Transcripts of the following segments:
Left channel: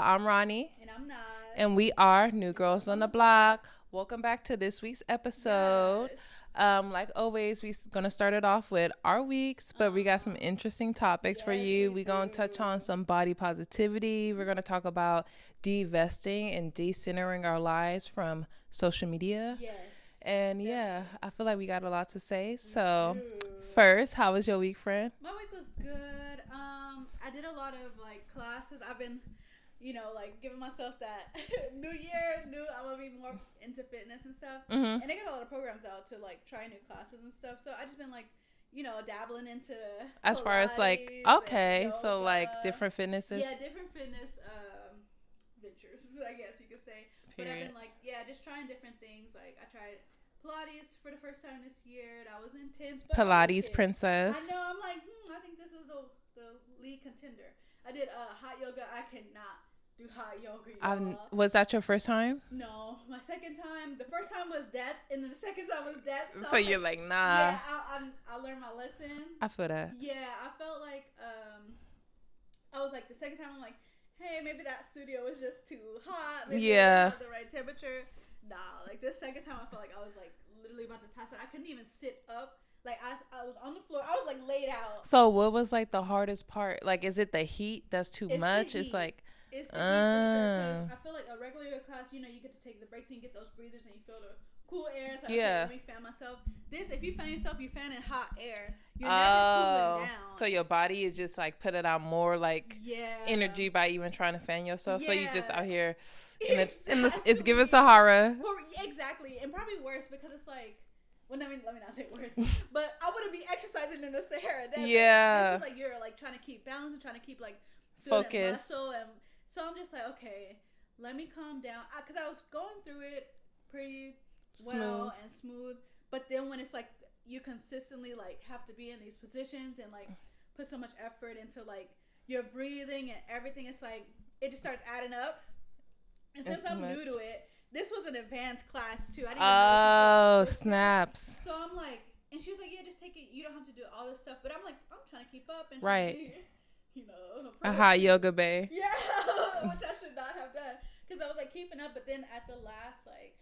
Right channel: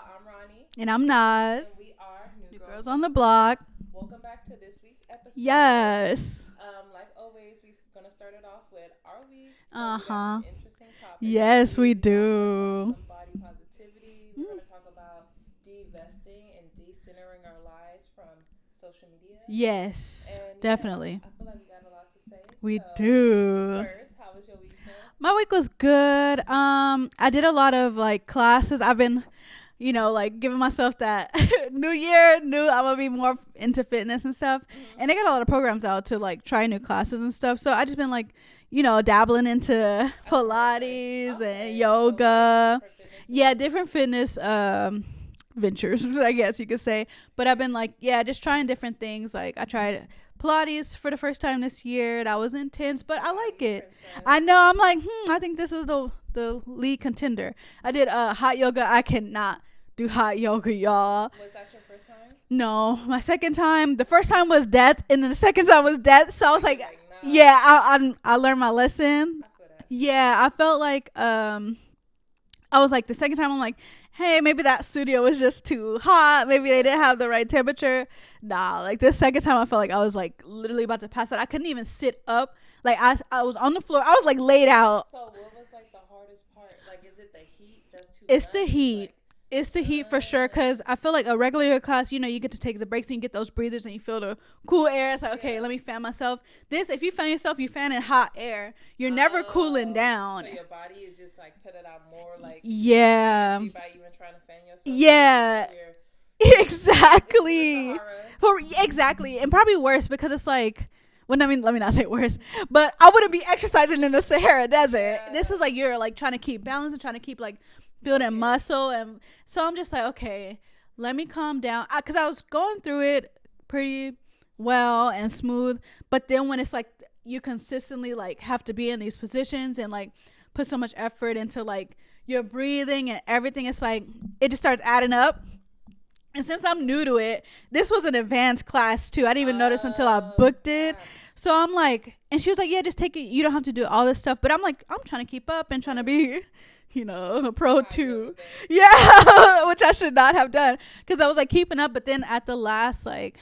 y'all. I'm Ronnie. And I'm not. And we are New Girls on the Block. Welcome back to this week's episode. Yes. Like always, we're going to start it off with our weeks, but we got some interesting topics yes, for you. we We're do. going to touch on some body positivity. We're going to talk about divesting and decentering our lives from social media. Yes, and definitely. I feel like we got a lot to say. We do. First, how was your week, friend? My week was good. I did a lot of like classes. I've been, like giving myself that new year, I'm gonna be more into fitness and stuff. Mm-hmm. And they got a lot of programs out to like try new classes and stuff. So I just been like, dabbling into as Pilates and So yoga. like different fitnesses. Yeah, different fitness ventures, I guess you could say. But I've been like, just trying different things. Like I tried Pilates for the first time this year. That was intense, but Pilates I like it. princess. I know. I'm like, I think this is the lead contender. I did hot yoga. I cannot do hot yoga, y'all. Was that your first time? No, my second time. The first time was death, and then the second time was death. So I was like nah. Yeah, I learned my lesson. I feel that. Yeah, I felt like I was like the second time I'm like, hey, maybe that studio was just too hot. Maybe they didn't have the right temperature. Nah, like this second time I felt like I was like literally about to pass out. I couldn't even sit up. Like I was on the floor. I was like laid out. So what was like the hardest part? Like, is it the heat that's too much? It's the heat. It's the heat for sure, because I feel like a regular class, you get to take the breaks and you get those breathers and you feel the cool air. It's like, okay, let me fan myself. This, if you fan yourself, you fan in hot air. You're never cooling down. So your body is just like putting out more like energy by even trying to fan yourself. Yeah. So you're just out here. Exactly. It's giving Sahara. Exactly. And probably worse because it's like, well, I mean, let me not say worse, but I wouldn't be exercising in the Sahara Desert. Yeah. This is like you're like trying to keep balance and trying to keep like building muscle. And so I'm just like, okay, let me calm down. Because I was going through it pretty well and smooth. But then when it's like you consistently like have to be in these positions and like put so much effort into like your breathing and everything, it's like it just starts adding up. And since I'm new to it, this was an advanced class too. I didn't even notice until I booked it. So I'm like, and she was like, yeah, just take it. You don't have to do all this stuff. But I'm like, I'm trying to keep up and trying to be, a pro hot too. yoga babe. Yeah, which I should not have done because I was like keeping up. But then at the last like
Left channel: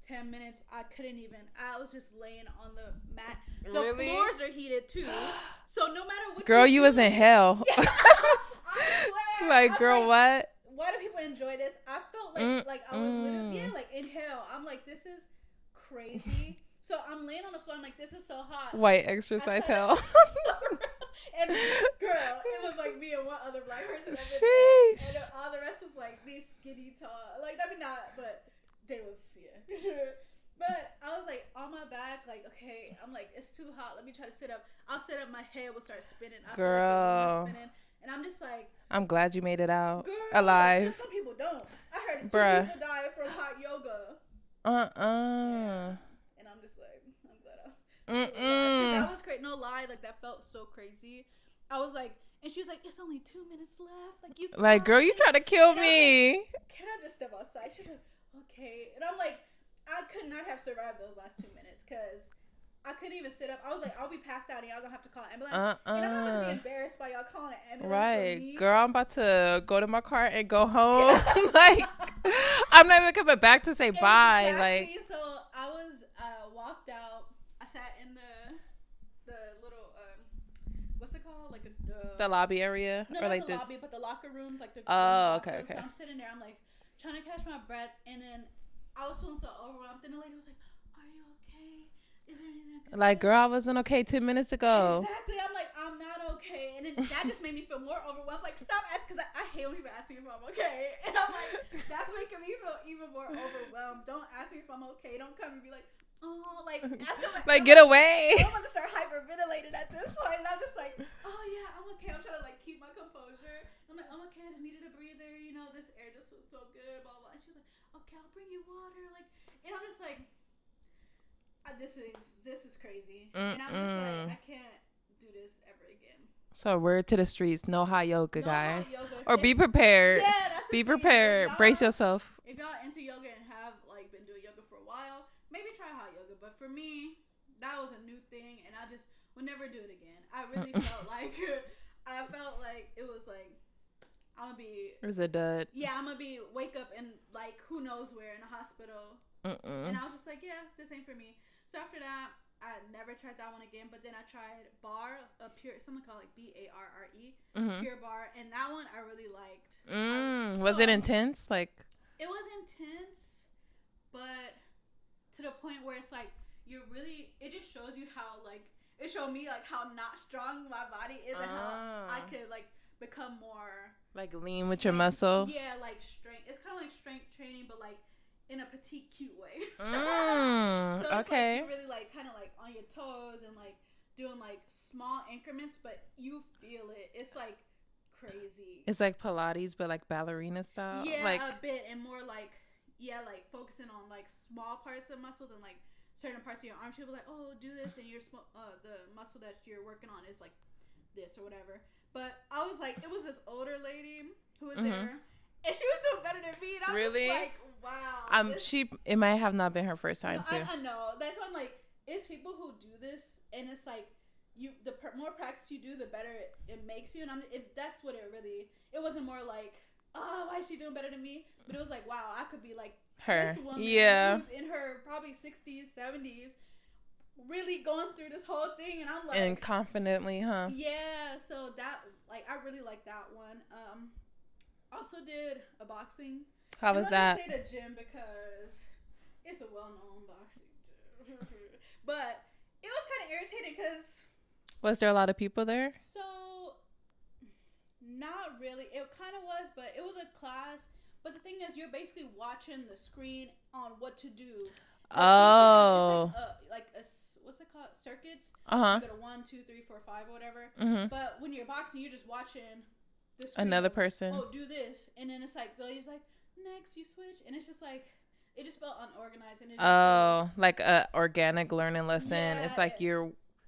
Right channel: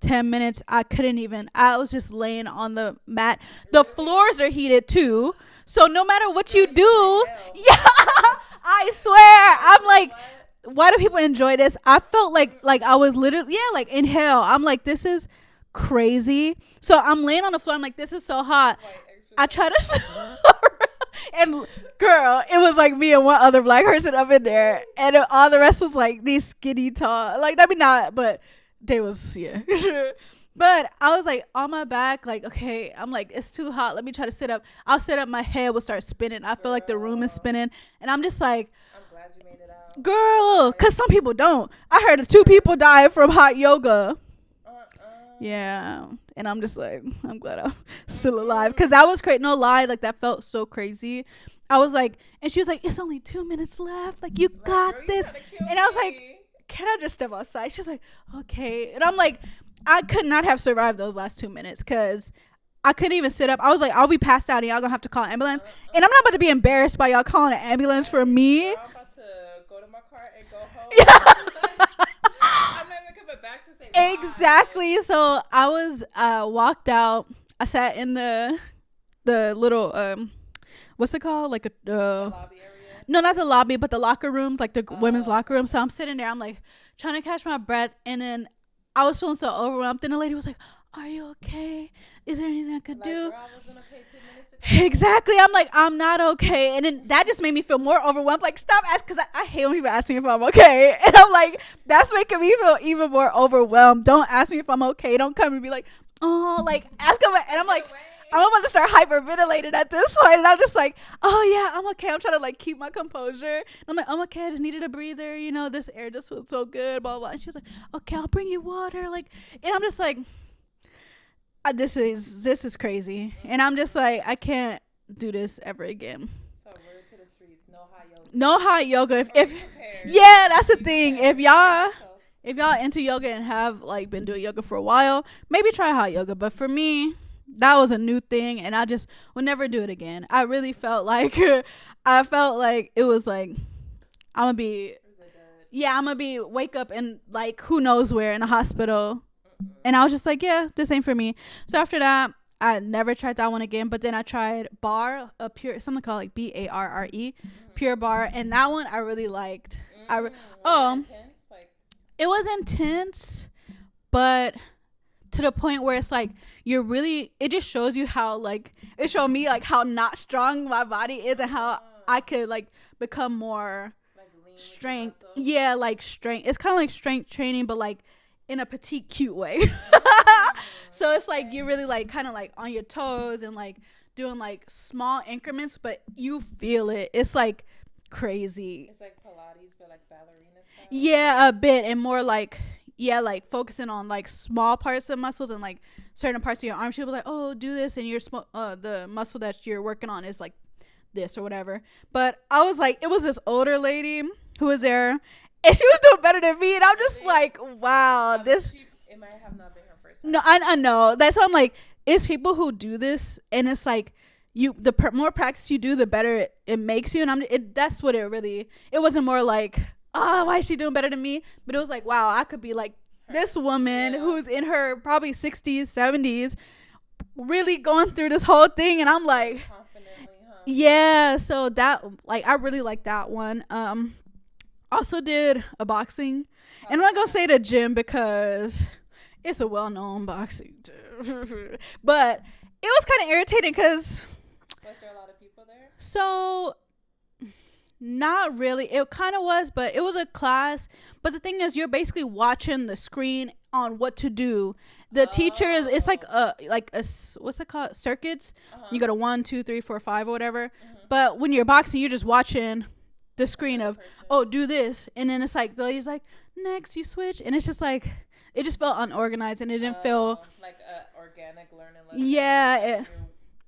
10 minutes, I couldn't even. I was just laying on the mat. The floors are heated too. So no matter what you do, you was in hell. Yeah, I swear. I'm girl, like, what? Why do people enjoy this? I felt like I was literally like in hell. I'm like, this is crazy. So I'm laying on the floor. I'm like, this is so hot. White exercise. I try to. And girl, it was like me and one other black person up in there, and all the rest was like these skinny tall. Like I mean not, but they was But I was like on my back, like, okay, I'm like, it's too hot. Let me try to sit up. I'll sit up. My head will start spinning. I feel like the room is spinning. And I'm just like. I'm glad you made it out. Girl, because some people don't. I heard 2 people died from hot yoga. Yeah. And I'm just like, I'm glad I'm still alive. Because that was crazy. No lie. Like, that felt so crazy. I was like, and she was like, it's only 2 minutes left. Like, you got girl, this. you trying to kill and me. I was like, can I just step outside? She was like, okay. And I'm like, I could not have survived those last 2 minutes because I couldn't even sit up. I was like, I'll be passed out and y'all gonna have to call an ambulance. And I'm not about to be embarrassed by y'all calling an ambulance for me. Girl, I'm about to go to my car and go home. Like, I'm not even coming back to say bye. Exactly. Like, so I was walked out. I sat in the little what's it called? Like the lobby area? No, not like the lobby, but the locker rooms, like the women's locker room. Okay. So I'm sitting there. I'm like trying to catch my breath, and then I was feeling so overwhelmed. Then the lady was like, are you okay? Is there anything I could do? Like, girl, I wasn't okay 10 minutes ago. Exactly. I'm like, I'm not okay. And then that just made me feel more overwhelmed. Like, stop asking, because I hate when people ask me if I'm okay. And I'm like, that's making me feel even more overwhelmed. Don't ask me if I'm okay. Don't come and be like, oh, like, ask them. Like, get away. I'm about to start hyperventilating at this point. And I'm just like, oh, yeah, I'm okay. I'm trying to, like, keep my composure. And I'm like, I'm okay. I just needed a breather. This air just feels so good, blah, blah. And she was like, okay, I'll bring you water. Like, and I'm just like, this is crazy. And I'm just like, I can't do this ever again. So word to the streets, no hot yoga. No guys. hot yoga. Or be prepared. Yeah, that's the be thing. Prepared. If y'all brace yourself. If y'all into yoga and have like been doing yoga for a while, maybe try hot yoga. But for me, that was a new thing, and I just would never do it again. I really felt like it was like I'm gonna be. It was a dud. Yeah, I'm gonna be wake up and like who knows where in a hospital. And I was just like, yeah, this ain't for me. So after that, I never tried that one again. But then I tried Bar, a pure, something called like BARRE, Pure Bar, and that one I really liked. Was it intense? Like, it was intense, but to the point where it's like it just shows you how like it showed me like how not strong my body is and how I could like become more like lean with your muscle. Yeah, like strength. It's kind of like strength training, but like in a petite cute way. So it's like you're really like kind of like on your toes and like doing like small increments, but you feel it. It's like crazy. It's like Pilates but like ballerina style. Yeah, like, a bit, and more like like focusing on like small parts of muscles and like certain parts of your arms. She'll be like, oh, do this, and your the muscle that you're working on is like this or whatever. But I was like, it was this older lady who was there. And she was doing better than me, and I'm just like, wow. It might have not been her first time. No, I know. That's why I'm like, it's people who do this, and it's like, more practice you do, the better it makes you. And that's what it wasn't more like, why is she doing better than me? But it was like, wow, I could be like this woman who's in her probably 60s, 70s, really going through this whole thing, and I'm like, and confidently, huh? Yeah. So that, like, I really like that one. Also did a boxing. And I'm not going to say the gym because it's a well-known boxing gym. But it was kind of irritating because... Was there a lot of people there? So, not really. It kind of was, but it was a class. But the thing is, you're basically watching the screen on what to do. The teachers, it's like a what's it called? Circuits. You go to 1, 2, 3, 4, 5 or whatever. But when you're boxing, you're just watching the screen of person. Oh, do this, and then it's like the lady's like, next you switch, and it's just like it just felt unorganized, and it didn't feel like a organic learning lesson. Yeah, it's like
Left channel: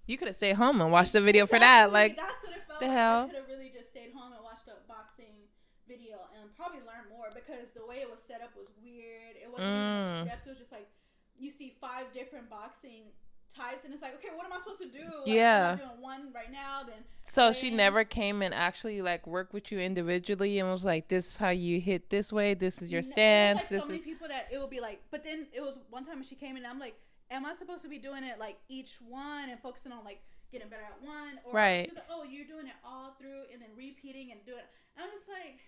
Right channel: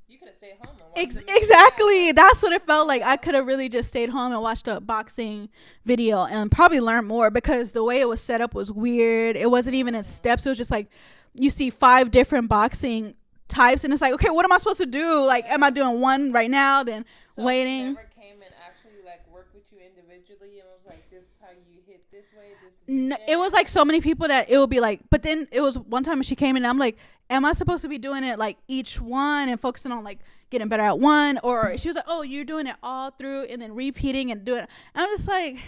you could have stayed home and watched the video. Exactly, for that. Like, that's what it felt like. I could have really just stayed home and watched a boxing video and probably learned more, because the way it was set up was weird. It wasn't even in steps. It was just like you see 5 different boxing types, and it's like, okay, what am I supposed to do? Like, am I doing one right now, then so waiting? She never came and actually like worked with you individually and was like, this is how you hit this way, this is your stance. It was like so many people that it would be like, but then it was one time she came in and I'm like, am I supposed to be doing it like each one and focusing on like getting better at one, or she was like, oh, you're doing it all through and then repeating and doing it. And I'm just like,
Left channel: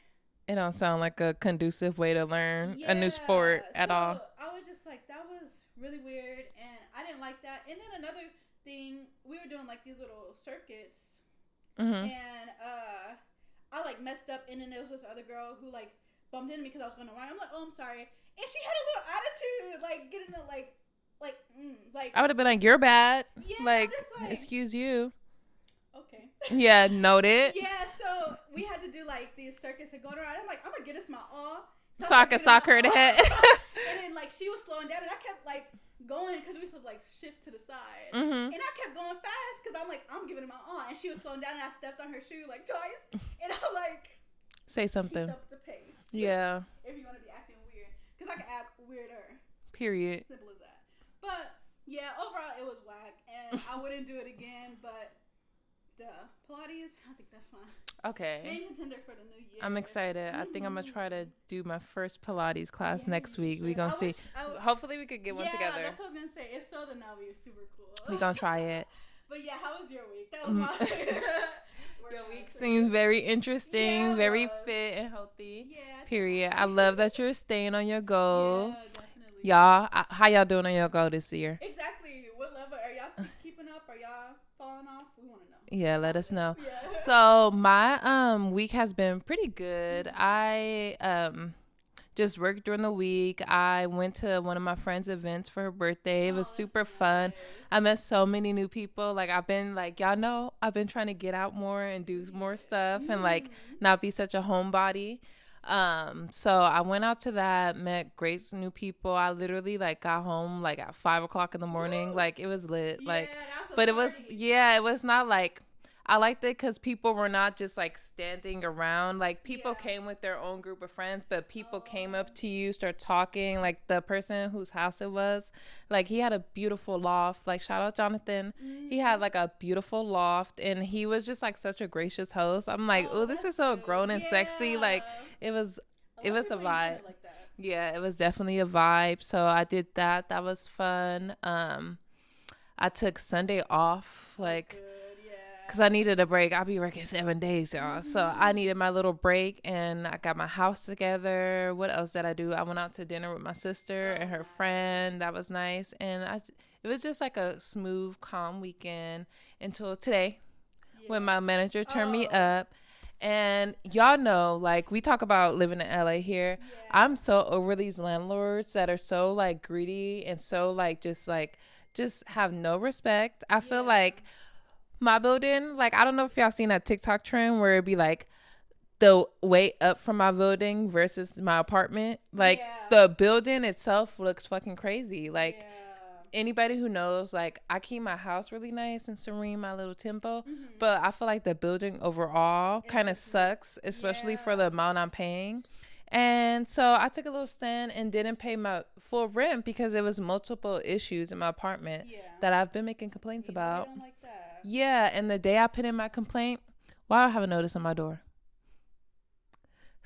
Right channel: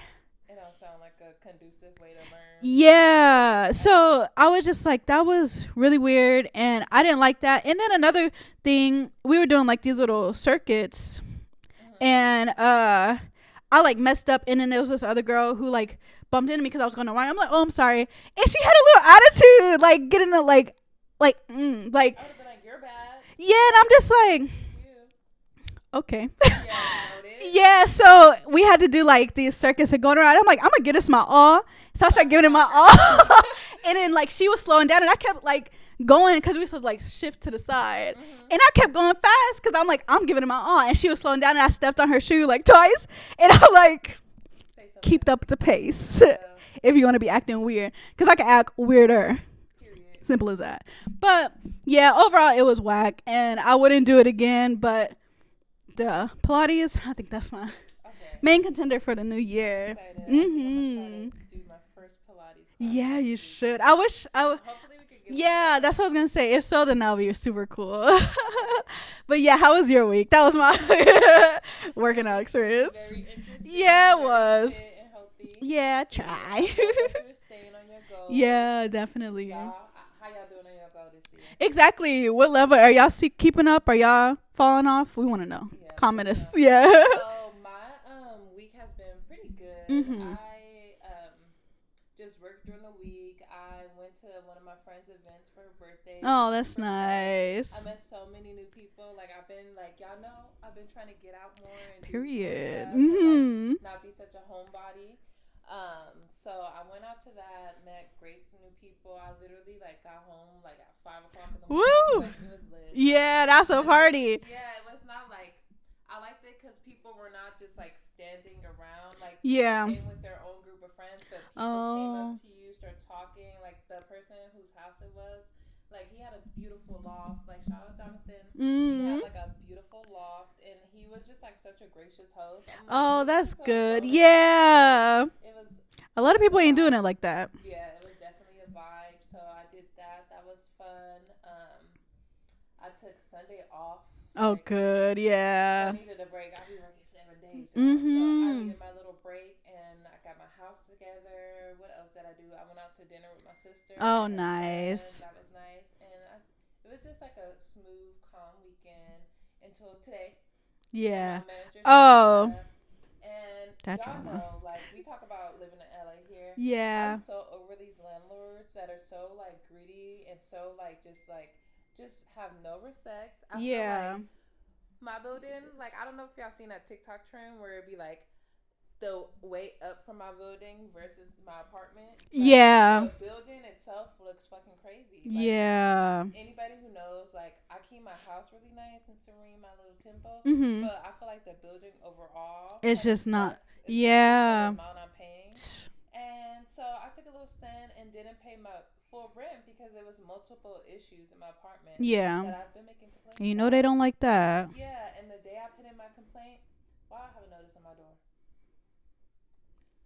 it don't sound like a conducive way to learn. Yeah. So I was just like, that was really weird, and I didn't like that. And then another thing, we were doing like these little circuits, and I like messed up, and then there was this other girl who like bumped into me because I was going to run. I'm like, oh, I'm sorry, and she had a little attitude, like getting a like I would have been like, you're bad. Yeah, like, and I'm just like, excuse you. Okay. Yeah, noted. Yeah, so we had to do like these circuits and going around. I'm like, I'm gonna get this my all. So I started giving it my all. And then like she was slowing down, and I kept like going because we were supposed to like shift to the side. And I kept going fast because I'm like, I'm giving it my all. And she was slowing down, and I stepped on her shoe like twice. And I'm like, say something. Keep up the pace. Yeah. If you want to be acting weird, because I can act weirder. Period. Simple as that. But yeah, overall it was whack, and I wouldn't do it again. But the Pilates, I think that's my main contender for the new year. I'm excited. I think I'm gonna try to do my first Pilates class next week. You should. I wish. Hopefully we could get one together. Yeah, that's what I was gonna say. If so, then that'll be super cool. Don't try it. But yeah, how was your week? That was my working out experience. Very interesting. Yeah, very fit and healthy. Yeah, period. I love that you're staying on your goal. Yeah, definitely. Y'all, how y'all doing on your goal this year? Exactly. What level are y'all keeping up? Are y'all falling off? We want to know. Yeah, comment let us know. Yeah. So my week has been pretty good. I just worked during the week. I went to one of my friend's events for her birthday. It was super fun. I met so many new people. Like, I've been like, y'all know, I've been trying to get out more and do more stuff and like not be such a homebody. So I went out to that, met great new people. I literally like got home like at 5 o'clock in the morning. Woo! Like, it was lit. Yeah, that's a party. It was not like, I liked it because people were not just like standing around. Like people came with their own group of friends, but people came up to you, start talking. Like the person whose house it was, like he had a beautiful loft. Like shout out Jonathan. He had like a beautiful loft, and he was just like such a gracious host. I'm like, oh, this is so grown and sexy. Like it was. A lot of people ain't doing it like that. Yeah, it was definitely a vibe. So I did that. That was fun. I took Sunday off. Like, good, yeah. Because I needed a break. I'll be working 7 days, y'all. So I needed my little break, and I got my house together. What else did I do? I went out to dinner with my sister and her friend. That was nice. And it was just like a smooth, calm weekend until today when my manager turned me up. And y'all know, like, we talk about living in LA here. Yeah. I'm so over these landlords that are so, like, greedy and so, like, just have no respect. I feel like my building, like, I don't know if y'all seen that TikTok trend where it'd be, like, the way up from my building versus my apartment. Like, the building itself looks fucking crazy. Like, anybody who knows, like, I keep my house really nice and serene, my little tempo. But I feel like the building overall kind of sucks, especially for the amount I'm paying. And so I took a little stand and didn't pay my full rent because it was multiple issues in my apartment that I've been making complaints about. You know they don't like that. Yeah, and the day I put in my complaint, I have a notice on my door.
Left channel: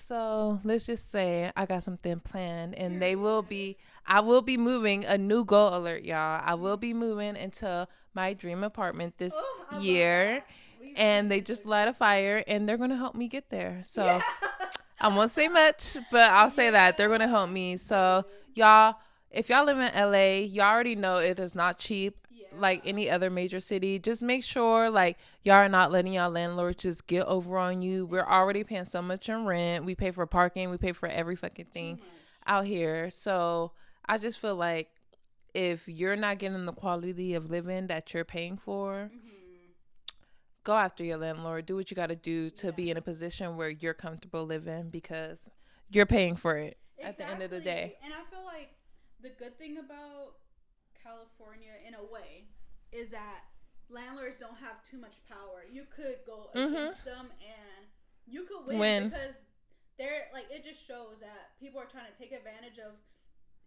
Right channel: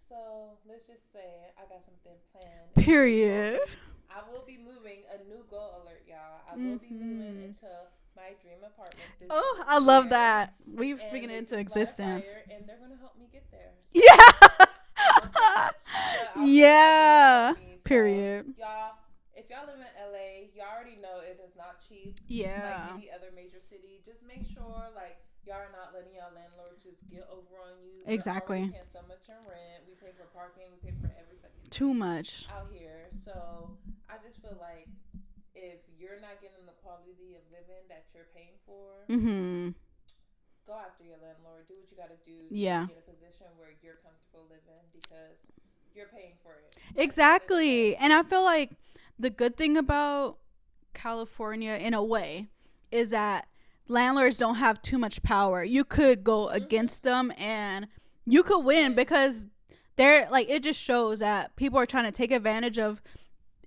So let's just say I got something planned. Period. And I will be moving, a new goal alert, y'all. I will be moving into my dream apartment this year. I love that. And they just light a fire, and they're going to help me get there. So I won't say much, but I'll say that they're going to help me. So y'all, if y'all live in LA, y'all already know it is not cheap like any other major city. Just make sure like y'all are not letting y'all landlords just get over on you. We're already paying so much in rent. We pay for parking. We pay for every fucking thing. Too much out here. So I just feel like if you're not getting the quality of living that you're paying for, go after your landlord. Do what you got to do to be in a position where you're comfortable living because you're paying for it. Exactly. And I feel like the good thing about California in a way is that landlords don't have too much power. You could go against them and you could win because they're like, it just shows that people are trying to take advantage of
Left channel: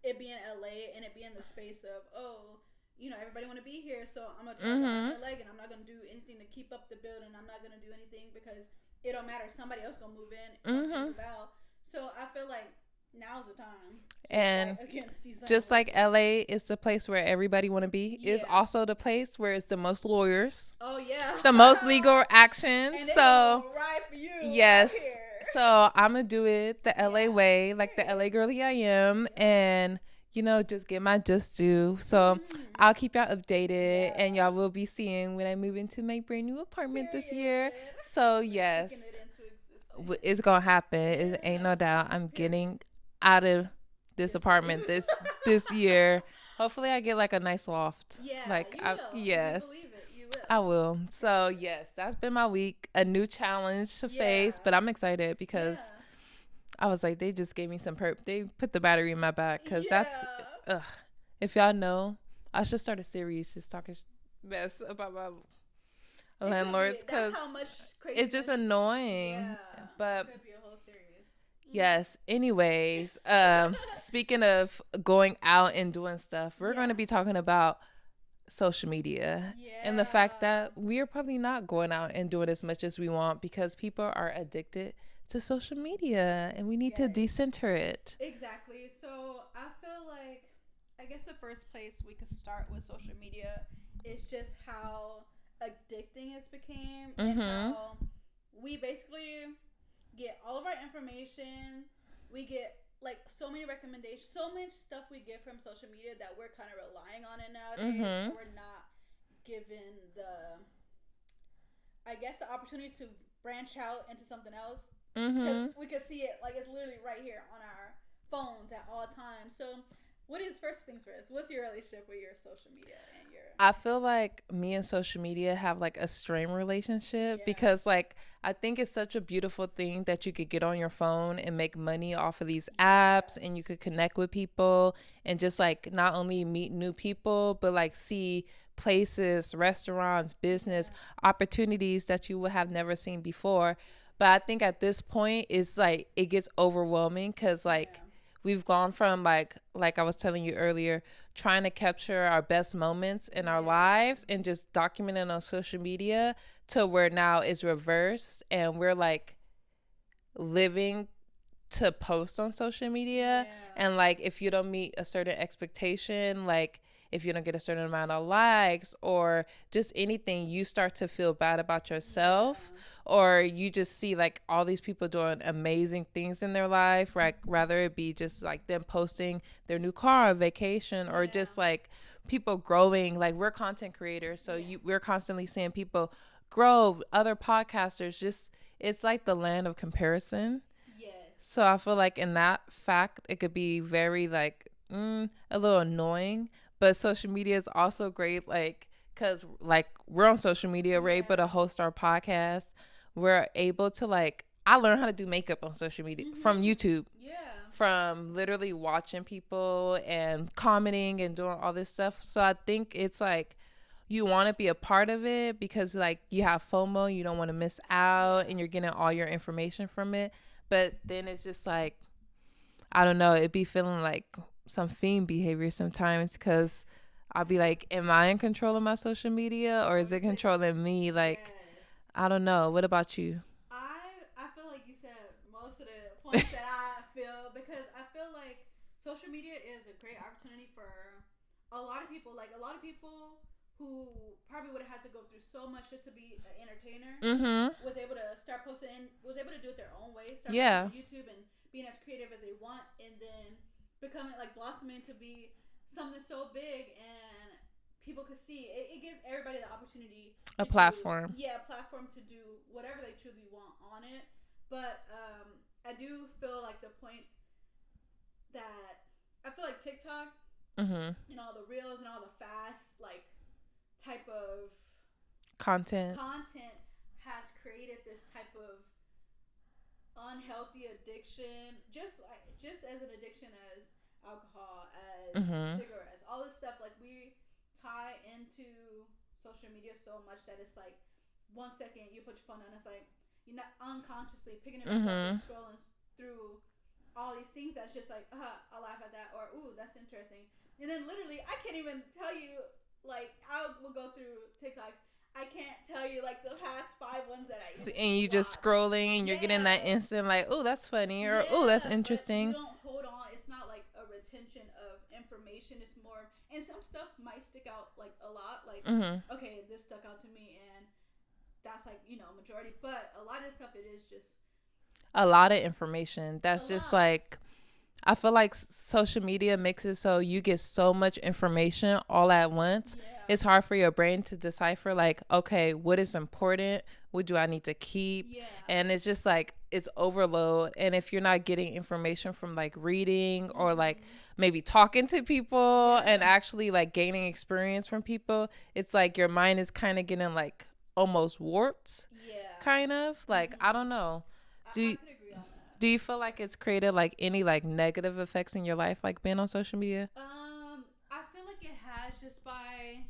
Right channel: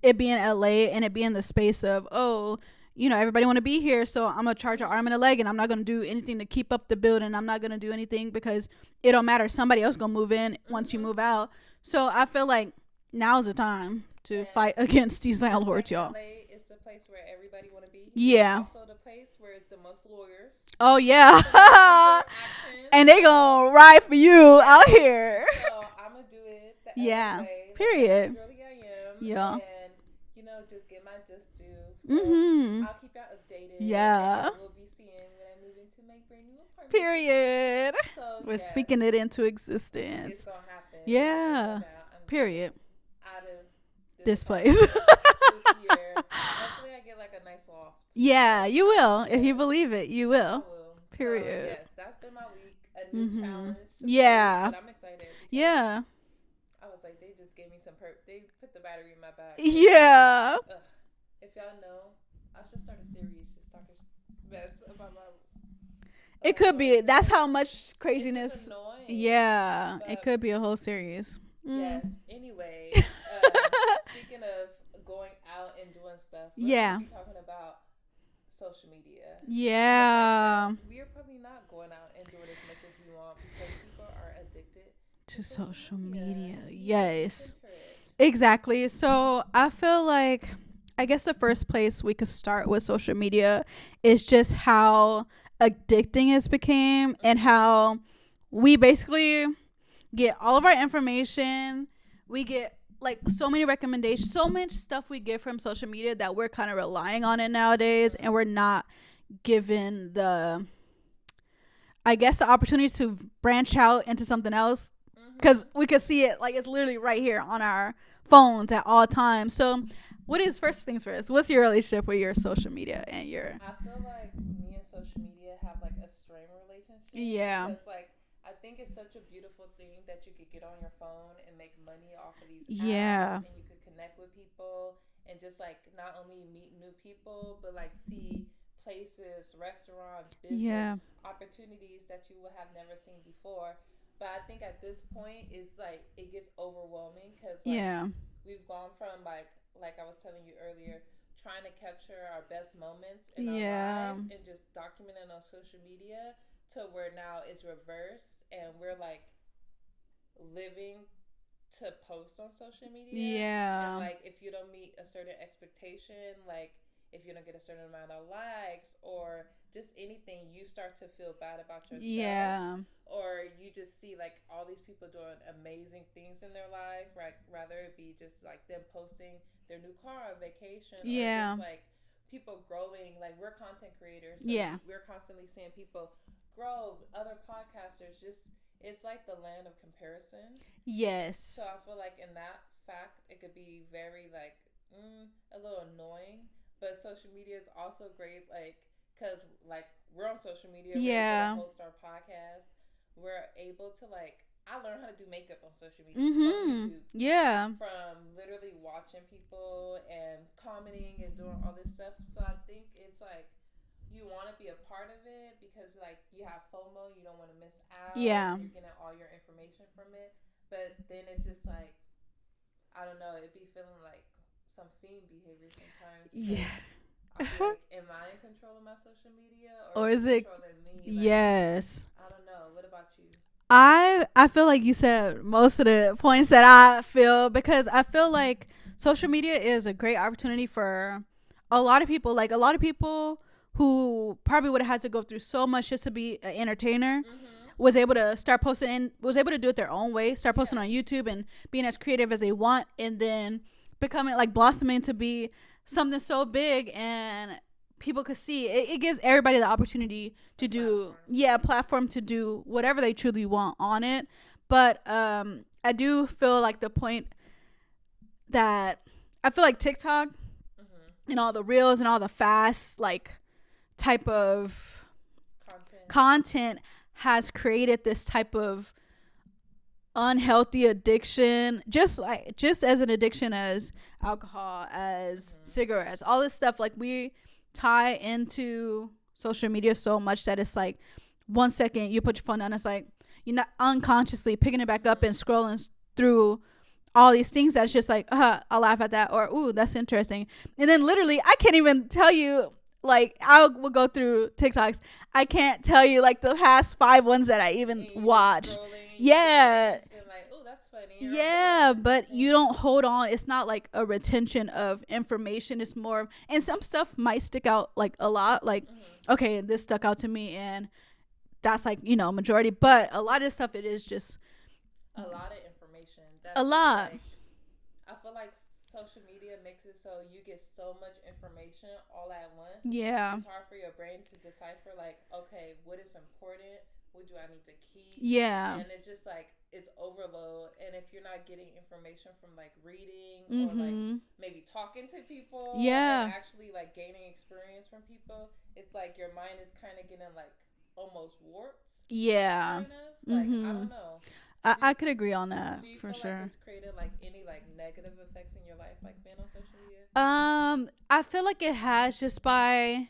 it being LA and it being the space of, oh, you know, everybody want to be here, so I'm gonna charge an arm and a leg, and I'm not gonna do anything to keep up the building. I'm not gonna do anything because it don't matter. Somebody else gonna move in once you move out. So I feel like now's the time to fight against these landlords. Just like LA is the place where everybody want to be. Yeah. It's also the place where it's the most lawyers. Oh yeah. The most legal actions. And they gonna ride for you out here. So I'm gonna do it the LA way, like the LA girly I am, and you know, just get my just due. So I'll keep y'all updated, and y'all will be seeing when I move into my brand new apartment this year. So we're speaking it into existence. It's gonna happen. Yeah. Ain't no doubt. I'm getting out of this apartment this year. Hopefully I get like a nice loft. Yeah, like, you will. If you believe it, you will. I will. Period. So yes, that's been my week. A new challenge to face, but I'm excited because I was like, they just gave me some they put the battery in my back. Yeah. If y'all know, I should start a series just talking mess about my it could be. That's how much craziness. It's just annoying. Yeah. But it could be a whole series. Yes. Anyways, speaking of going out and doing stuff, we're going to be talking about social media. Yeah. And the fact that we are probably not going out and doing as much as we want because people are addicted to social media and we need to decenter it. Exactly. So I feel like, I guess the first place we could start with social media is just how addicting it's became and how we basically get all of our information. We get like so many recommendations, so much stuff we get from social media that we're kind of relying on it nowadays, and we're not given the, I guess, the opportunity to branch out into something else because we could see it, like it's literally right here on our phones at all times. So what is, first things first, what's your relationship with your social media and your... I feel like me and social media have like a strained relationship because like I think it's such a beautiful thing that you could get on your phone and make money off of these apps, and you could connect with people and just like not only meet new people but like see places, restaurants, business opportunities that you would have never seen before. But I think at this point, it's like it gets overwhelming because like we've gone from like I was telling you earlier, trying to capture our best moments in our lives and just document it on social media to where now it's reversed and we're like living to post on social media. And like if you don't meet a certain expectation, like if you don't get a certain amount of likes or just anything, you start to feel bad about yourself or you just see like all these people doing amazing things in their life, right? Rather it be just like them posting their new car or vacation or just like people growing. Like we're content creators, so we're constantly seeing people grow, other podcasters. Just it's like the land of comparison. So I feel like in that fact it could be very like a little annoying. But social media is also great, like, because, like, we're on social media. We're able to host our podcast. We're able to, like, I learned how to do makeup on social media from YouTube. From literally watching people and commenting and doing all this stuff. So I think it's, like, you want to be a part of it because, like, you have FOMO. You don't want to miss out. And you're getting all your information from it. But then it's just, like, I don't know. It'd be feeling like some fiend behavior sometimes because I'll be like, am I in control of my social media or is it controlling me? Like, I don't know. What about you? I feel like you said most of the points that I feel, because I feel like social media is a great opportunity for a lot of people. Like a lot of people who probably would have had to go through so much just to be an entertainer was able to start posting and was able to do it their own way, start posting on YouTube and being as creative as they want, and then becoming like blossoming to be something so big and people could see it. It gives everybody the opportunity to a platform to do whatever they truly want on it. But I do feel like the point that I feel like TikTok and all the reels and all the fast like type of content has created this type of unhealthy addiction, just as an addiction as alcohol, as cigarettes, all this stuff. Like we tie into social media so much that it's like 1 second you put your phone down, it's like you're not unconsciously picking it back up and scrolling through all these things that's just like I'll laugh at that, or ooh, that's interesting. And then literally I can't even tell you, like I will go through TikToks, I can't tell you like the past 5 ones that I even and you watched. Just scrolling and you're getting that instant like, oh, that's funny, or oh, that's interesting. But you don't hold on. It's not like a retention of information. It's more, and some stuff might stick out like a lot, like okay, this stuck out to me, and that's like, you know, majority. But a lot of stuff, it is just a lot of information. That's just like, I feel like social media makes it so you get so much information all at once. It's hard for your brain to decipher, like, okay, what is important? What do I need to keep? And it's just like, it's overload. And if you're not getting information from like reading or like maybe talking to people and actually like gaining experience from people, it's like your mind is kind of getting like almost warped. Kind of like, I don't know. I could agree on that. Do you feel like it's created like any like negative effects in your life, like being on social media? I feel like it has, just by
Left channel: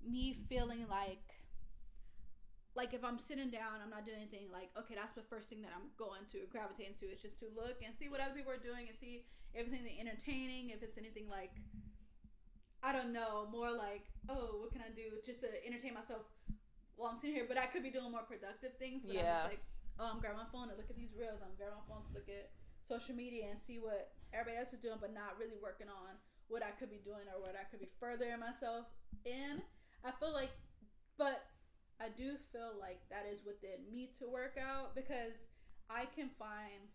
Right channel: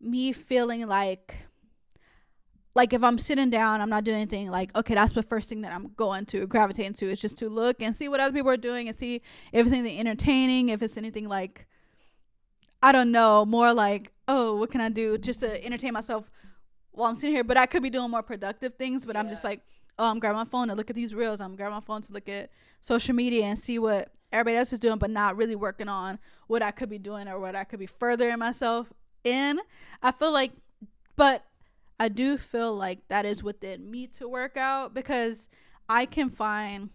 me feeling like if I'm sitting down, I'm not doing anything, like, okay, that's the first thing that I'm going to gravitate into, is just to look and see what other people are doing and see if it's anything entertaining, if it's anything like, I don't know, more like, oh, what can I do just to entertain myself while I'm sitting here? But I could be doing more productive things, but I'm just like, oh, I'm grabbing my phone to look at these reels. I'm grabbing my phone to look at social media and see what everybody else is doing, but not really working on what I could be doing or what I could be furthering myself in. I feel like, but I do feel like that is within me to work out, because I can find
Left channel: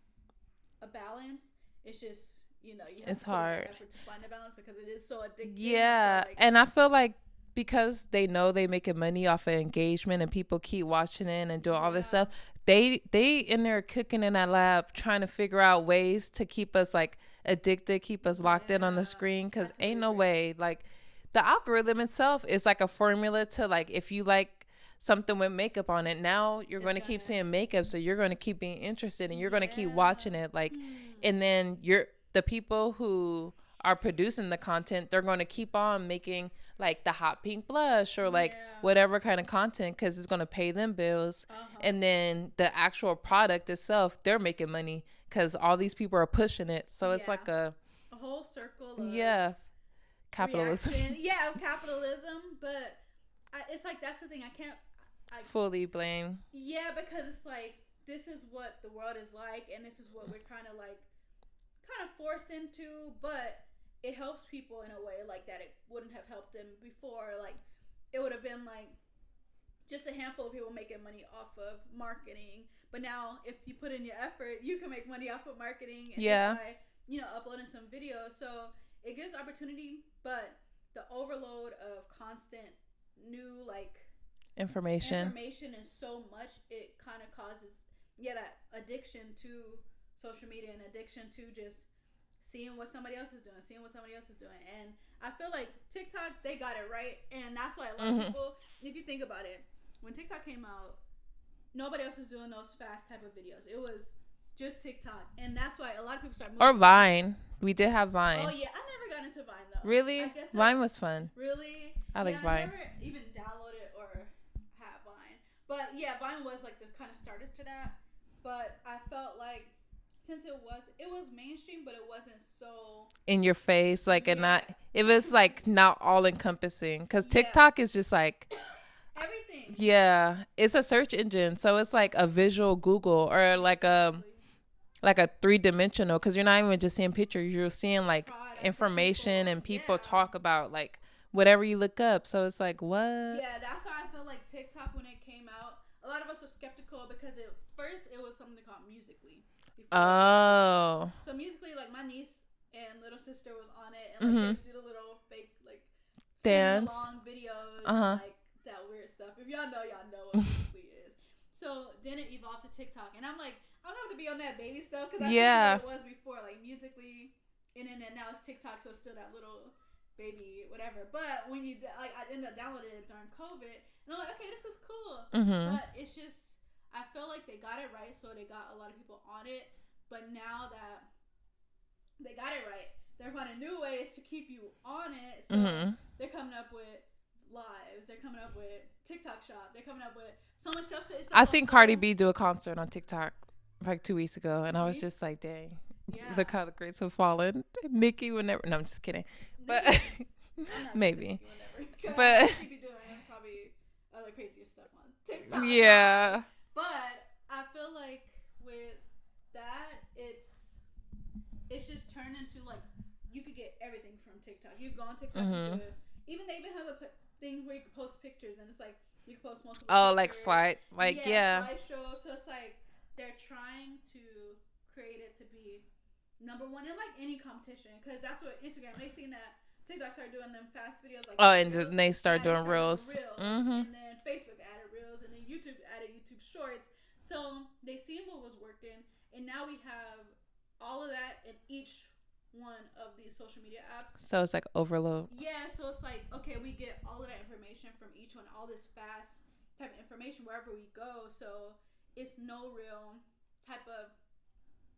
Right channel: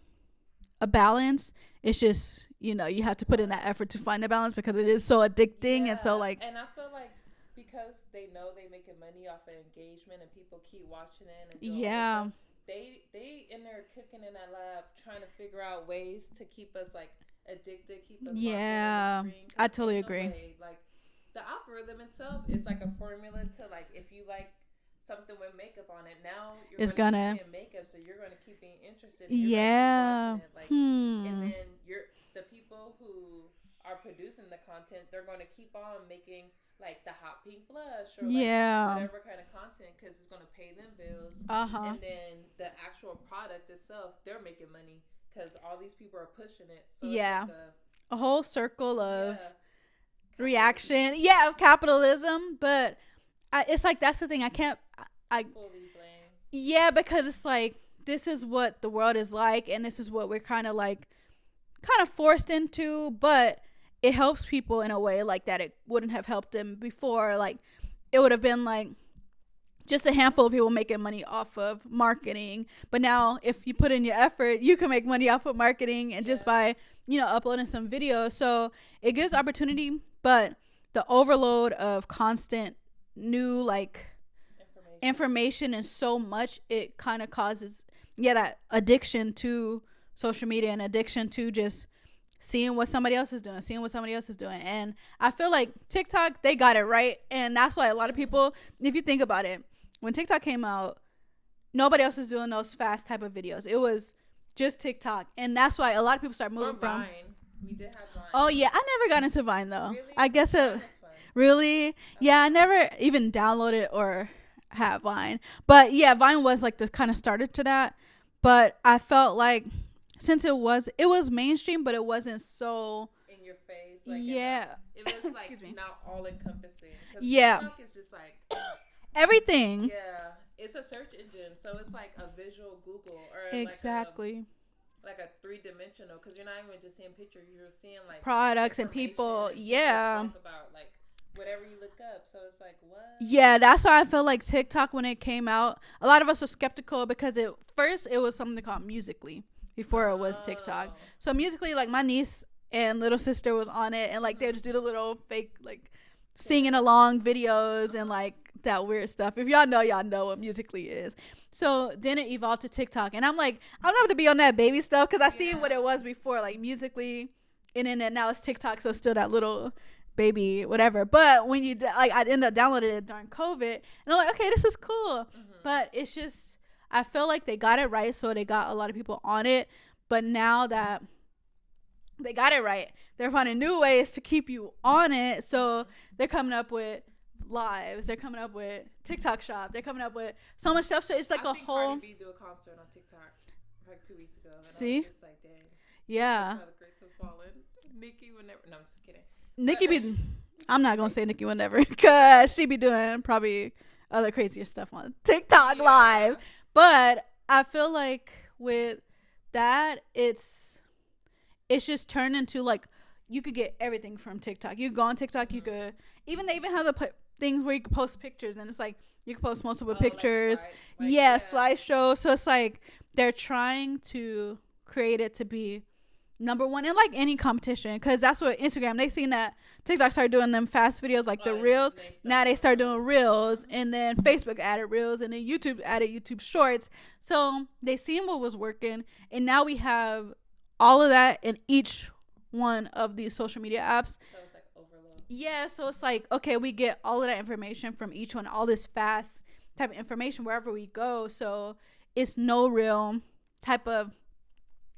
a balance. It's just, you know, you have to put in that effort to find a balance, because it is so addicting. And so like, and I feel like because they know they making money off of engagement and people keep watching it and doing all this stuff, they in there cooking in that lab trying to figure out ways to keep us like addicted, keep us locked in on the screen, because ain't no way, like the algorithm itself is like a formula to like, if you like something with makeup on it, now you're going to keep seeing makeup, so you're going to keep being interested and you're going to keep watching it, like and then the people who are producing the content, they're going to keep on making like the hot pink blush or like whatever kind of content, because it's going to pay them bills. And then the actual product itself, they're making money because all these people are pushing it. So it's like a whole circle of reaction of capitalism. But it's like, that's the thing, I fully blame because it's like, this is what the world is like, and this is what we're kind of forced into, but it helps people in a way like that it wouldn't have helped them before. Like, it would have been like just a handful of people making money off of marketing, but now if you put in your effort, you can make money off of marketing and just by uploading some videos. So it gives opportunity, but the overload of constant new like information and so much, it kind of causes that addiction to social media and addiction to just seeing what somebody else is doing. And I feel like TikTok, they got it right. And that's why a lot of people, if you think about it, when TikTok came out, nobody else was doing those fast type of videos. It was just TikTok. And that's why a lot of people started moving. Or Vine. We did have Vine. Oh, yeah. I never got into Vine, though. Really? I guess Vine was fun. Really? I never even downloaded or have Vine. But, yeah, Vine was like the kind of starter to that. But I felt like since it was mainstream, but it wasn't so in your face, like it was like not all encompassing, because TikTok is just like everything. Yeah, it's a search engine, so it's like a visual Google or like a 3-dimensional, because you're not even just seeing pictures, you're seeing like products information and people talk about like whatever you look up. So it's like, what? Yeah, that's why I feel like TikTok, when it came out, a lot of us were skeptical because first it was something called Musical.ly before it was TikTok. So Musical.ly, like my niece and little sister was on it, and like they just do the little fake like singing along videos and like that weird stuff. If y'all know what Musical.ly is. So then it evolved to TikTok, and I'm like, I don't have to be on that baby stuff because I see what it was before, like Musical.ly, and then now it's TikTok, so it's still that little baby whatever. But when you I ended up downloading it during COVID, and I'm like, okay, this is cool. But it's just, I feel like they got it right, so they got a lot of people on it. But now that they got it right, they're finding new ways to keep you on it. So they're coming up with lives, they're coming up with TikTok shop, they're coming up with so much stuff. So it's like I seen Cardi B do a concert on TikTok like 2 weeks ago, and I was just like, dang. Yeah, look how the grades have fallen. Nicki would never. No, I'm just kidding. I'm not gonna say Nicki would never, because she be doing probably other crazier stuff on TikTok live. But I feel like with that, it's just turned into like, you could get everything from TikTok. You go on TikTok, you could they even have the things where you can post pictures, and it's like you can post multiple pictures. Slideshow. So it's like they're trying to create it to be number one in like any competition, because that's what Instagram, they seen that TikTok started doing them fast videos like the reels. Now they start doing reels, and then Facebook added reels, and then YouTube added YouTube shorts. So they seen what was working, and now we have all of that in each one of these social media apps. So it's like overload. Yeah, so it's like, okay, we get all of that information from each one, all this fast type of information wherever we go. So it's no real type of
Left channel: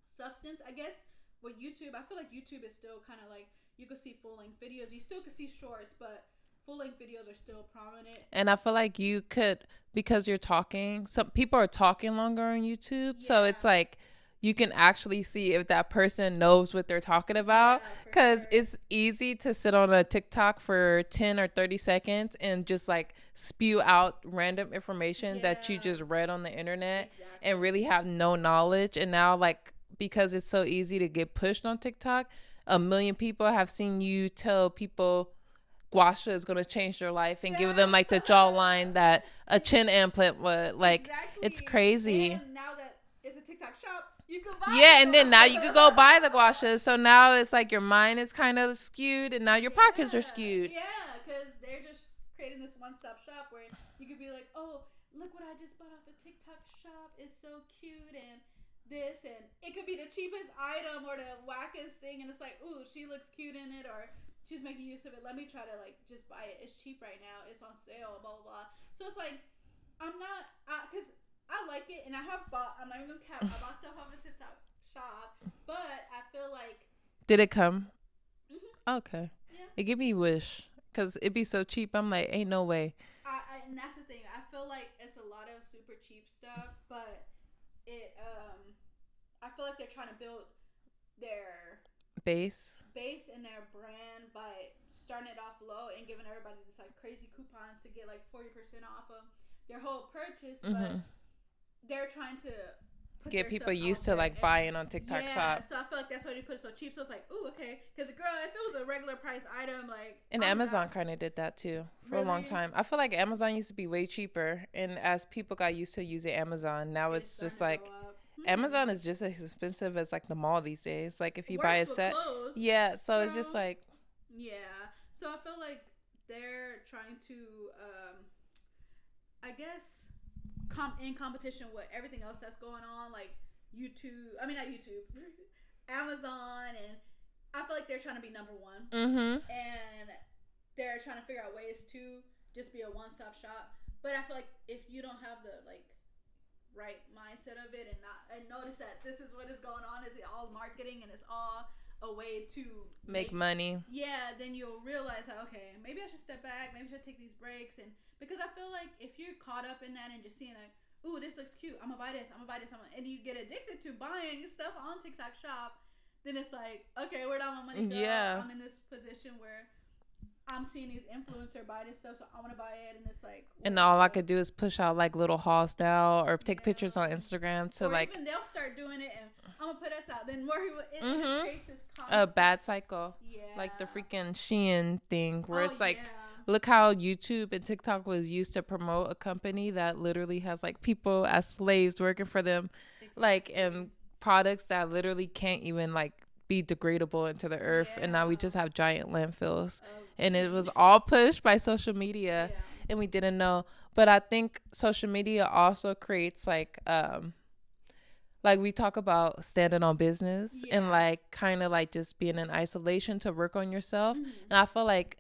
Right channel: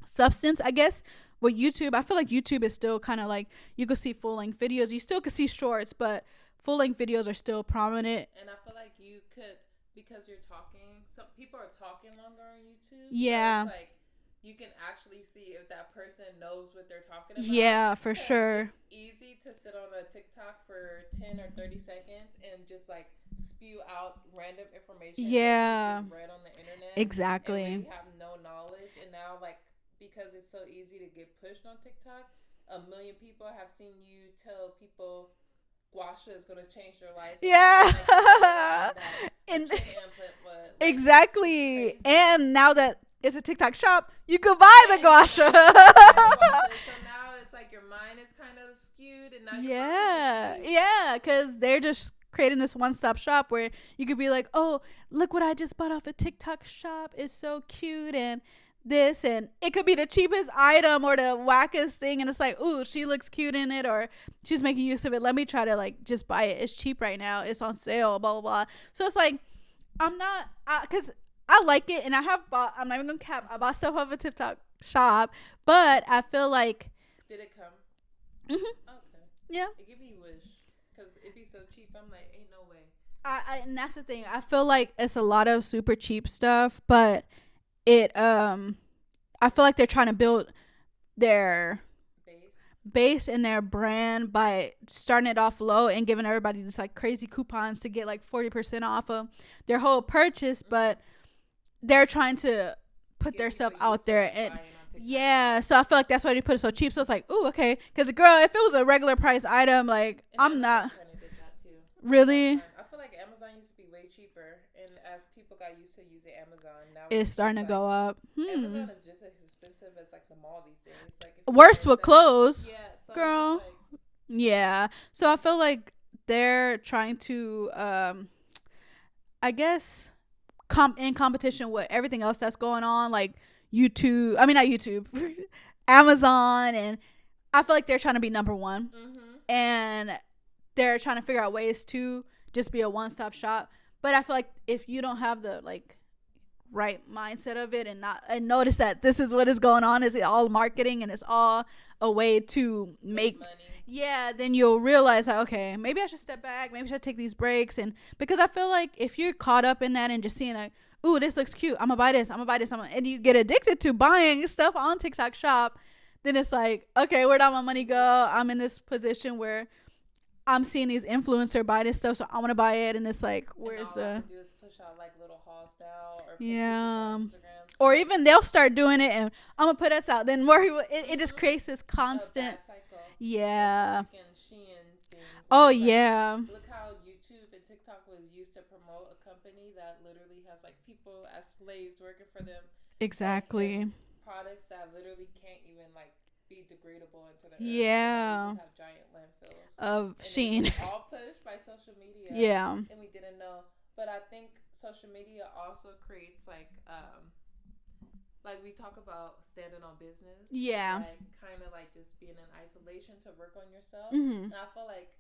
substance, I guess. With YouTube, I feel like YouTube is still kind of like, you could see full-length videos, you still could see shorts, but full-length videos are still prominent. And I feel like you could, because you're talking, some people are talking longer on YouTube, so it's like you can actually see if that person knows what they're talking about. Yeah, for sure. Because it's easy to sit on a TikTok for 10 or 30 seconds and just like spew out random information that you just read on the internet. Exactly. And really have no knowledge. And now, like, because it's so easy to get pushed on TikTok, 1 million people have seen you tell people guasha is going to change their life, and give them like the jawline that a chin implant would. Like, exactly. It's crazy. And now that it's a TikTok shop, you could buy the guasha. And then now you can go buy the guasha. So now it's like your mind is kind of skewed, and now your pockets are skewed. Yeah, because they're just creating this one-stop shop where you could be like, oh, look what I just bought off a TikTok shop. It's so cute, and this, and it could be the cheapest item or the wackest thing, and it's like, ooh, she looks cute in it, or she's making use of it, let me try to like just buy it, it's cheap right now, it's on sale, blah blah blah. So it's like, I'm not, because I like it, and I'm not even gonna cap, I bought stuff off a TikTok shop, but I feel like, did it come? Okay. Yeah, it gave me Wish. because it'd be so cheap. I'm like, ain't no way. And that's the thing. I feel like it's a lot of super cheap stuff, but it I feel like they're trying to build their base in their brand by starting it off low and giving everybody this like crazy coupons to get like 40% off of their whole purchase, but they're trying to put themselves out there, like buying on TikTok. Yeah, so I feel like that's why they put it so cheap. So it's like, ooh, okay, because girl, if it was a regular price item, like, and Amazon kind of did that too. Really? For a long time. I feel like Amazon used to be way cheaper, and as people got used to using Amazon, now it's starting to go up. Amazon is just as expensive as like the mall these days. Like if you worse with clothes. Yeah, so girl. It's just like, yeah. So I feel like they're trying to, I guess, in competition with everything else that's going on, like YouTube. I mean, not YouTube, Amazon, and I feel like they're trying to be number one, and they're trying to figure out ways to just be a one-stop shop. But I feel like if you don't have the like right mindset of it and notice that this is what is going on, is it all marketing and it's all a way to make money, then you'll realize that, okay, maybe I should step back, maybe I should take these breaks. And because I feel like if you're caught up in that and just seeing like, ooh, this looks cute, I'm gonna buy this, and you get addicted to buying stuff on TikTok Shop, then it's like, okay, where'd all my money go? I'm in this position where I'm seeing these influencers buy this stuff, so I want to buy it, and it's like, and all I could do is push out like little hauls now or take pictures on Instagram, or like, even they'll start doing it, and I'm gonna put us out. Then more people, it just creates this constant bad cycle. Yeah, like the freaking Shein thing. Oh yeah, look how YouTube and TikTok was used to promote a company that literally has like people as slaves working for them. Exactly, like, and products that literally can't even like be degradable into the earth, and now we just have giant landfills and Shein. It was all pushed by social media, and we didn't know. But I think social media also creates like we talk about standing on business, and like kind of like just being in isolation to work on yourself. And I feel like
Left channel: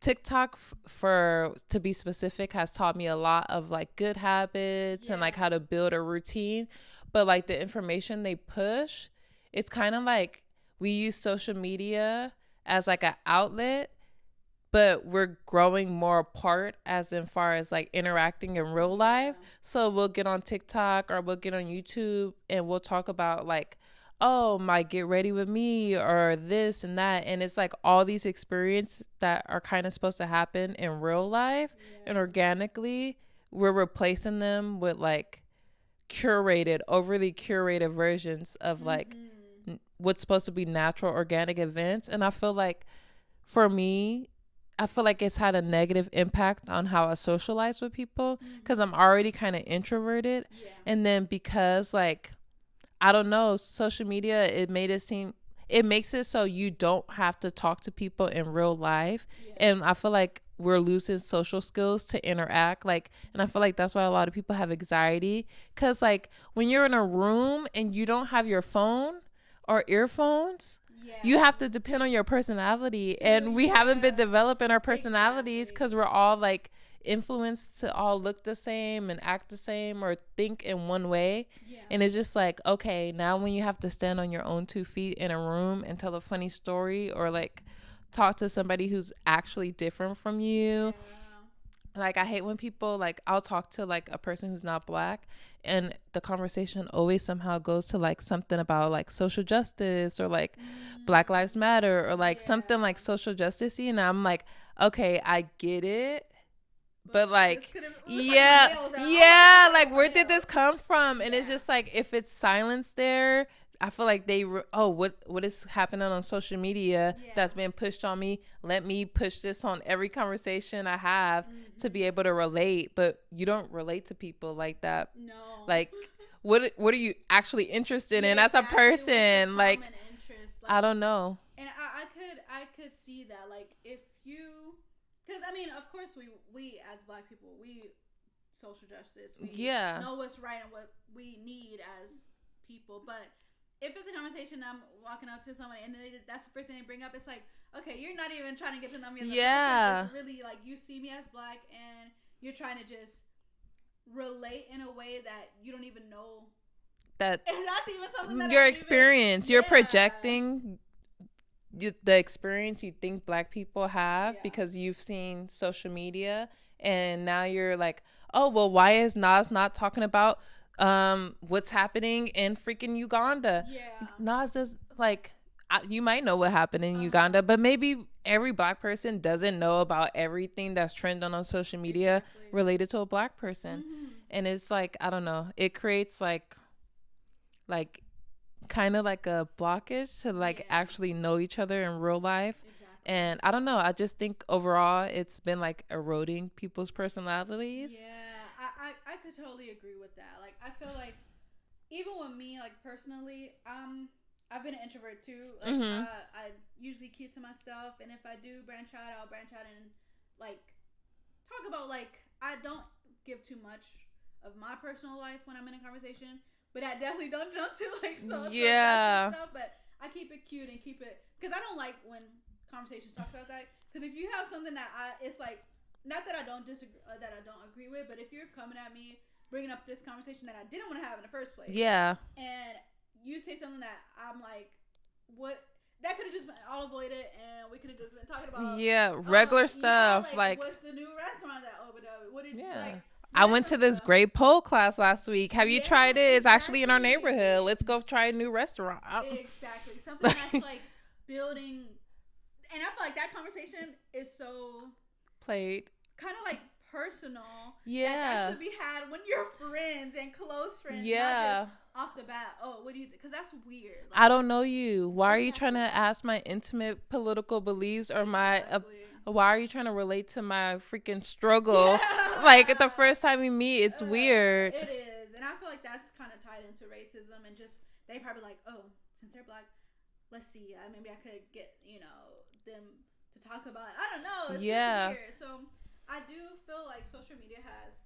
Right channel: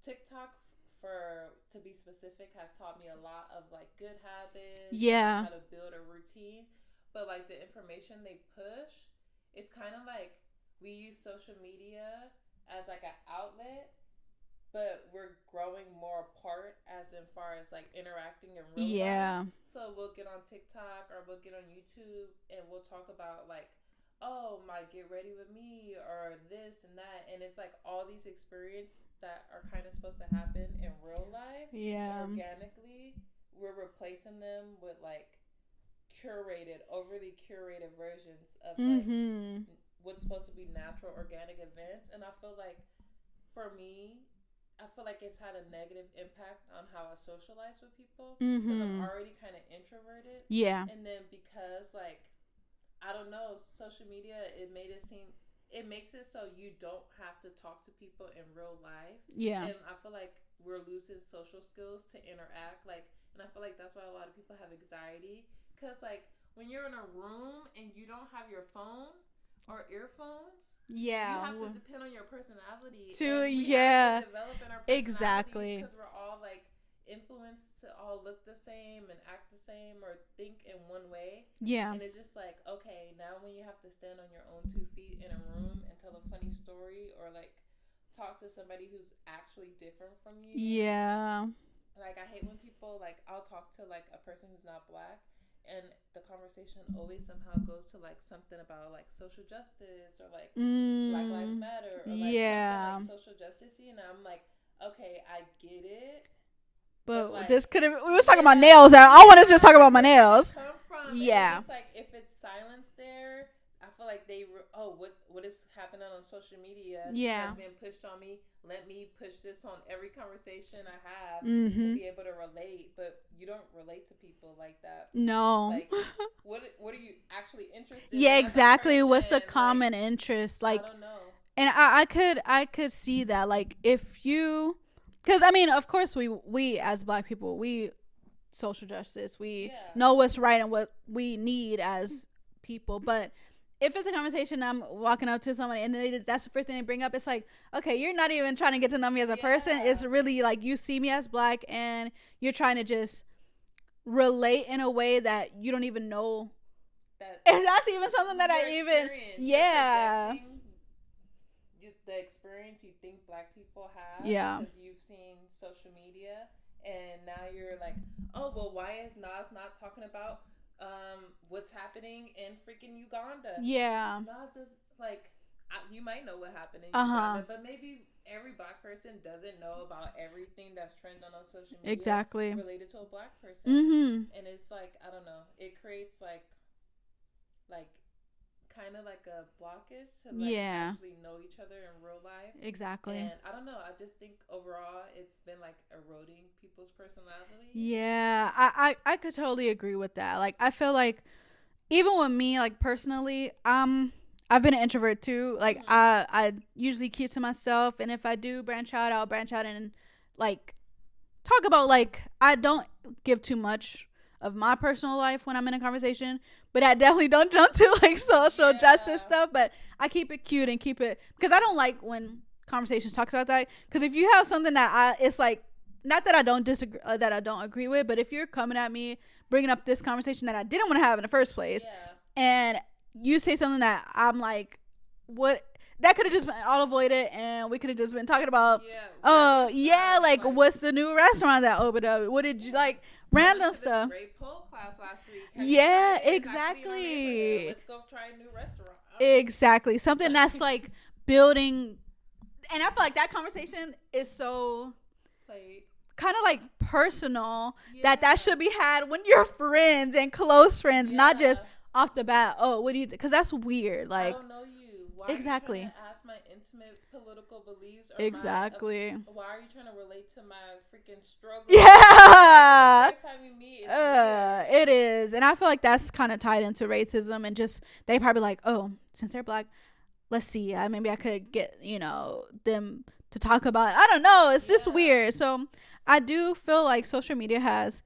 TikTok, to be specific, has taught me a lot of like good habits and like how to build a routine. But like the information they push, it's kind of like we use social media as like an outlet, but we're growing more apart as in far as like interacting in real life. So we'll get on TikTok or we'll get on YouTube and we'll talk about like, oh, my get ready with me or this and that. And it's like all these experiences that are kind of supposed to happen in real life and organically, we're replacing them with like overly curated versions of like what's supposed to be natural organic events. And I feel like for me, I feel like it's had a negative impact on how I socialize with people because I'm already kind of introverted. And then because like, I don't know, social media, it makes it so you don't have to talk to people in real life. And I feel like we're losing social skills to interact, like, and I feel like that's why a lot of people have anxiety, because like when you're in a room and you don't have your phone or earphones, you have to depend on your personality, and we haven't been developing our personalities because we're all like influenced to all look the same and act the same or think in one way. And it's just like, okay, now when you have to stand on your own 2 feet in a room and tell a funny story or like talk to somebody who's actually different from you, like I hate when people like, I'll talk to like a person who's not black and the conversation always somehow goes to like something about like social justice or like Black Lives Matter or like something like social justice-y, and I'm like, okay, I get it. But like, this could have, we were talking about nails. I wanted to just talk about my nails. Where did this come from? And it's just like, if it's silence there, I feel like what is happening on social media that's being pushed on me? Let me push this on every conversation I have to be able to relate. But you don't relate to people like that. No. Like, what are you actually interested in as exactly. a person? What's the common interest? Like, I don't know. And I could see that, like, if you, because I mean, of course we as black people, we social justice, we know what's right and what we need as people, but if it's a conversation, I'm walking up to somebody and that's the first thing they bring up, it's like, okay, you're not even trying to get to know me as a person. It's really like you see me as black and you're trying to just relate in a way that you don't even know that if that's even something that your experience. You're projecting the experience you think Black people have because you've seen social media, and now you're like, oh, well, why is Nas not talking about what's happening in freaking Uganda? Yeah. Nas is like, you might know what happened in Uganda, but maybe every Black person doesn't know about everything that's trending on social media related to a Black person. And it's like, I don't know, it creates like kind of like a blockage to like actually know each other in real life. Exactly. And I don't know, I just think overall it's been like eroding people's personalities. Yeah, I could totally agree with that. Like, I feel like even with me, like, personally, I've been an introvert too. Like, I usually keep to myself, and if I do branch out, I'll branch out and like talk about, like, I don't give too much of my personal life when I'm in a conversation, but I definitely don't jump to like social justice stuff. But I keep it cute and keep it, because I don't like when conversations talks about that. Because if you have something that it's like, not that I don't disagree, that I don't agree with, but if you're coming at me bringing up this conversation that I didn't want to have in the first place, and you say something that I'm like, what? That could have just been all avoided, and we could have just been talking about regular stuff. Yeah, like what's the new restaurant that opened up? What did you like? I went to this great pole class last week. Have you tried it? It's actually in our neighborhood. Let's go try a new restaurant. Exactly. Something that's like building. And I feel like that conversation is so played. Kind of like personal. That should be had when you're friends and close friends, not just off the bat. Oh, what do you think? Because that's weird. Like, I don't know you. Why are you trying to ask my intimate political beliefs or why are you trying to relate to my freaking struggle? Like, the first time we meet, it's weird. It is. And I feel like that's kind of tied into racism, and just they probably like, oh, since they're Black, let's see, maybe I could get them to talk about it. I don't know. It's just weird. So I do feel like social media has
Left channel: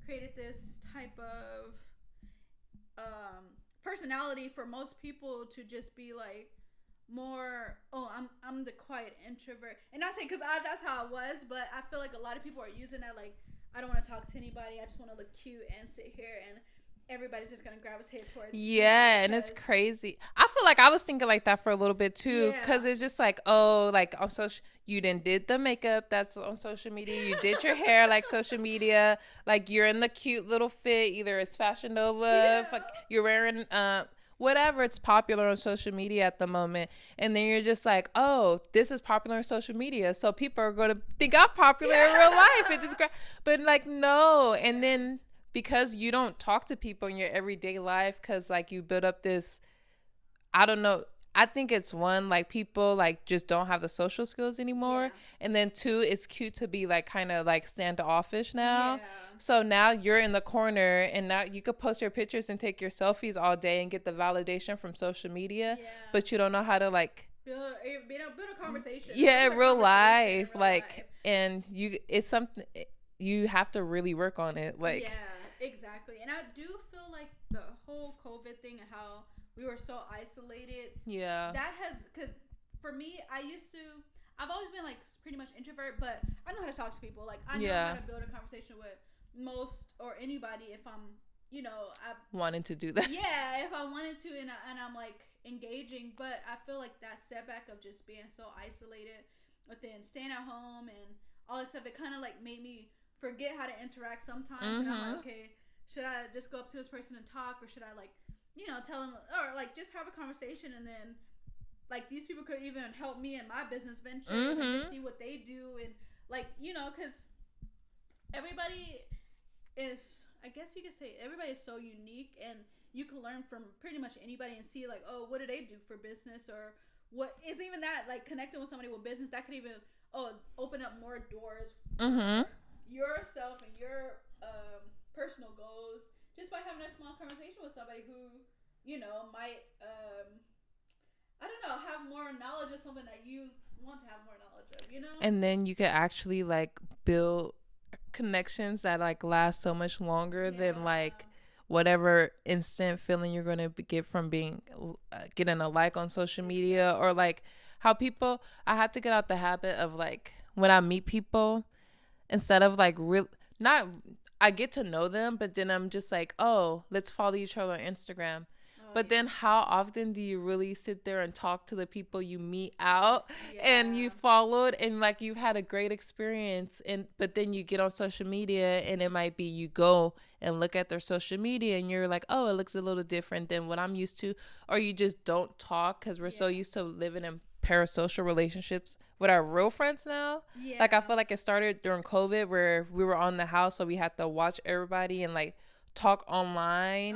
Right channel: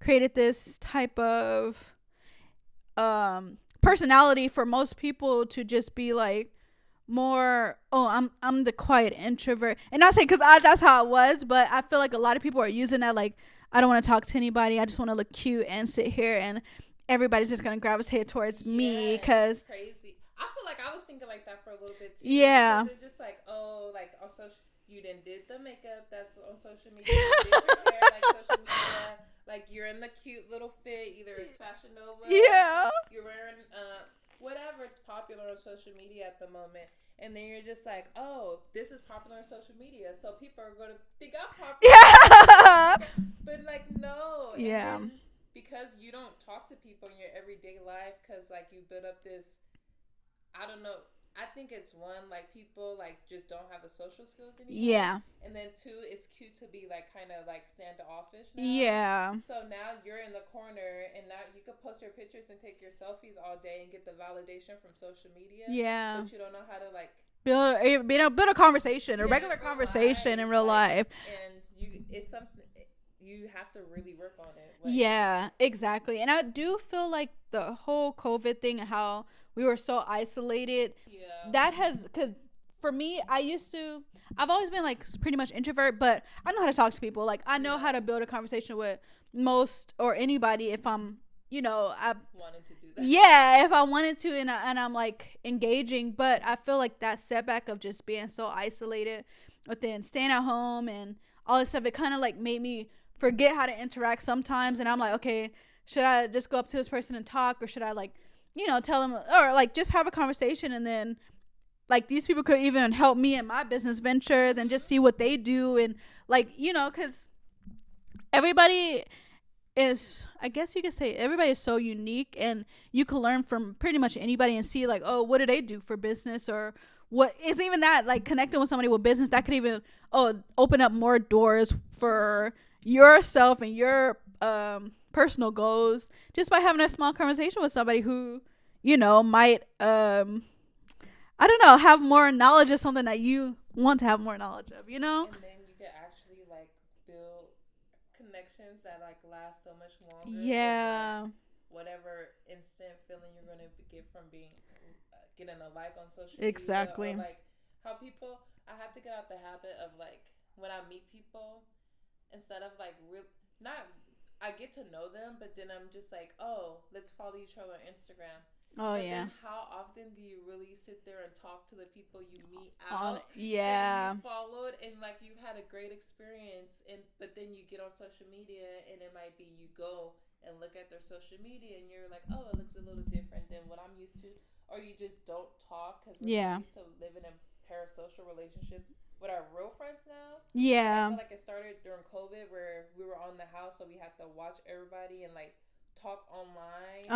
created this type of personality for most people to just be like more, oh, I'm the quiet introvert. And not saying because that's how it was, but I feel like a lot of people are using that, like, I don't want to talk to anybody, I just want to look cute and sit here, and everybody's just gonna gravitate towards me. Because it's crazy. I feel like I was thinking like that for a little bit too, because it's just like, oh, like on social, you did the makeup that's on social media, you did your hair like social media, like you're in the cute little fit, either it's Fashion Nova, you're wearing whatever, it's popular on social media at the moment, and then you're just like, oh, this is popular on social media, so people are going to think I'm popular. But like, no. And then because you don't talk to people in your everyday life, because like you build up this, I don't know, I think it's one, like people like just don't have the social skills anymore. And then two, it's cute to be like kind of like standoffish now. So now you're in the corner, and now you could post your pictures and take your selfies all day and get the validation from social media. But you don't know how to like build a conversation. In real life. And it's something you have to really work on it. Like, exactly. And I do feel like the whole COVID thing and how we were so isolated. That has, because for me, I've always been like pretty much introvert, but I know how to talk to people. Like, I know how to build a conversation with most or anybody if I'm, I wanted to do that. If I wanted to, and I'm like engaging. But I feel like that setback of just being so isolated, but then staying at home and all this stuff, it kind of like made me forget how to interact sometimes. And I'm like, okay, should I just go up to this person and talk, or should I like, tell them, or like just have a conversation, and then like these people could even help me in my business ventures and just see what they do, and like, because everybody is, I guess you could say, everybody is so unique, and you can learn from pretty much anybody and see like, oh, what do they do for business, or what is even that, like connecting with somebody with business that could even open up more doors for yourself and your personal goals, just by having a small conversation with somebody who might I don't know, have more knowledge of something that you want to have more knowledge of, and then you could actually like build connections that like last so much longer than like whatever instant feeling you're gonna get from being getting a like on social media, or like how people, I had to get out the habit of like, when I meet people, instead of like I get to know them, but then I'm just like, oh, let's follow each other on Instagram. But then how often do you really sit there and talk to the people you meet out and you followed and like you've had a great experience, but then you get on social media and it might be you go and look at their social media and you're like, oh, it looks a little different than what I'm used to, or you just don't talk because we're so used to living in parasocial relationships with our real friends now. Like I feel like it started during COVID where we were on the house, so we had to watch everybody and like talk online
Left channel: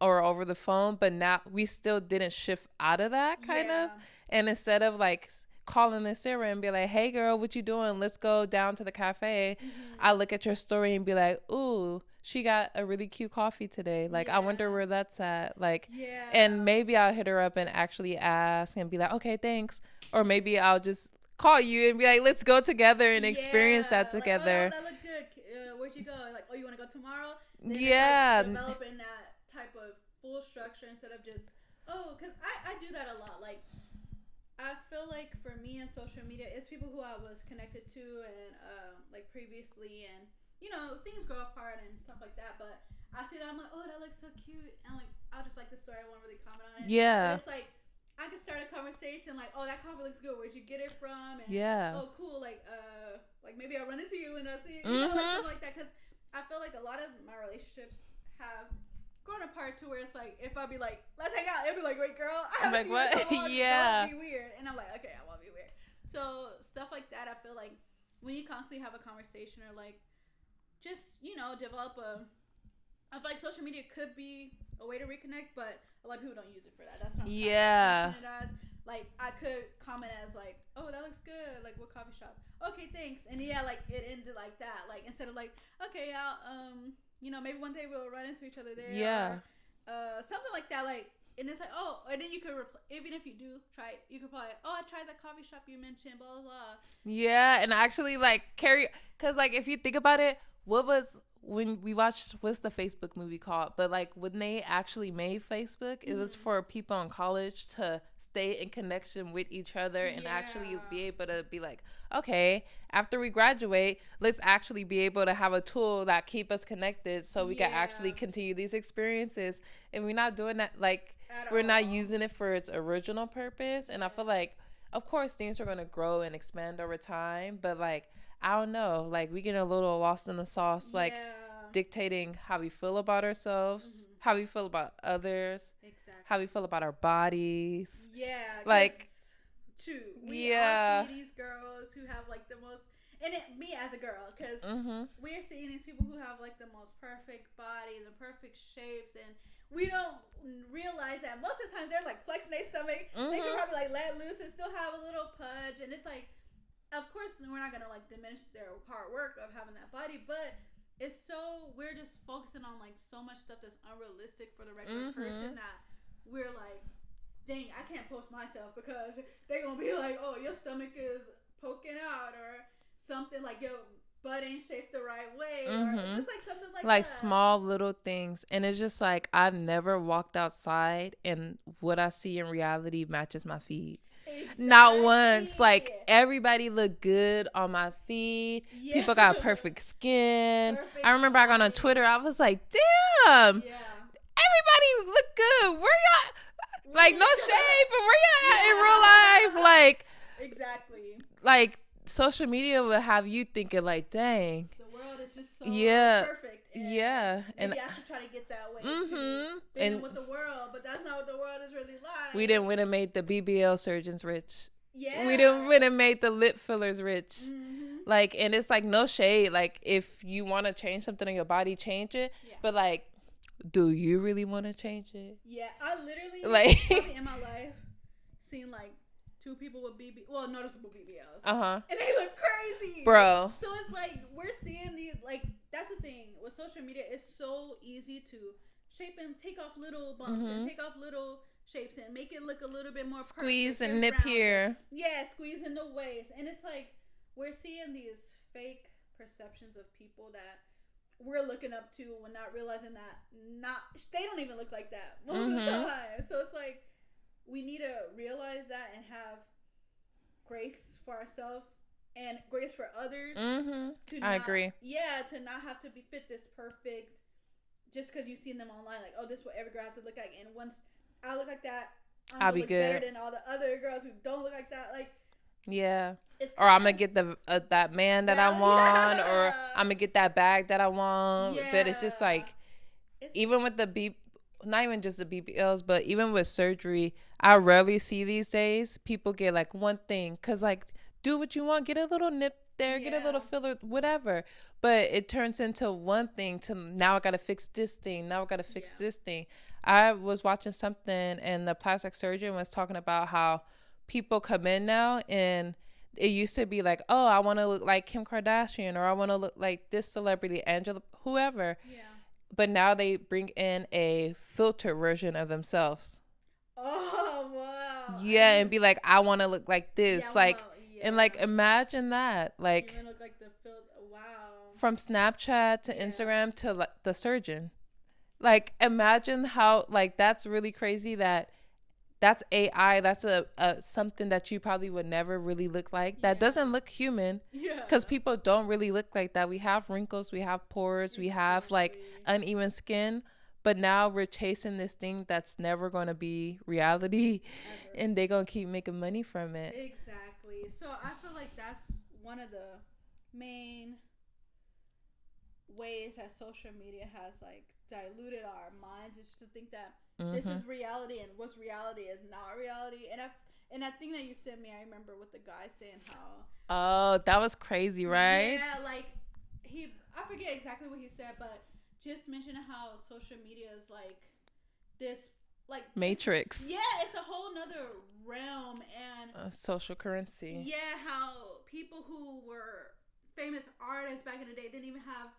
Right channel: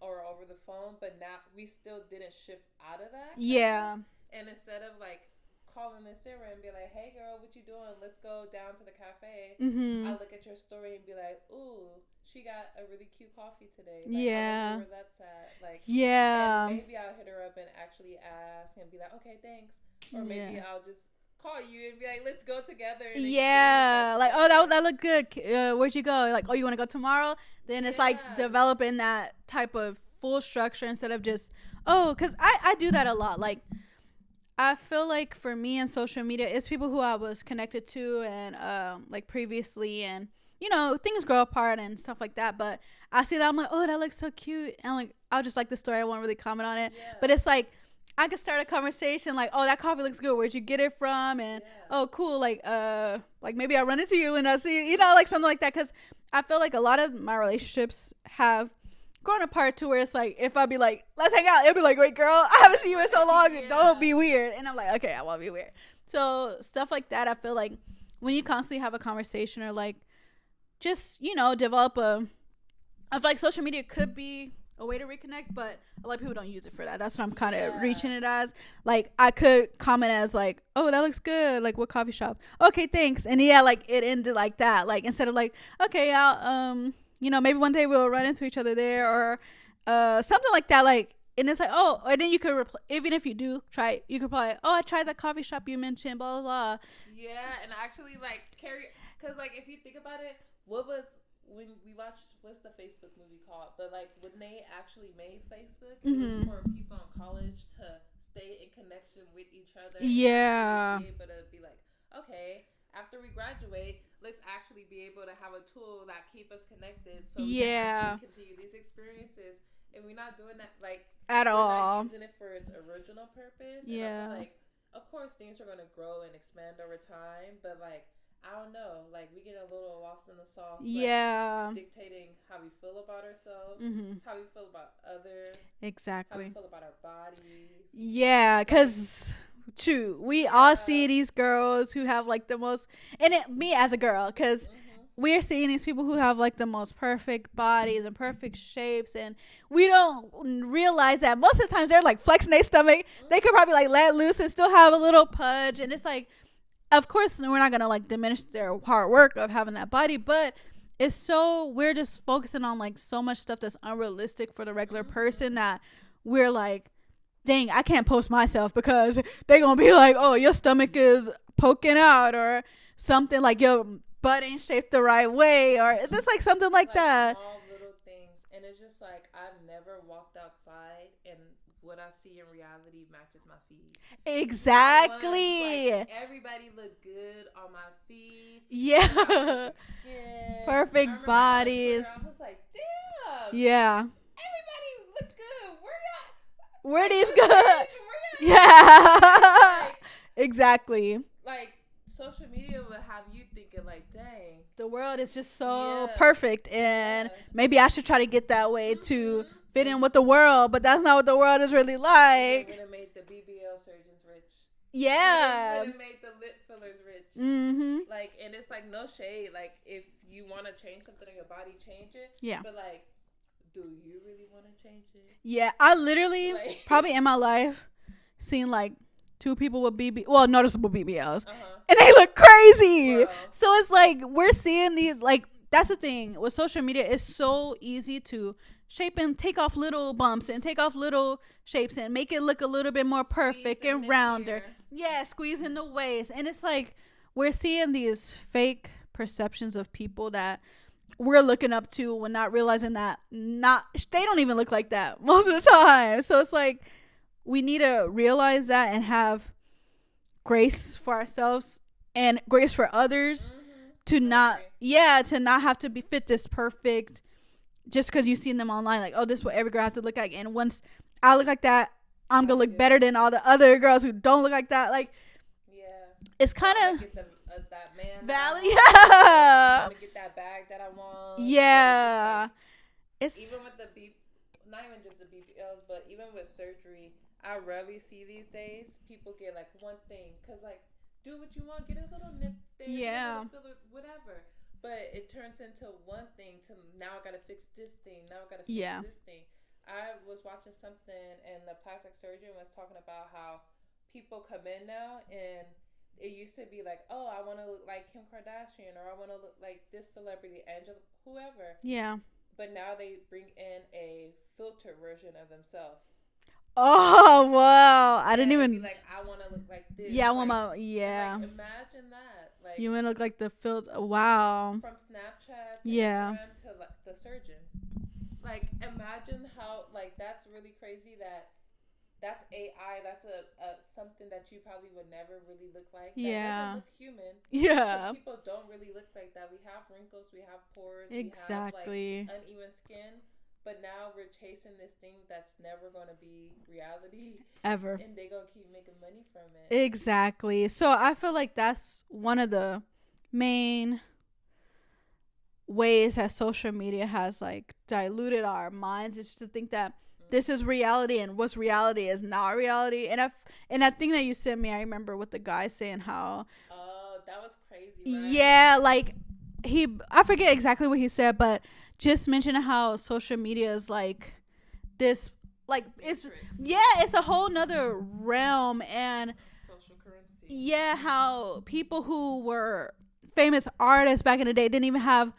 or over the phone, but now we still didn't shift out of that kind of. And instead of like calling in Sarah and be like, hey girl, what you doing, let's go down to the cafe, I look at your story and be like, ooh, she got a really cute coffee today, like I wonder where that's at, like and maybe I'll hit her up and actually ask and be like, okay, thanks, or maybe I'll just call you and be like, let's go together and experience that together. Like, oh, that looked good. Where'd you go? Like, oh, you want to go tomorrow? Then it's like developing that type of full structure instead of just, oh, because I do that a lot. Like, I feel like for me and social media, it's people who I was connected to and like previously, and you know, things grow apart and stuff like that. But I see that, I'm like, oh, that looks so cute, and like I'll just like the story. I won't really comment on it. Yeah. But it's like, I could start a conversation like, oh, that coffee looks good. Where'd you get it from? And oh, cool. Like maybe I run into you and I see, you know, like something like that. Because I feel like a lot of my relationships have grown apart to where it's like, if I be like, let's hang out, it'll be like, wait, girl, I haven't seen you in so long. Don't be weird. And I'm like, okay, I won't be weird. So stuff like that, I feel like when you constantly have a conversation or like just, you know, develop I feel like social media could be a way to reconnect, but a lot of people don't use it for that. That's what I'm kind of reaching it as. Like, I could comment as like, oh, that looks good, like what coffee shop, okay, thanks, and like it ended like that. Like, instead of like, okay, I'll you know, maybe one day we'll run into each other there, or something like that. Like, and it's like, oh, and then you could even if you do try it, you could probably, oh, I tried that coffee shop you mentioned, blah blah blah. Yeah. And actually like because like if you think about it, when we watched, what's the Facebook movie called? But like when they actually made Facebook, it was for people in college to stay in connection with each other and actually be able to be like, okay, after we graduate, let's actually be able to have a tool that keep us connected so we can actually continue these experiences. And we're not doing that like at all. We're not using it for its original purpose. And I feel like, of course, things are going to grow and expand over time, but like, I don't know, like we get a little lost in the sauce, like dictating how we feel about ourselves, how we feel about others, how we feel about our bodies. Yeah, because true, we all see these girls who have like the most, and me as a girl, because we're seeing these people who have like the most perfect bodies and perfect shapes, and we don't realize that most of the times they're like flexing their stomach. They could probably like let loose and still have a little pudge, and it's like, of course, we're not going to like diminish their hard work of having that body, but it's so, we're just focusing on like so much stuff that's unrealistic for the regular person that we're like, dang, I can't post myself because they're going to be like, oh, your stomach is poking out, or something like your butt ain't shaped the right way, or just like something like that. Like small little things. And it's just like, I've never walked outside and what I see in reality matches my feed. Exactly. Not once. Like, everybody looked good on my feed. Yeah. People got perfect skin. Perfect I remember bodies. I went on Twitter, I was like, damn. Yeah. Everybody looked good. Where y'all? Where like, no good? Shade, but where y'all at? Yeah. Like, exactly. Like, social media will have you thinking like, dang, the world is just so perfect, and maybe I should try to get that way to fit in with the world, but that's not what the world is really like. We didn't win and made the BBL surgeons rich. Yeah, we didn't win and made the lip fillers rich. Like, and it's like, no shade, like if you want to change something in your body, change it. But like, do you really want to change it? I literally like probably in my life seen like 2 people with noticeable BBLs, and they look crazy, bro. So it's like, we're seeing these, like, that's the thing with social media. It's so easy to shape and take off little bumps and take off little shapes and make it look a little bit more perfect and rounded. Yeah, squeeze in the waist, and it's like we're seeing these fake perceptions of people that we're looking up to, when not realizing that they don't even look like that most of the time. So it's like, we need to realize that and have grace for ourselves and grace for others to not have to fit this perfect just because you've seen them online, like, oh, this is what every girl has to look like, and once I look like that, I'm gonna look better than all the other girls who don't look like that. Like, yeah, it's kind of, I'm gonna get the that man that I want, or I'm gonna get that bag that I want. Yeah, but it's just like, it's even with the not even just the BBLs, but even with surgery, I rarely see these days people get like one thing, cause like, do what you want, get a little nip there, get a little filler, whatever. But it turns into one thing to now I gotta fix this thing, now I gotta fix this thing. I was watching something and the plastic surgeon was talking about how people come in now, and it used to be like, oh, I want to look like Kim Kardashian, or I want to look like this celebrity, Angela, whoever. Yeah. But now they bring in a filter version of themselves. Oh, wow. Yeah, I didn't even be like, I want to look like this. Yeah, like, and like, imagine that. Like, you want to look like the filter. Wow. From Snapchat to Instagram to like the surgeon. Like, imagine how, like, that's really crazy that's AI. That's a something that you probably would never really look like. That doesn't look human. Yeah. Because people don't really look like that. We have wrinkles. We have pores. We have, like, uneven skin. But now we're chasing this thing that's never going to be reality. Ever. And they're going to keep making money from it. Exactly. So I feel like that's one of the main ways that social media has like diluted our minds, is to think that this is reality and what's reality is not reality. And that thing that you sent me, I remember with the guy saying how, oh, that was crazy, right? Yeah, like I forget exactly what he said, but just mentioning how social media is like this, like, matrix. It's a whole nother realm and social currency. Yeah, how people who were famous artists back in the day didn't even have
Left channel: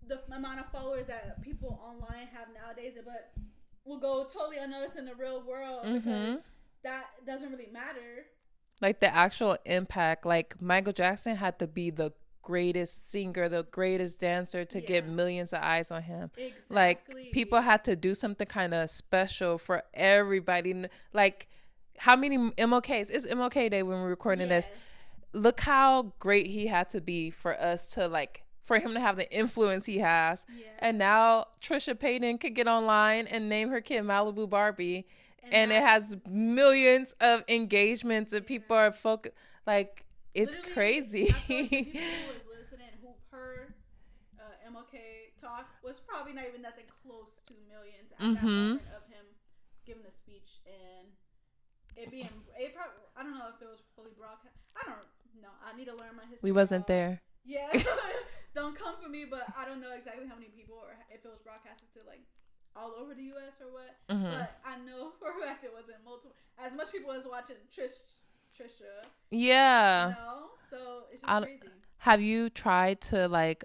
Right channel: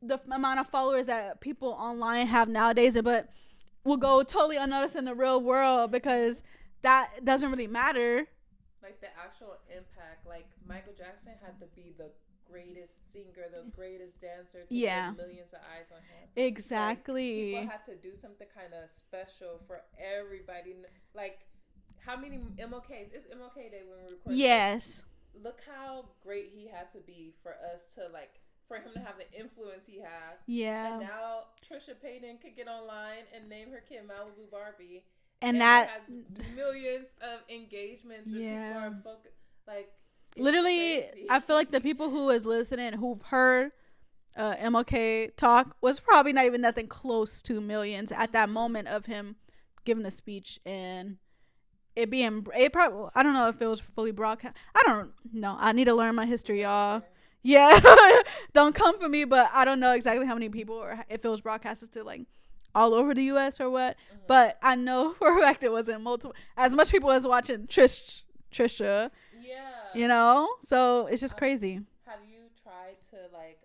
the amount of followers that people online have nowadays, but will go totally unnoticed in the real world because that doesn't really matter. Like the actual impact, like Michael Jackson had to be the greatest singer, the greatest dancer to get millions of eyes on him. Exactly. Like, people had to do something kind of special for everybody. Like, how many MLKs? It's MLK Day when we're recording this. Look how great he had to be for us to, like, for him to have the influence he has. Yeah. And now Trisha Paytas could get online and name her kid Malibu Barbie. And it has millions of engagements and people are focused. Like, it's literally crazy. I feel like the people who is listening, who've heard MLK talk, was probably not even nothing close to millions at that moment of him giving a speech, and it probably, I don't know if it was fully broadcast. I don't know. I need to learn my history. We wasn't there. Yeah. Don't come for me, but I don't know exactly how many people, or if it was broadcasted to like all over the US or what. But I know for a fact it wasn't as much people as watching Trisha. Yeah. You know? So it's just crazy. Have you tried to like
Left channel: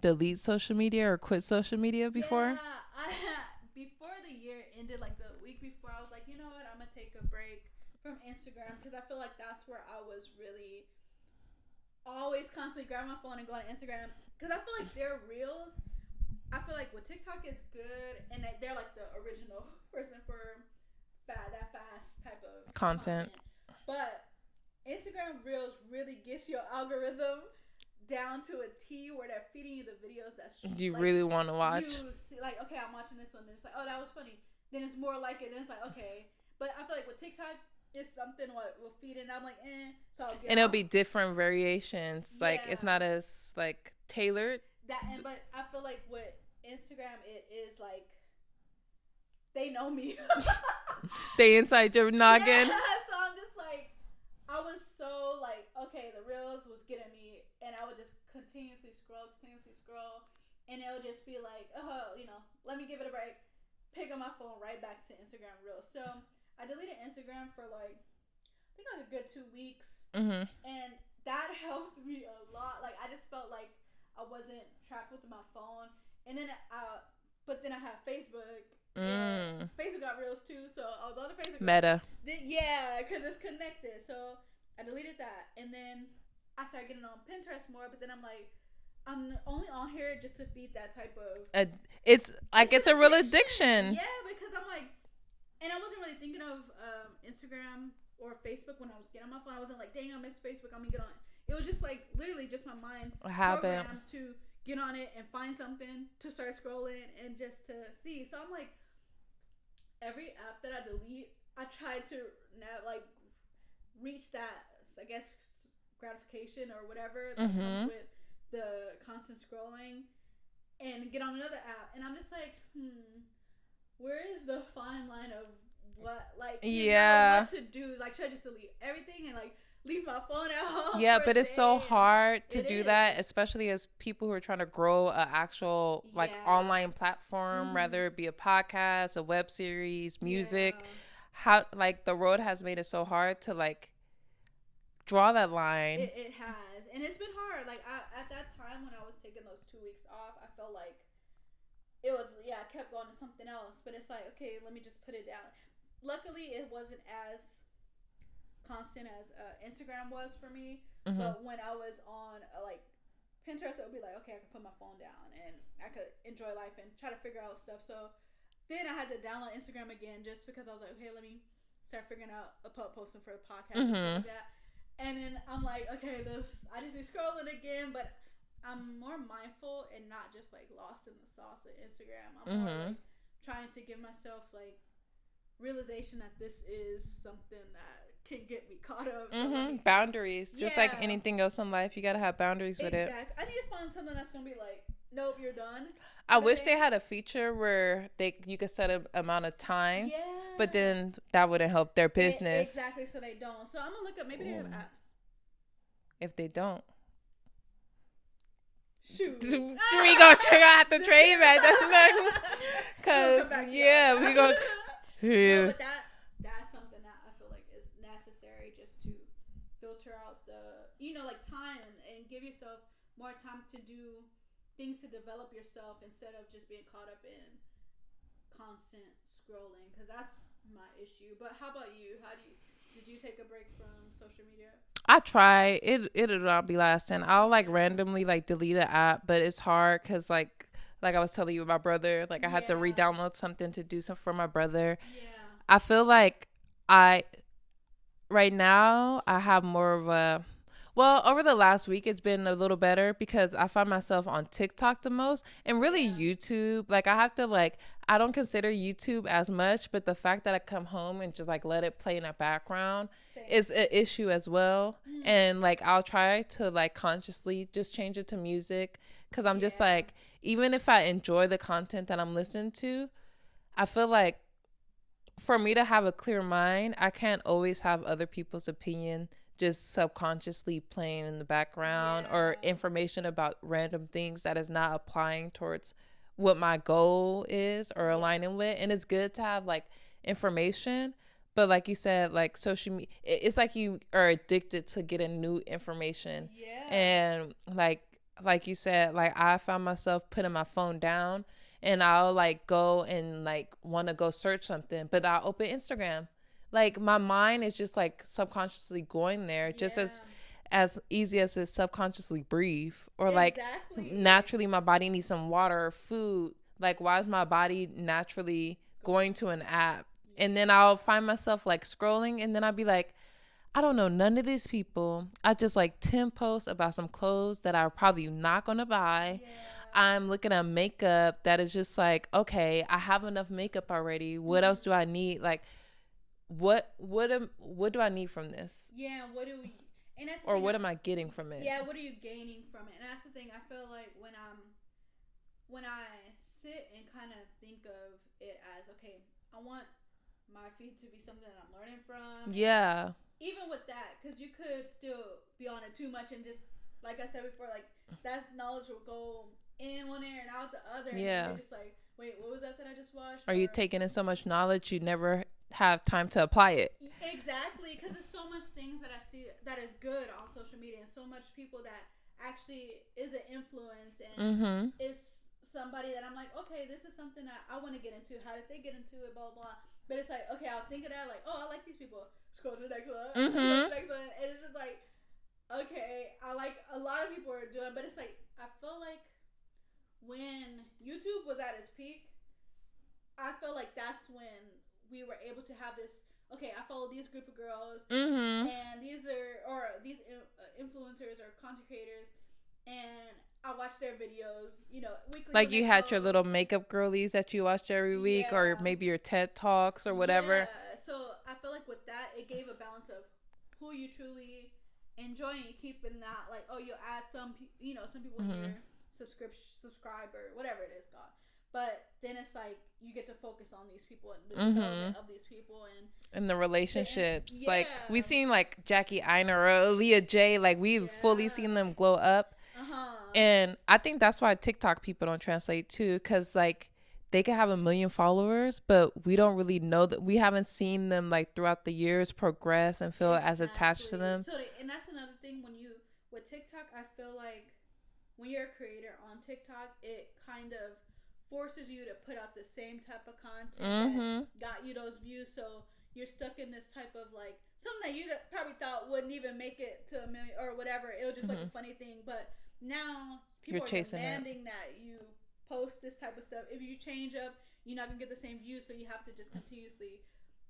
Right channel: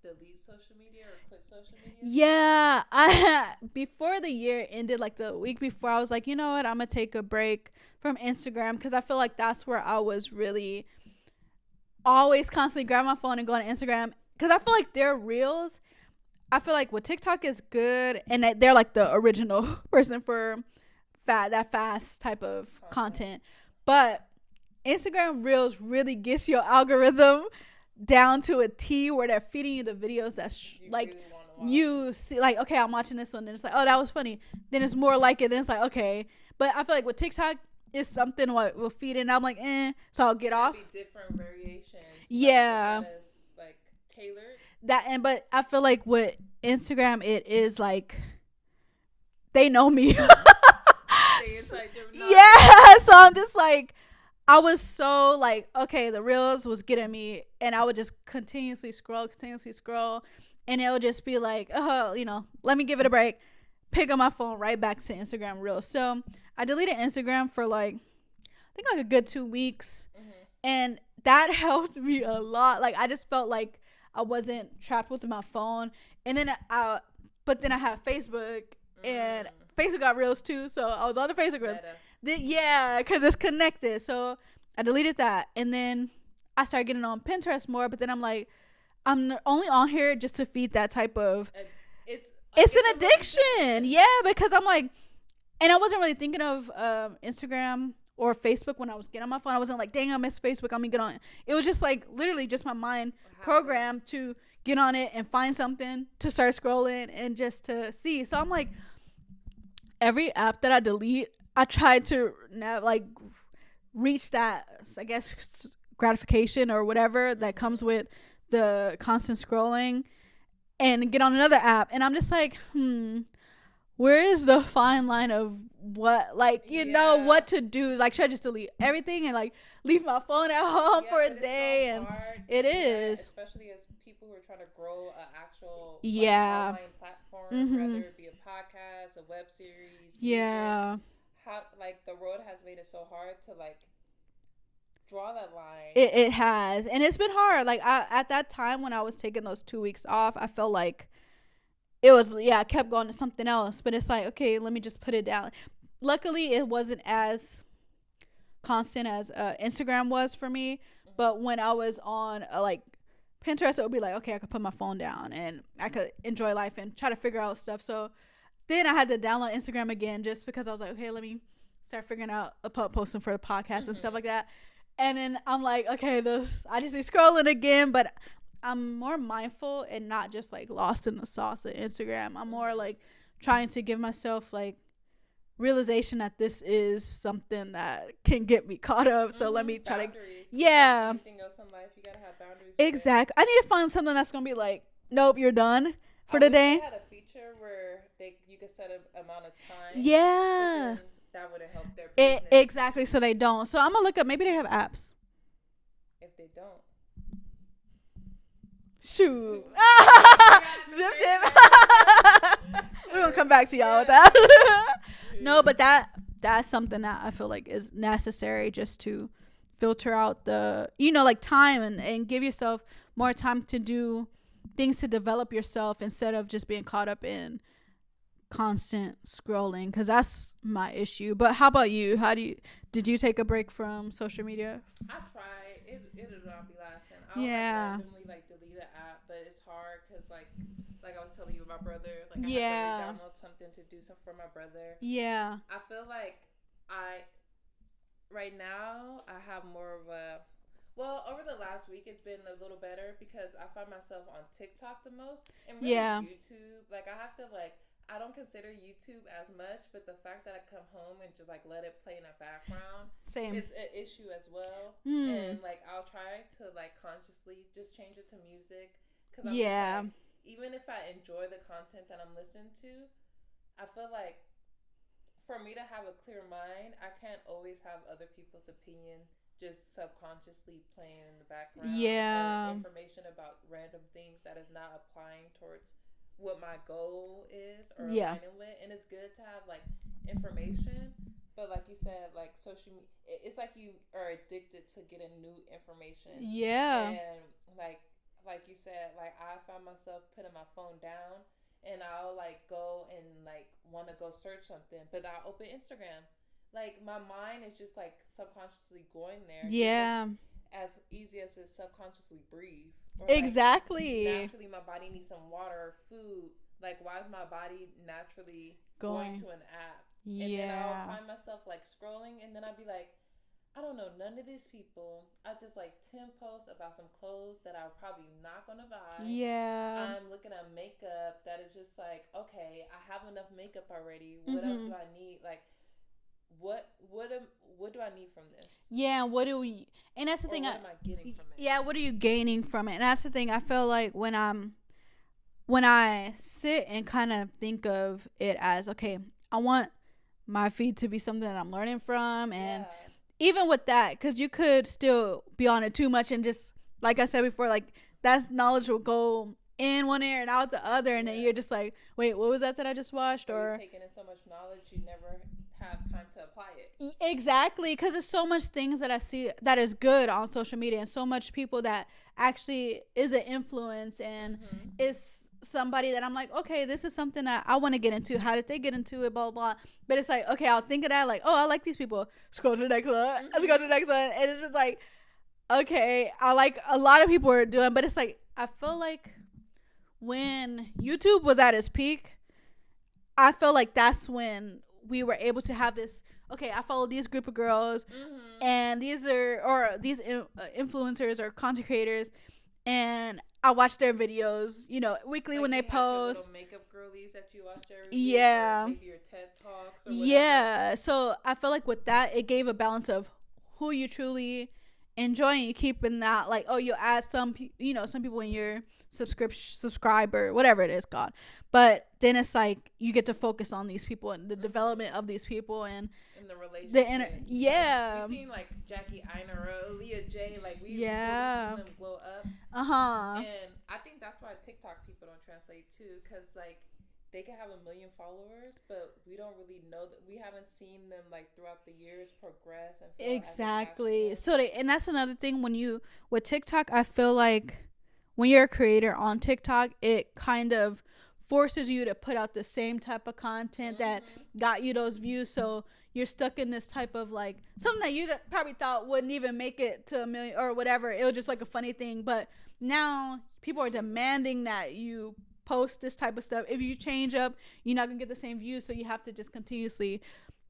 delete social media or quit social media before? Yeah. Before the year ended, like the week before, I was like, you know what? I'm going to take a break from Instagram, because I feel like that's where I was really always constantly grabbing my phone and going to Instagram, because I feel like their reels, I feel like with TikTok is good, and that they're like the original person for that fast type of content. But Instagram reels really gets your algorithm down to a T, where they're feeding you the videos that you like, really want to watch. You see, like, okay, I'm watching this one, and it's like, oh, that was funny. Then it's more like it. Then it's like, okay. But I feel like with TikTok, it's something what will feed in. I'm like, so I'll get and off. It'll be different variations. Yeah, like, it's not as like tailored. But I feel like with Instagram, it is like they know me. Stay inside your noggin. Yeah, so I'm just like, I was so like, okay, the reels was getting me, and I would just continuously scroll, and it would just be like, oh, you know, let me give it a break, pick up my phone, right back to Instagram reels. So I deleted Instagram for like, I think like a good 2 weeks, and that helped me a lot. Like, I just felt like I wasn't trapped with my phone, and then but then I have Facebook. And Facebook got reels too, so I was on the Facebook reels. Meta. Yeah, because it's connected. So I deleted that, and then I started getting on Pinterest more. But then I'm like, I'm only on here just to feed that type of. It's a real addiction. Yeah, because I'm like, and I wasn't really thinking of Instagram or Facebook when I was getting on my phone. I wasn't like, dang, I miss Facebook. I'm gonna get on. It was just like literally just my mind programmed to get on it and find something to start scrolling and just to see. So I'm like, every app that I delete, I try to like reach that, I guess, gratification or whatever that comes with the constant scrolling, and get on another app. And I'm just like, where is the fine line of what, like, you know, what to do? Like, should I just delete everything and like leave my phone at home? Yeah, for but it's so hard to do that, especially as people who are trying to grow an actual like online platform, whether it be a podcast, a web series, music. How, like, the road has made it so hard to like draw that line. It has, and it's been hard. Like, at that time when I was taking those 2 weeks off, I felt like it was, I kept going to something else, but it's like, okay, let me just put it down. Luckily, it wasn't as constant as Instagram was for me, but when I was on like Pinterest, it would be like, okay, I could put my phone down and I could enjoy life and try to figure out stuff. So then I had to download Instagram again, just because I was like, okay, let me start figuring out posting for the podcast and stuff like that. And then I'm like, okay, I just need scrolling again, but I'm more mindful and not just like lost in the sauce of Instagram. I'm more like trying to give myself like realization that this is something that can get me caught up. So let me boundaries. Just like anything else in life, you gotta have boundaries with exactly. I need to find something that's gonna be like, nope, you're done. I wish they had a feature where you could set an amount of time. Yeah. But then that wouldn't help their business. Exactly. So they don't. So I'm going to look up. Maybe they have apps. If they don't. Shoot. We're going to have to trade that. We'll come back to y'all with that. No, but that's something that I feel like is necessary, just to filter out the, like time and give yourself more time to do things to develop yourself instead of just being caught up in constant scrolling, because that's my issue. But how about you? Did you take a break from social media? I try. It'll not be lasting. I'll like randomly like delete an app, but it's hard because like I was telling you with my brother, like I had to re-download something to do something for my brother. Yeah. I feel like right now I have more of a, well, over the last week, it's been a little better because I find myself on TikTok the most, and really YouTube. Like, I have to, like, I don't consider YouTube as much, but the fact that I come home and just, like, let it play in the background is an issue as well. And, like, I'll try to, like, consciously just change it to music, because I'm just, like, even if I enjoy the content that I'm listening to, I feel like for me to have a clear mind, I can't always have other people's opinion just subconsciously playing in the background, or information about random things that is not applying towards what my goal is or aligning with. And it's good to have like information, but like you said, like social media, it's like you are addicted to getting new information. And like you said, like I found myself putting my phone down, and I'll like go and like want to go search something, but I'll open Instagram. Like, my mind is just, like, subconsciously going there. Just as easy as to subconsciously breathe. Or, like, naturally my body needs some water or food. Like, why is my body naturally going to an app? And then I'll find myself, like, scrolling. And then I'll be like, I don't know none of these people. I just, like, 10 posts about some clothes that I'm probably not going to buy. I'm looking at makeup that is just, like, okay, I have enough makeup already. What else do I need? Like, what do I need from this? And that's the thing. Or what am I getting from it? What are you gaining from it? And that's the thing. I feel like when I sit and kind of think of it as, okay, I want my feed to be something that I'm learning from. And even with that, because you could still be on it too much, and just like I said before, like that knowledge will go in one ear and out the other, and then you're just like, wait, what was that I just watched? Or you're taking in so much knowledge you never have time to apply it. Exactly, because there's so much things that I see that is good on social media, and so much people that actually is an influence and is somebody that I'm like, okay, this is something that I want to get into. How did they get into it? Blah, blah, blah. But it's like, okay, I'll think of that, like, oh, I like these people. Scroll to the next one. Scroll to the next one. And it's just like, okay, I like a lot of people are doing, but it's like, I feel like when YouTube was at its peak, I feel like that's when we were able to have this, okay, I follow these group of girls, and these influencers or content creators, and I watch their videos, weekly, like when they post. Like you had your little makeup girlies that you watched every week, or maybe your TED Talks or whatever. Yeah, so I feel like with that, it gave a balance of who you truly enjoy, and you keep in that, like, oh, you'll add some people in your subscriber, whatever it is called. But then it's like you get to focus on these people and the development of these people and the relationships. Like, we seen like Jackie Einer or Aaliyah J. Like, we've fully seen them glow up. And I think that's why TikTok people don't translate too, because like they can have 1 million followers, but we don't really know that. We haven't seen them like throughout the years progress and feel as attached to them. So and that's another thing with TikTok. I feel like when you're a creator on TikTok, it kind of forces you to put out the same type of content that got you those views. So you're stuck in this type of like something that you probably thought wouldn't even make it to 1 million or whatever. It was just like a funny thing. But now people are demanding that you post this type of stuff. If you change up, you're not gonna get the same views. So you have to just continuously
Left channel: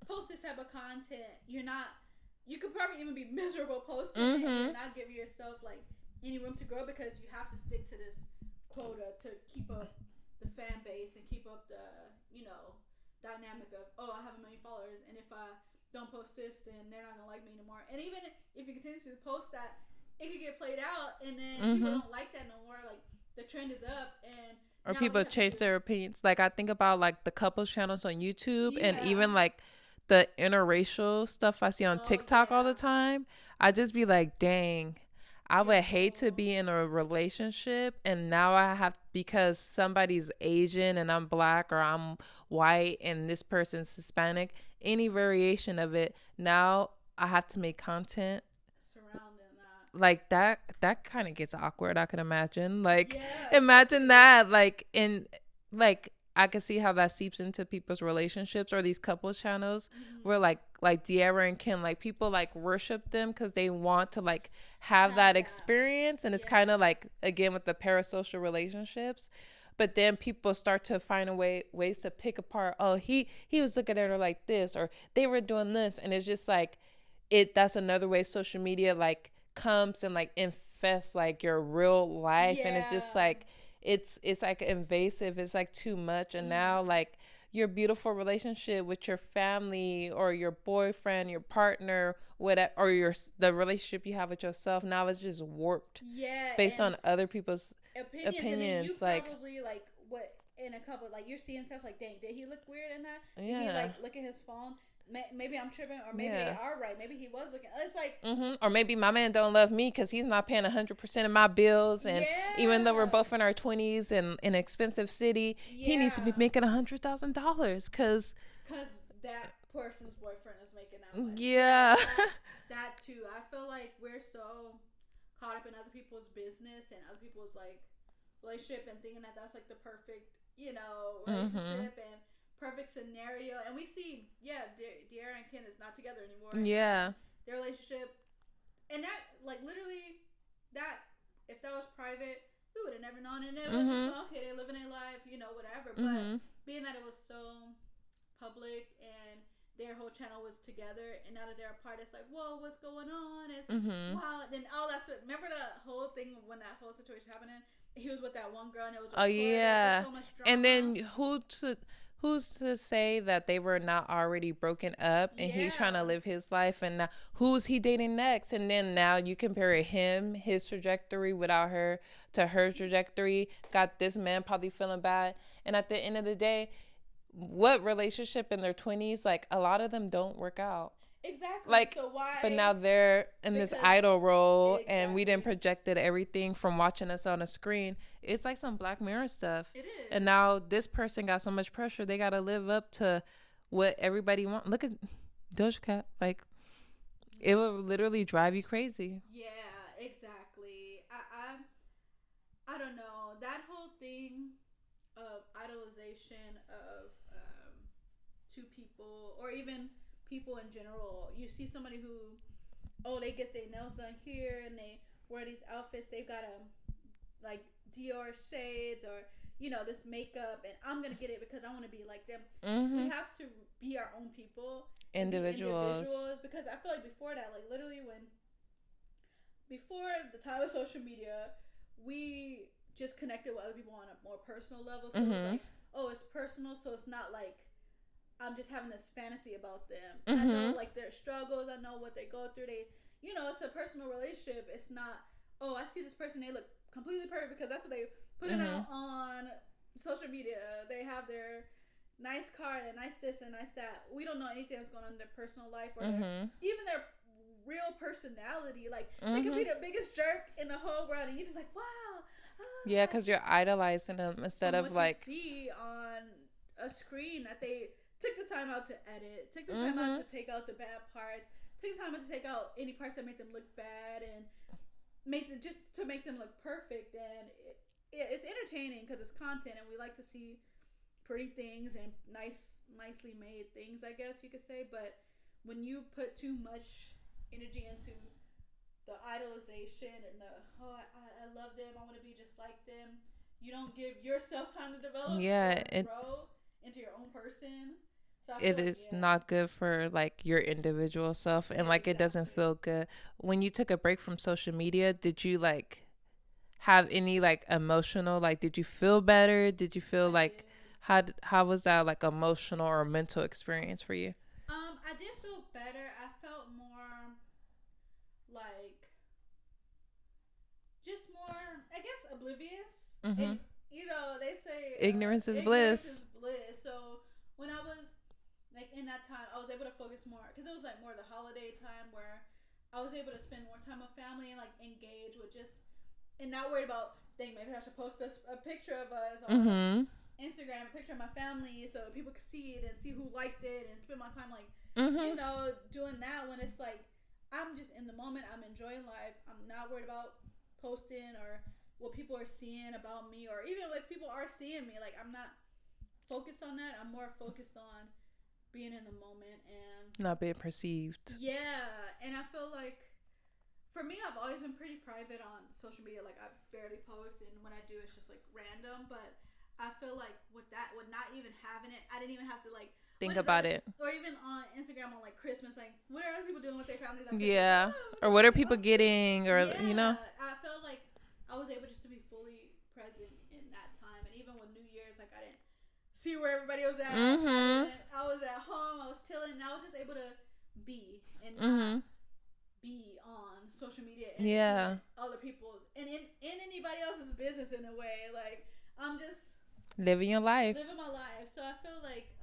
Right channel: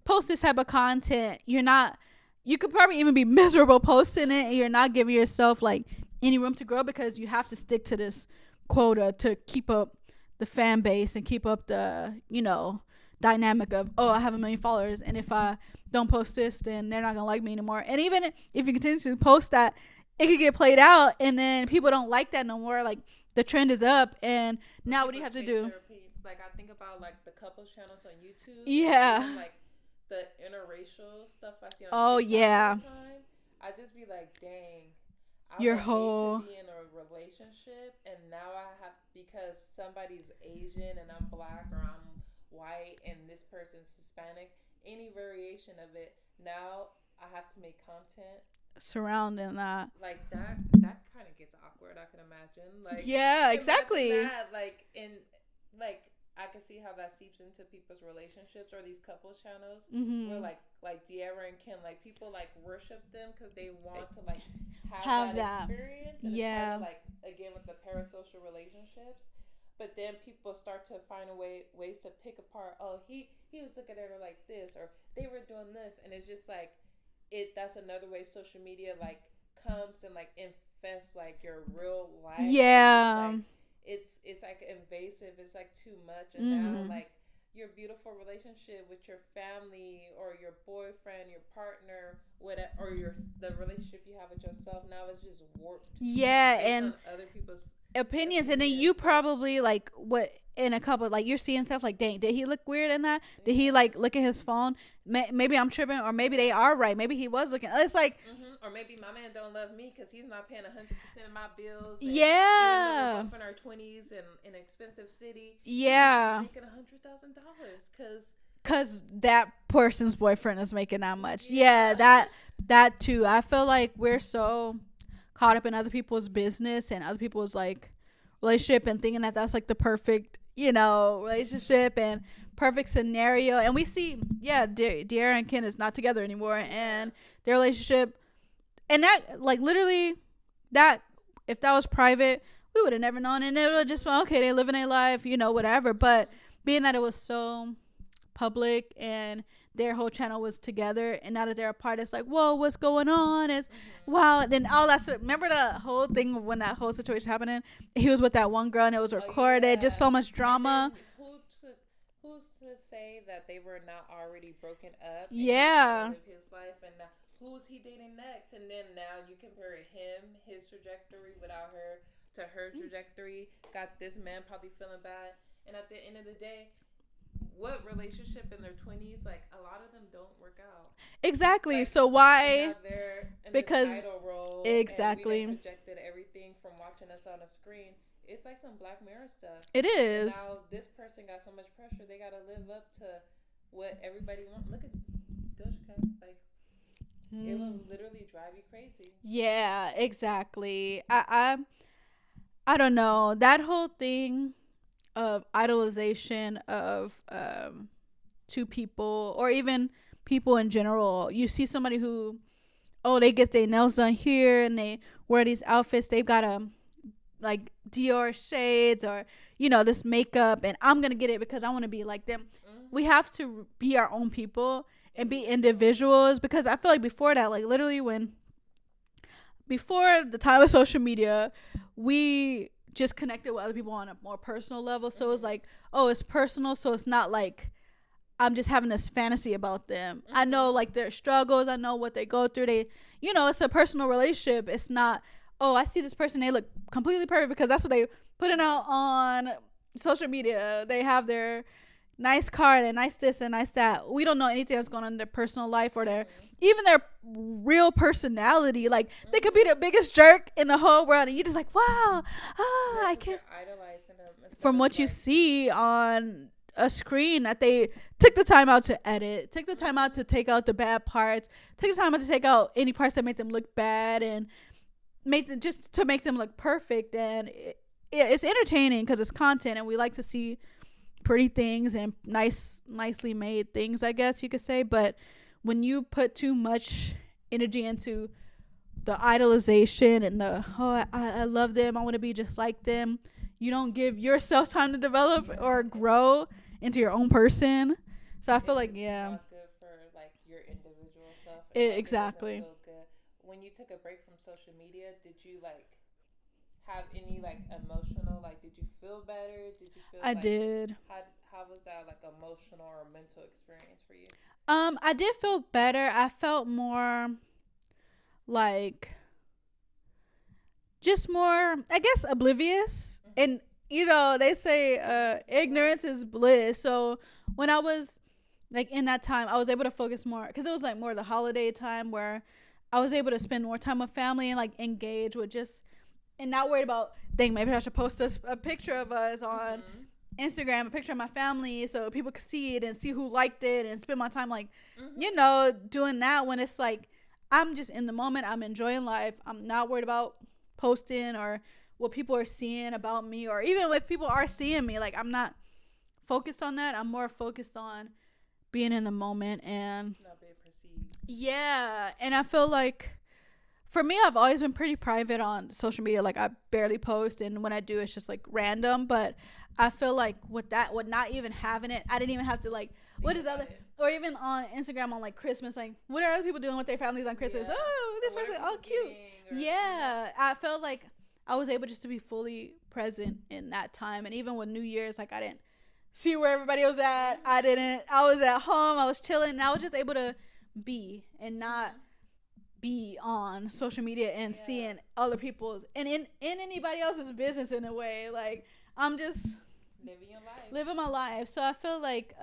post this type of content. You could probably even be miserable posting it, and you're not giving yourself like any room to grow, because you have to stick to this quota to keep up the fan base and keep up the dynamic of, oh, I have 1 million followers, and if I don't post this, then they're not gonna like me anymore. And even if you continue to post that, it could get played out, and then people don't like that no more. Like, the trend is up, and now people change their opinions. Like, I think about like the couples channels on YouTube, and even like the interracial stuff I see on TikTok all the time. I just be like, dang, I would hate to be in a relationship, and now I have, because somebody's Asian and I'm Black, or I'm white and this person's Hispanic, any variation of it, now I have to make content surrounding that. Like, that kind of gets awkward, I can imagine. Like, exactly. Imagine that, like, in like, I can see how that seeps into people's relationships, or these couples channels where like De'Ara and Kim, like, people like worship them because they want to like have that experience, and it's kind of like, again, with the parasocial relationships. But then people start to find ways to pick apart, oh, he was looking at her like this, or they were doing this, and it's just like that's another way social media like comes and like infests like your real life. And it's just like it's like invasive. It's like too much. And now like your beautiful relationship with your family or your boyfriend, your partner, whatever, or the relationship you have with yourself, now it's just warped. Based on other people's opinions. And then you probably like what in a couple, like, you're seeing stuff like, dang, did he look weird in that? Did he like look at his phone? Maybe I'm tripping, or maybe they are right. Maybe he was looking. It's like, or maybe my man don't love me because he's not paying 100% of my bills. And even though we're both in our 20s and in an expensive city, he needs to be making $100,000 because that person's boyfriend is making that much. That too. I feel like we're so caught up in other people's business and other people's like relationship, and thinking that that's like the perfect relationship and perfect scenario. And we see De'Ara and Ken is not together anymore, and their relationship, and that like literally, that if that was private, we would have never known, and it would just been, okay, they living their life, whatever. But being that it was so public and their whole channel was together, and now that they're apart, it's like, whoa, what's going on? It's wow. Then all that stuff. Remember the whole thing when that whole situation happening? He was with that one girl, and it was recorded. Just so much drama. And then who's to say that they were not already broken up, and he's trying to live his life, and now who's he dating next? And then now you compare his trajectory without her to her trajectory. Got this man probably feeling bad, and at the end of the day, what relationship in their 20s, like, a lot of them don't work out. Exactly. Like, so why? But now they're in this idol role, and we done projected everything from watching us on a screen. It's like some Black Mirror stuff. It is. And now this person got so much pressure, they got to live up to what everybody wants. Look at Doja Cat. Like, it will literally drive you crazy. Yeah, exactly. I don't know. That whole thing of idolization of two people, or even people in general. You see somebody who, they get their nails done here, and they wear these outfits. They've got like Dior shades, or this makeup, and I'm gonna get it because I want to be like them. We have to be our own people and be individuals, because I feel like before that, like literally before the time of social media, we just connected with other people on a more personal level. So it's like, oh, it's personal. So it's not like I'm just having this fantasy about them. I know like their struggles. I know what they go through. They, you know, it's a personal relationship. It's not, oh, I see this person, they look completely perfect because that's what they putting out on social media. They have their nice car and nice this and nice that. We don't know anything that's going on in their personal life or their even their real personality. Like they could be the biggest jerk in the whole world, and you're just like, wow, yeah, because you're idolizing them instead from of what like, you see on a screen that they took the time out to edit, took the time out to take out the bad parts, took the time out to take out any parts that make them look bad and make them just to make them look perfect. And it's entertaining because it's content, and we like to see pretty things and nicely made things, I guess you could say. But when you put too much energy into the idolization and the I love them, I want to be just like them, you don't give yourself time to develop or grow into your own person. So I feel like it's not good for like your individual self, and like it doesn't feel good. When you took a break from social media, did you like have any like emotional, like did you feel better? Did you feel I did. How was that like emotional or mental experience for you? I did feel better. I felt more like just more, I guess, oblivious. And you know, they say ignorance is bliss. So when I was like in that time, I was able to focus more because it was like more the holiday time where I was able to spend more time with family and like engage with just, and not worried about, dang, maybe I should post a picture of us on Instagram, a picture of my family so people could see it and see who liked it, and spend my time like, you know, doing that when it's like, I'm just in the moment. I'm enjoying life. I'm not worried about posting or what people are seeing about me, or even if people are seeing me, like I'm not focused on that. I'm more focused on being in the moment and not being perceived. Yeah. And I feel like for me, I've always been pretty private on social media. Like I barely post, and when I do, it's just like random. But I feel like with not even having it, I didn't even have to like think about it. Or even on Instagram on like Christmas, like what are other people doing with their families on Christmas? Yeah. Or what are people getting? Or yeah, you know, I felt like I was able just to be fully present in that time. And even with New Year's, like I didn't see where everybody was at. I was at home. I was chilling, and I was just able to be and not be on social media and seeing other people's and in anybody else's business in a way. Like I'm just living my life. So I feel like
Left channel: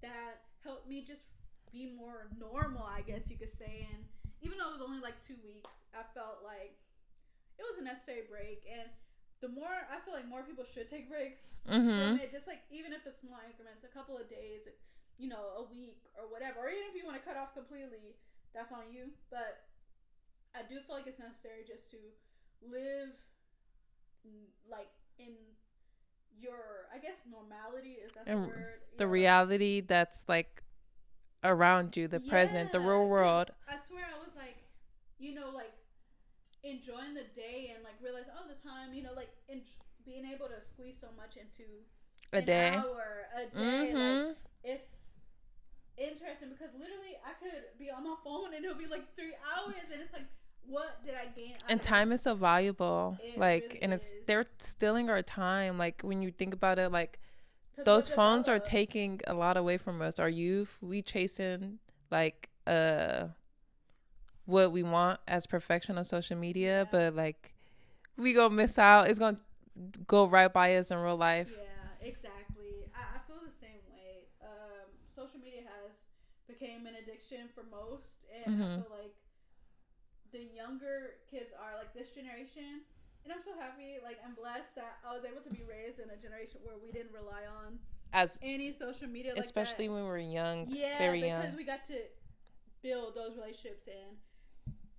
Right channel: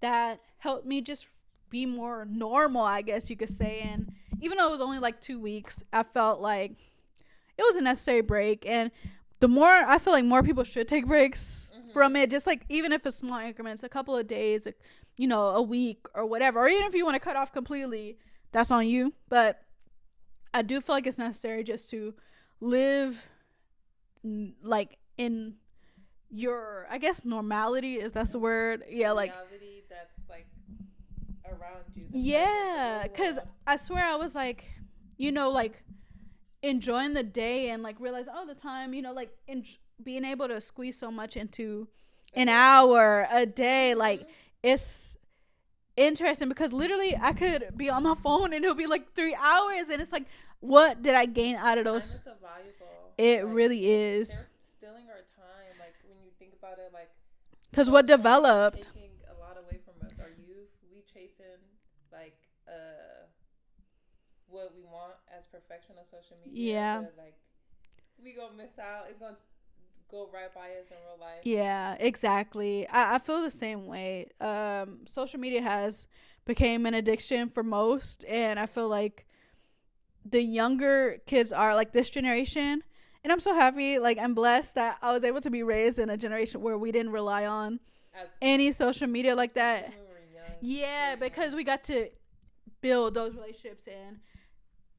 that helped me just be more normal, I guess you could say. And even though it was only like 2 weeks, I felt like it was a necessary break. And the more, I feel like more people should take breaks from it, just like even if it's small increments, a couple of days, you know, a week or whatever, or even if you want to cut off completely, that's on you. But I do feel like it's necessary just to live like in your, I guess, normality, if that's the word. The reality, like, that's like around you, the present, the real world. I swear I was like, you know, like enjoying the day and like realize all the time, you know, like being able to squeeze so much into an hour a day. Like it's interesting because literally I could be on my phone and it'll be like 3 hours, and it's like, what did I gain out of those? Time is so valuable. It like, really is. They're stealing our time. Like when you think about it, like because what developed are taking a lot away from us. Our youth, we chasing like what we want as perfection on social media, but like we gonna miss out. It's gonna go right by us in real life. Yeah, exactly. I feel the same way. Social media has became an addiction for most, and I feel like the younger kids are like this generation, and I'm so happy. Like I'm blessed that I was able to be raised in a generation where we didn't rely on as any social media like that, especially when we were young. Yeah, because we got to build those relationships and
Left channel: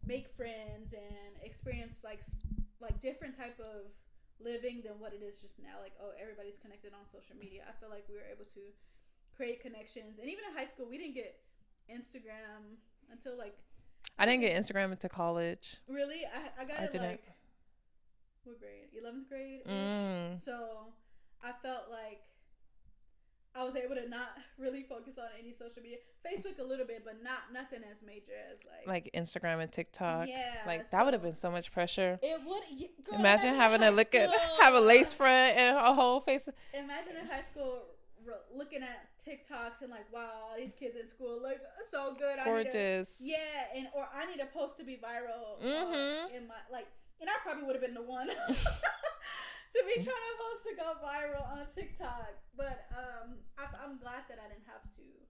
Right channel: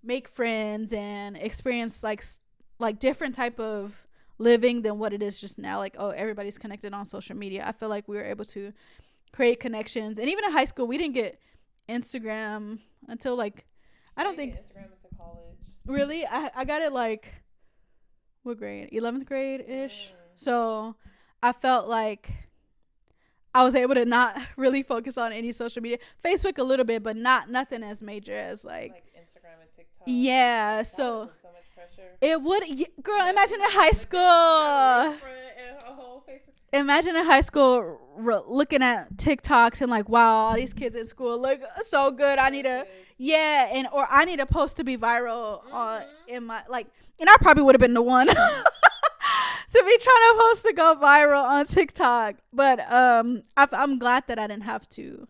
make friends and experience like different type of living than what it is just now. Like, oh, everybody's connected on social media. I feel like we were able to create connections, and even in high school we didn't get Instagram until like I didn't get Instagram until college. Really? I got it like what grade? 11th grade ish. So I felt like I was able to not really focus on any social media. Facebook a little bit, but nothing as major as like Instagram and TikTok. Yeah, like, that would have been so much pressure. It would, girl. Imagine in high school, have a lace front and a whole face. Imagine in high school looking at TikToks and like, wow, all these kids in school look so good. I need to, or I need a post to be viral in my like, and I probably would have been the one. To be trying to post to go viral on TikTok, but I'm glad that I didn't have to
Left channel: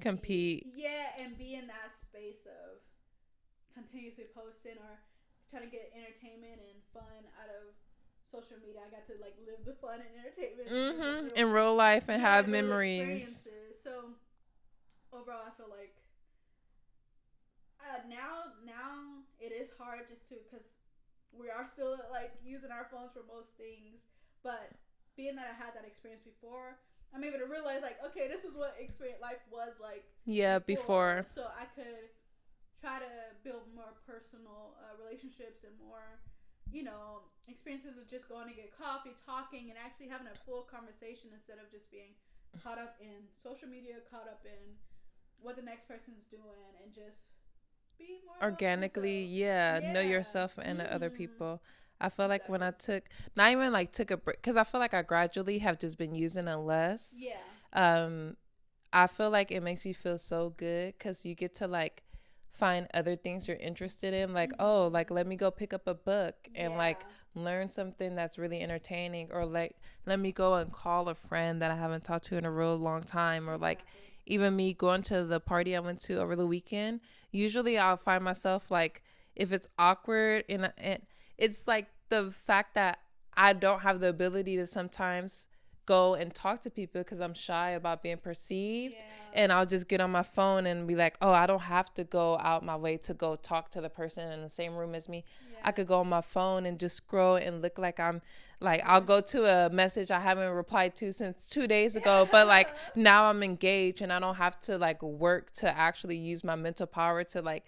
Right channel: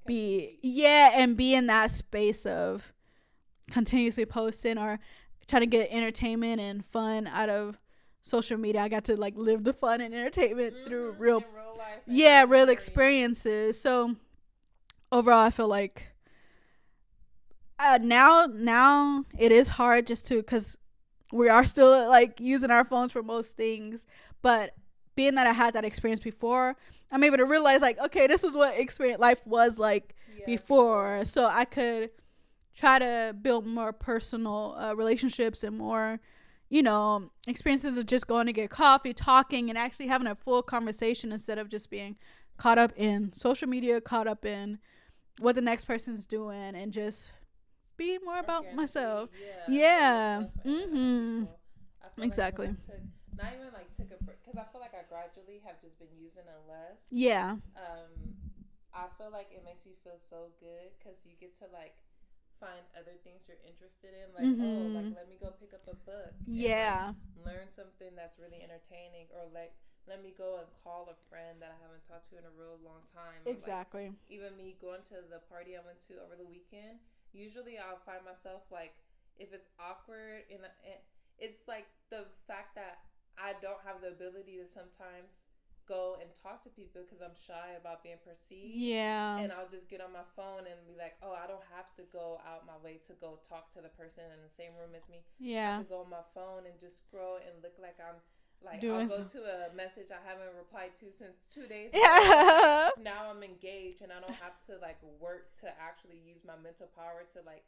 compete. And be in that space of continuously posting or trying to get entertainment and fun out of social media. I got to like live the fun and entertainment through in real life. And real experiences. So overall, I feel like now it is hard just to because. We are still like using our phones for most things, but being that I had that experience before, I'm able to realize like, okay, this is what experience life was like before. So I could try to build more personal relationships and more, experiences of just going to get coffee, talking, and actually having a full conversation instead of just being caught up in social media, caught up in what the next person's doing, and just be more organically about myself. Know yourself and other people. I feel like when I took a break, because I feel like I gradually have just been using it less. I feel like it makes you feel so good because you get to like find other things you're interested in, like oh, like let me go pick up a book and like learn something that's really entertaining, or like let me go and call a friend that I haven't talked to in a real long time, or like even me going to the party I went to over the weekend. Usually I'll find myself like if it's awkward and it's like the fact that I don't have the ability to sometimes go and talk to people because I'm shy about being perceived. And I'll just get on my phone and be like, oh, I don't have to go out my way to go talk to the person in the same room as me. I could go on my phone and just scroll and look like I'm like I'll go to a message I haven't replied to since 2 days ago, but like now I'm engaged and I don't have to like work to actually use my mental power to like,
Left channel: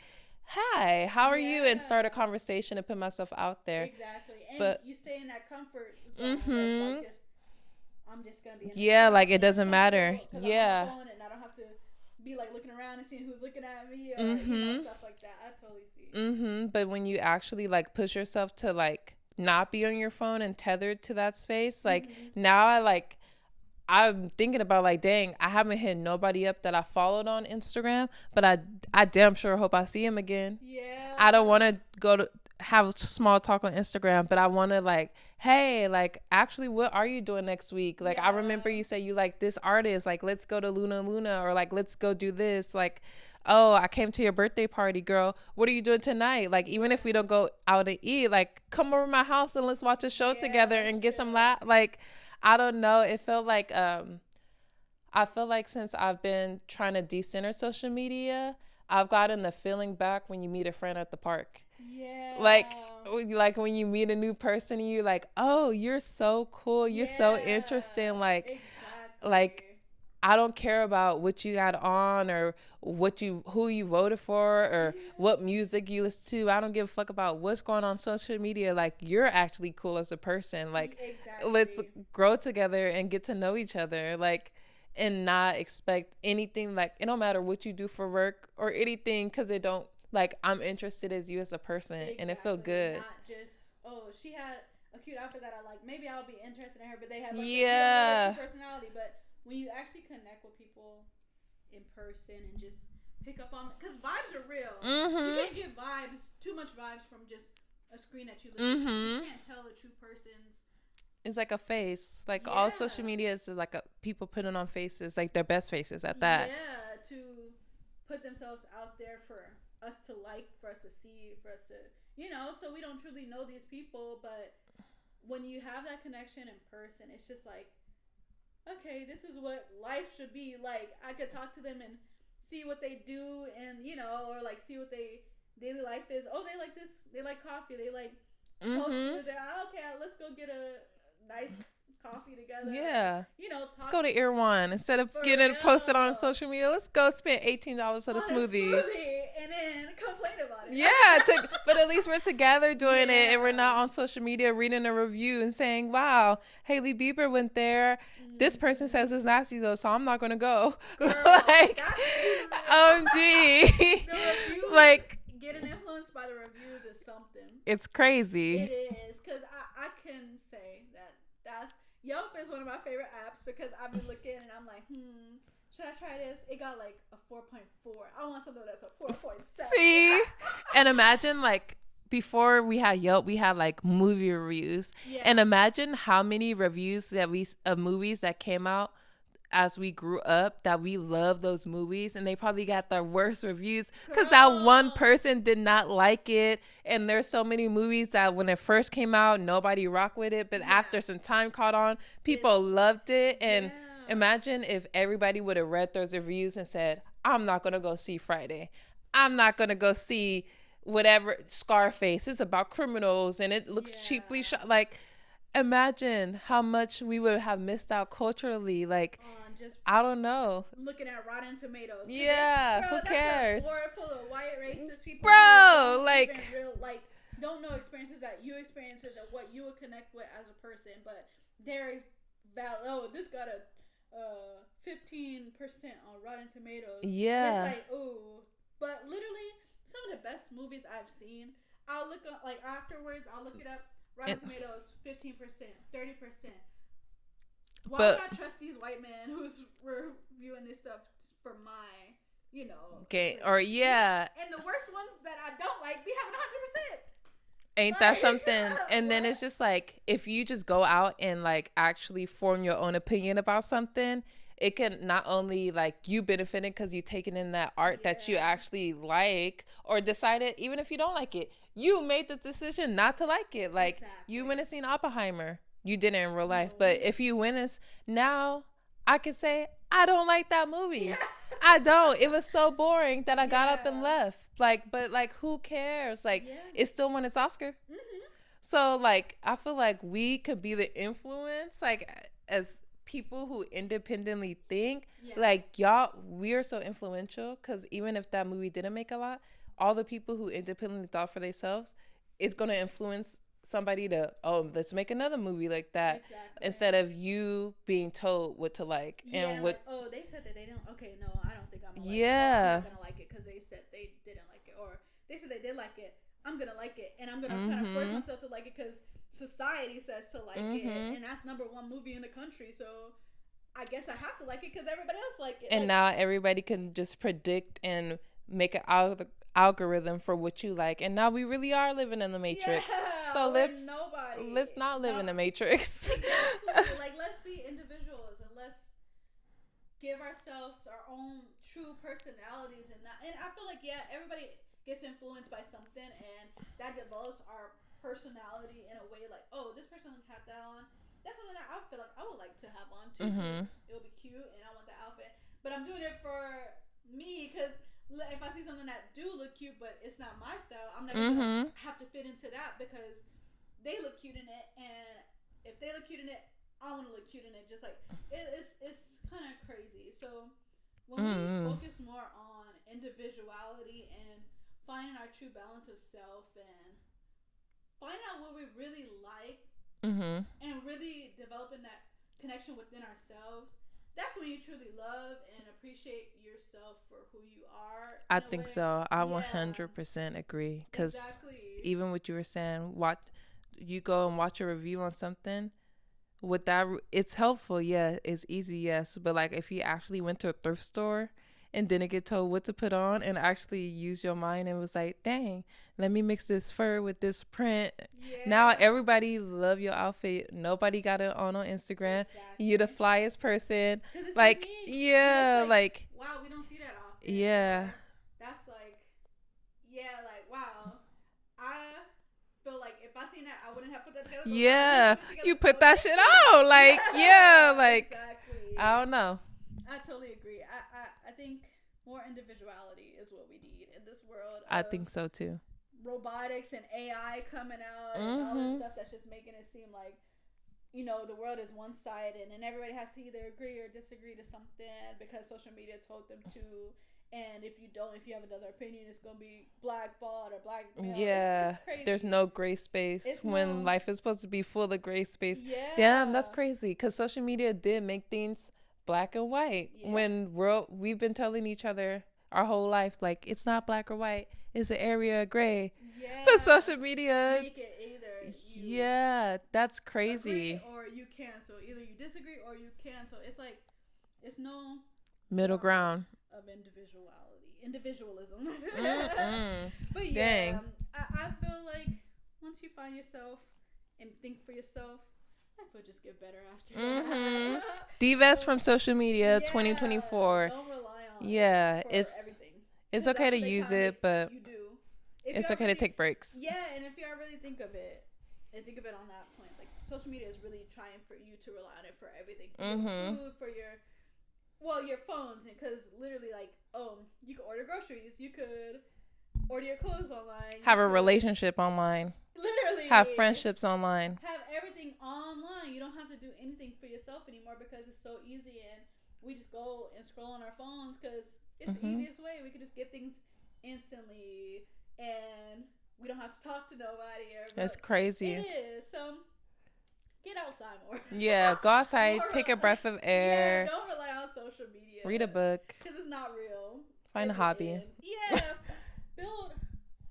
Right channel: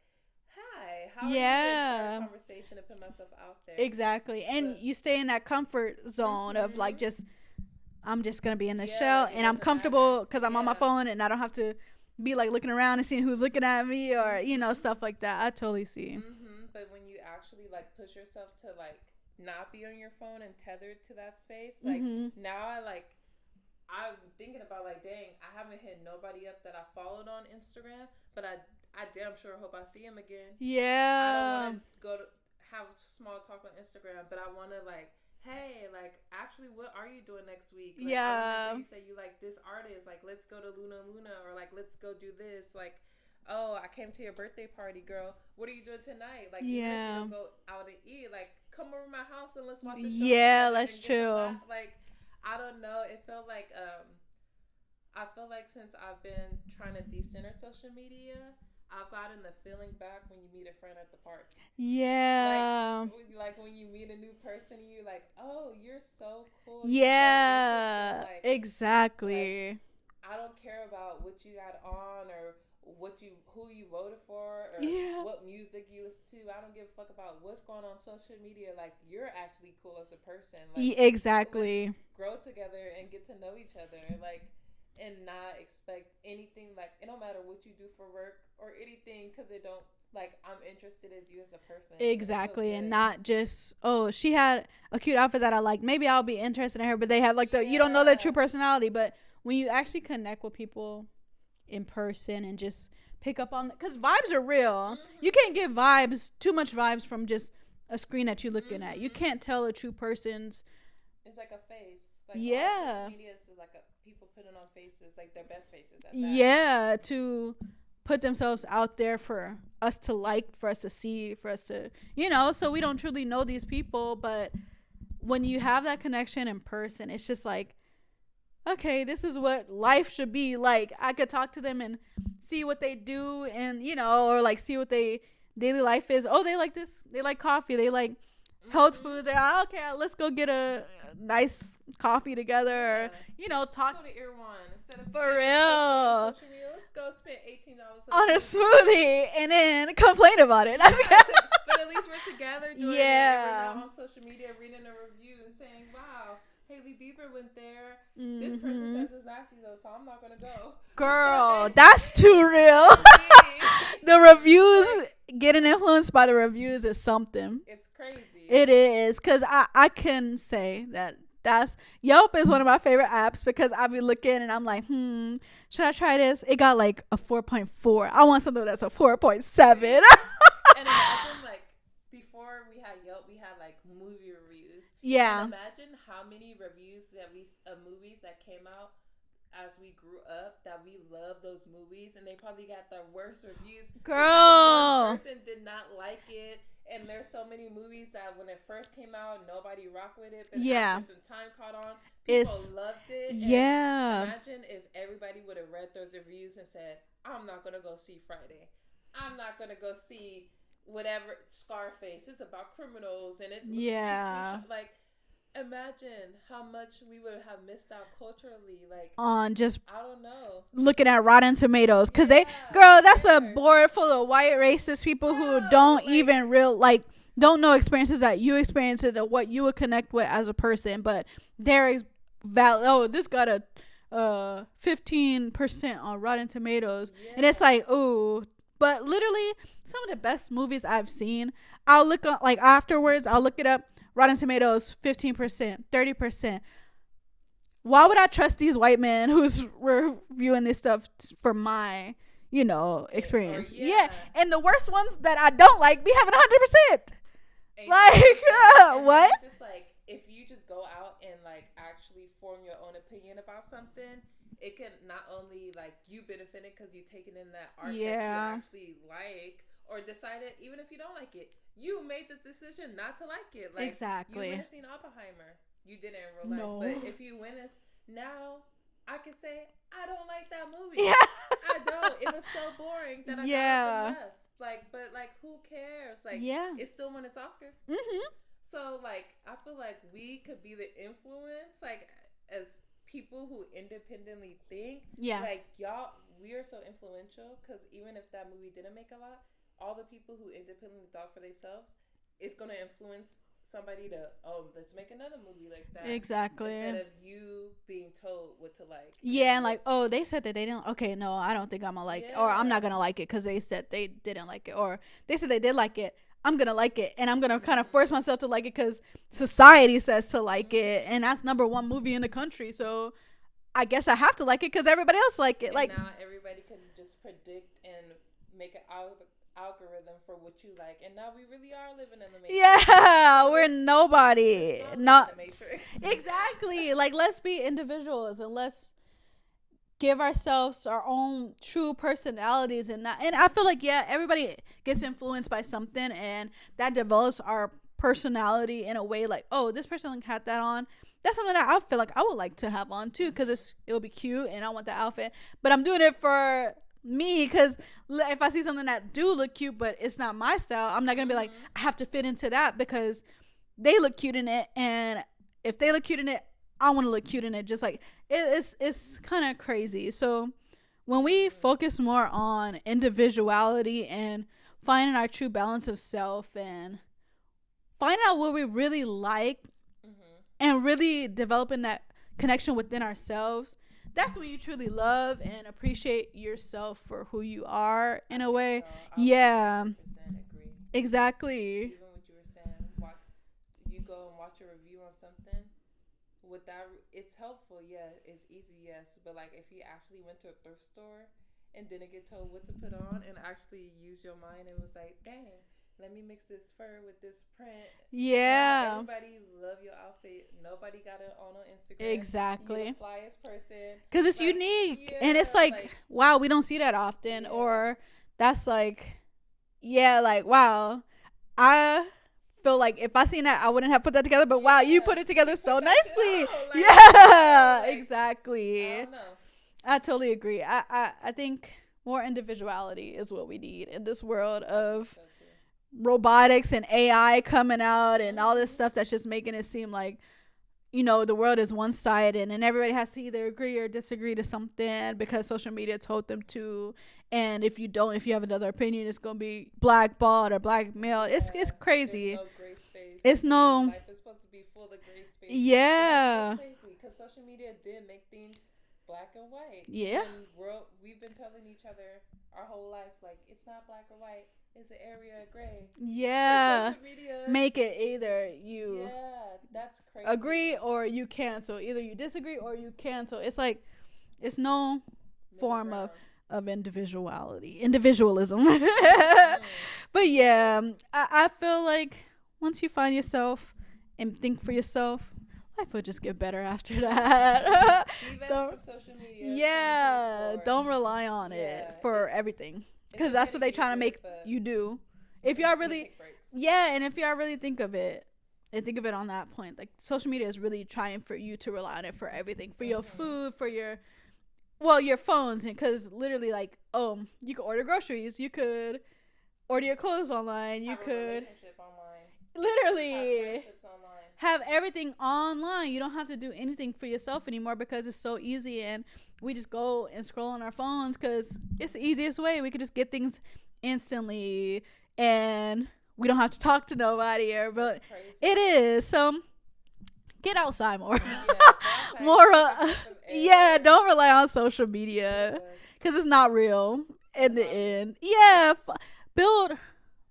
hi, how are you, and start a conversation and put myself out there. Exactly. And you stay in that comfort zone of like I'm just gonna be in the shell, like it doesn't matter because I'm on my phone and I don't have to be like looking around and seeing who's looking at me or stuff like that. I totally see. But when you actually like push yourself to like not be on your phone and tethered to that space, like now I'm thinking about like, dang, I haven't hit nobody up that I followed on Instagram, but I damn sure hope I see him again. I don't want to go to have a small talk on Instagram, but I want to like, hey, like actually what are you doing next week? Like I remember you say you like this artist, like let's go to Luna, or like let's go do this, like oh, I came to your birthday party, girl. What are you doing tonight? Like, even if we don't go out to eat, like, come over to my house and let's watch a show together and get some laugh. Like, I don't know. It felt like, I feel like since I've been trying to decenter social media, I've gotten the feeling back when you meet a friend at the park. Like when you meet a new person and you're like, oh, you're so cool. You're so interesting. Like, exactly. Like, I don't care about what you got on or who you voted for or what music you listen to. I don't give a fuck about what's going on social media. Like, you're actually cool as a person. Like, exactly. Let's grow together and get to know each other. Like, and not expect anything. Like, it don't matter what you do for work or anything, because it don't, like, I'm interested as you as a person. Exactly. And it feel good. And not just, oh, she had a cute outfit that I like, maybe I'll be interested in her, but they have like you don't know their true personality. But when you actually connect with people in person and just pick up on, because vibes are real. You can't get too much vibes from just a screen that you're looking at. You can't tell a true person's. It's like a face. Like, all social media is like people putting on faces, like their best faces at that. To put themselves out there for us to like, for us to see, for us to, so we don't truly know these people. But when you have that connection in person, it's just like, okay, this is what life should be like. I could talk to them and see what they do, and or like see what they daily life is. Oh, they like this, they like coffee, they like health food. They're okay, let's go get a nice coffee together. Yeah. You know, talk. Let's go to Irwan instead of getting it posted on social media. Let's go spend $18 on a smoothie and then complain about it. Yeah, but at least we're together doing it, and we're not on social media reading a review and saying, "Wow, Hailey Bieber went there. This person says it's nasty though, so I'm not gonna go." Girl, like, that's too real. The reviews, like, getting influenced by the reviews is something. It's crazy. It is, because I can say that Yelp is one of my favorite apps, because I be looking and I'm like, should I try this? It got like a 4.4. I want something that's a 4.7. And imagine, like, before we had Yelp, we had like movie reviews. Yeah. And imagine how many reviews that of movies that came out as we grew up that we love those movies, and they probably got the worst reviews because that one person did not like it. And there's so many movies that when it first came out, nobody rocked with it, but after some time caught on, people loved it. And imagine if everybody would have read those reviews and said, I'm not gonna go see Friday, I'm not gonna go see whatever Scarface, it's about criminals and it looks cheaply shot. Like, imagine how much we would have missed out culturally, like, on just, I don't know, looking at Rotten Tomatoes, because that's a board full of white racist people who don't even don't know experiences that you experienced or what you would connect with as a person, but there this got a 15% on Rotten Tomatoes, and it's like, ooh. But literally some of the best movies I've seen, I'll look up, like, afterwards I'll look it up. Rotten Tomatoes, 15%, 30%. Why would I trust these white men who's reviewing this stuff for my, experience? Or and the worst ones that I don't like be having 100%. Ain't that something? And then it's just like, if you just go out and like actually form your own opinion about something, it can not only like you benefiting because you taking in that art that you actually like or decided, even if you don't like it, you made the decision not to like it. Like, you went and seen Oppenheimer. You didn't in real life. But if you went and now I can say, I don't like that movie. Yeah. I don't. It was so boring that I got up and left. Like, but like, who cares? Like, it still won its Oscar. Mm-hmm. So like, I feel like we could be the influence, like, as people who independently think. Like, y'all, we are so influential, because even if that movie didn't make a lot, all the people who independently thought for themselves, it's going to influence somebody to, let's make another movie like that. Exactly. Instead of you being told what to like. Yeah, and like, they said that they didn't. Okay, no, I don't think I'm going to like it. Or I'm not going to like it because they said they didn't like it. Or they said they did like it. I'm going to like it. And I'm going to kind of force myself to like it because society says to like it. And that's #1 movie in the country. So I guess I have to like it because everybody else like it. And now everybody can just predict and make an algorithm for what you like, and now we really are living in the matrix. So we're nobody. Let's not live in the matrix. Exactly. Like, let's be individuals and let's give ourselves our own true personalities, and I feel like everybody gets influenced by something, and that develops our personality in a way like, this person had that on. That's something that I feel like I would like to have on too, because it'll be cute and I want the outfit, but I'm doing it for me, because if I see something that do look cute but it's not my style, I'm not gonna be like, I have to fit into that because they look cute in it, and if they look cute in it, I want to look cute in it. Just like, it's kind of crazy. So when we focus more on individuality and finding our true balance of self and finding out what we really like, and really developing that connection within ourselves, that's when you truly love and appreciate yourself for who you are in a way. I think so. I 100% agree. Exactly. Even what you were saying, you go and watch a review on something, with that, it's helpful. Yeah, it's easy. Yes. But like, if you actually went to a thrift store and didn't get told what to put on and actually use your mind and was like, dang, let me mix this fur with this print. Yeah. Now everybody love your outfit. Nobody got it on Instagram. Exactly. You're the flyest person. Because it's like, unique. Yeah. And it's like, wow, we don't see that often. Yeah. Or that's like, like, wow, I feel like if I seen that, I wouldn't have put that together. But wow, you put it together so nicely. Like, exactly. I don't know. I totally agree. I think more individuality is what we need in this world of, I think so too, robotics and AI coming out and all this stuff that's just making it seem like you know, the world is one-sided and everybody has to either agree or disagree to something because social media told them to. And if you have another opinion, it's gonna be blackballed or blackmailed. It's crazy. There's no gray space. Life is supposed to be full of gray space. Yeah, that's crazy. Because social media did make things black and white. Yeah. When we've been telling each other our whole life, like, it's not black or white. It's an area of gray. Yeah. Because social media make it either you. Yeah, that's crazy. Agree or you cancel. Either you disagree or you cancel. It's like, it's no middle ground of individualism. But yeah, I feel like once you find yourself and think for yourself, life will just get better after that. Divest from social media. 2024. Don't rely on it for everything. It's okay to use it, but you do. If it's okay to take breaks. Yeah, and if y'all really think of it on that point, like, social media is really trying for you to rely on it for everything, for your food, for your phones, because literally, like, you could order groceries, you could order your clothes online, have a relationship online, literally have friendships online, have everything online. You don't have to do anything for yourself anymore because it's so easy, and we just go and scroll on our phones because it's the easiest way. We could just get things instantly, and we don't have to talk to nobody. But that's crazy. It is. So get outside more. Yeah, go outside, take a breath of air. Yeah, don't rely on social media. Read a book. Because it's not real in the end. Yeah, build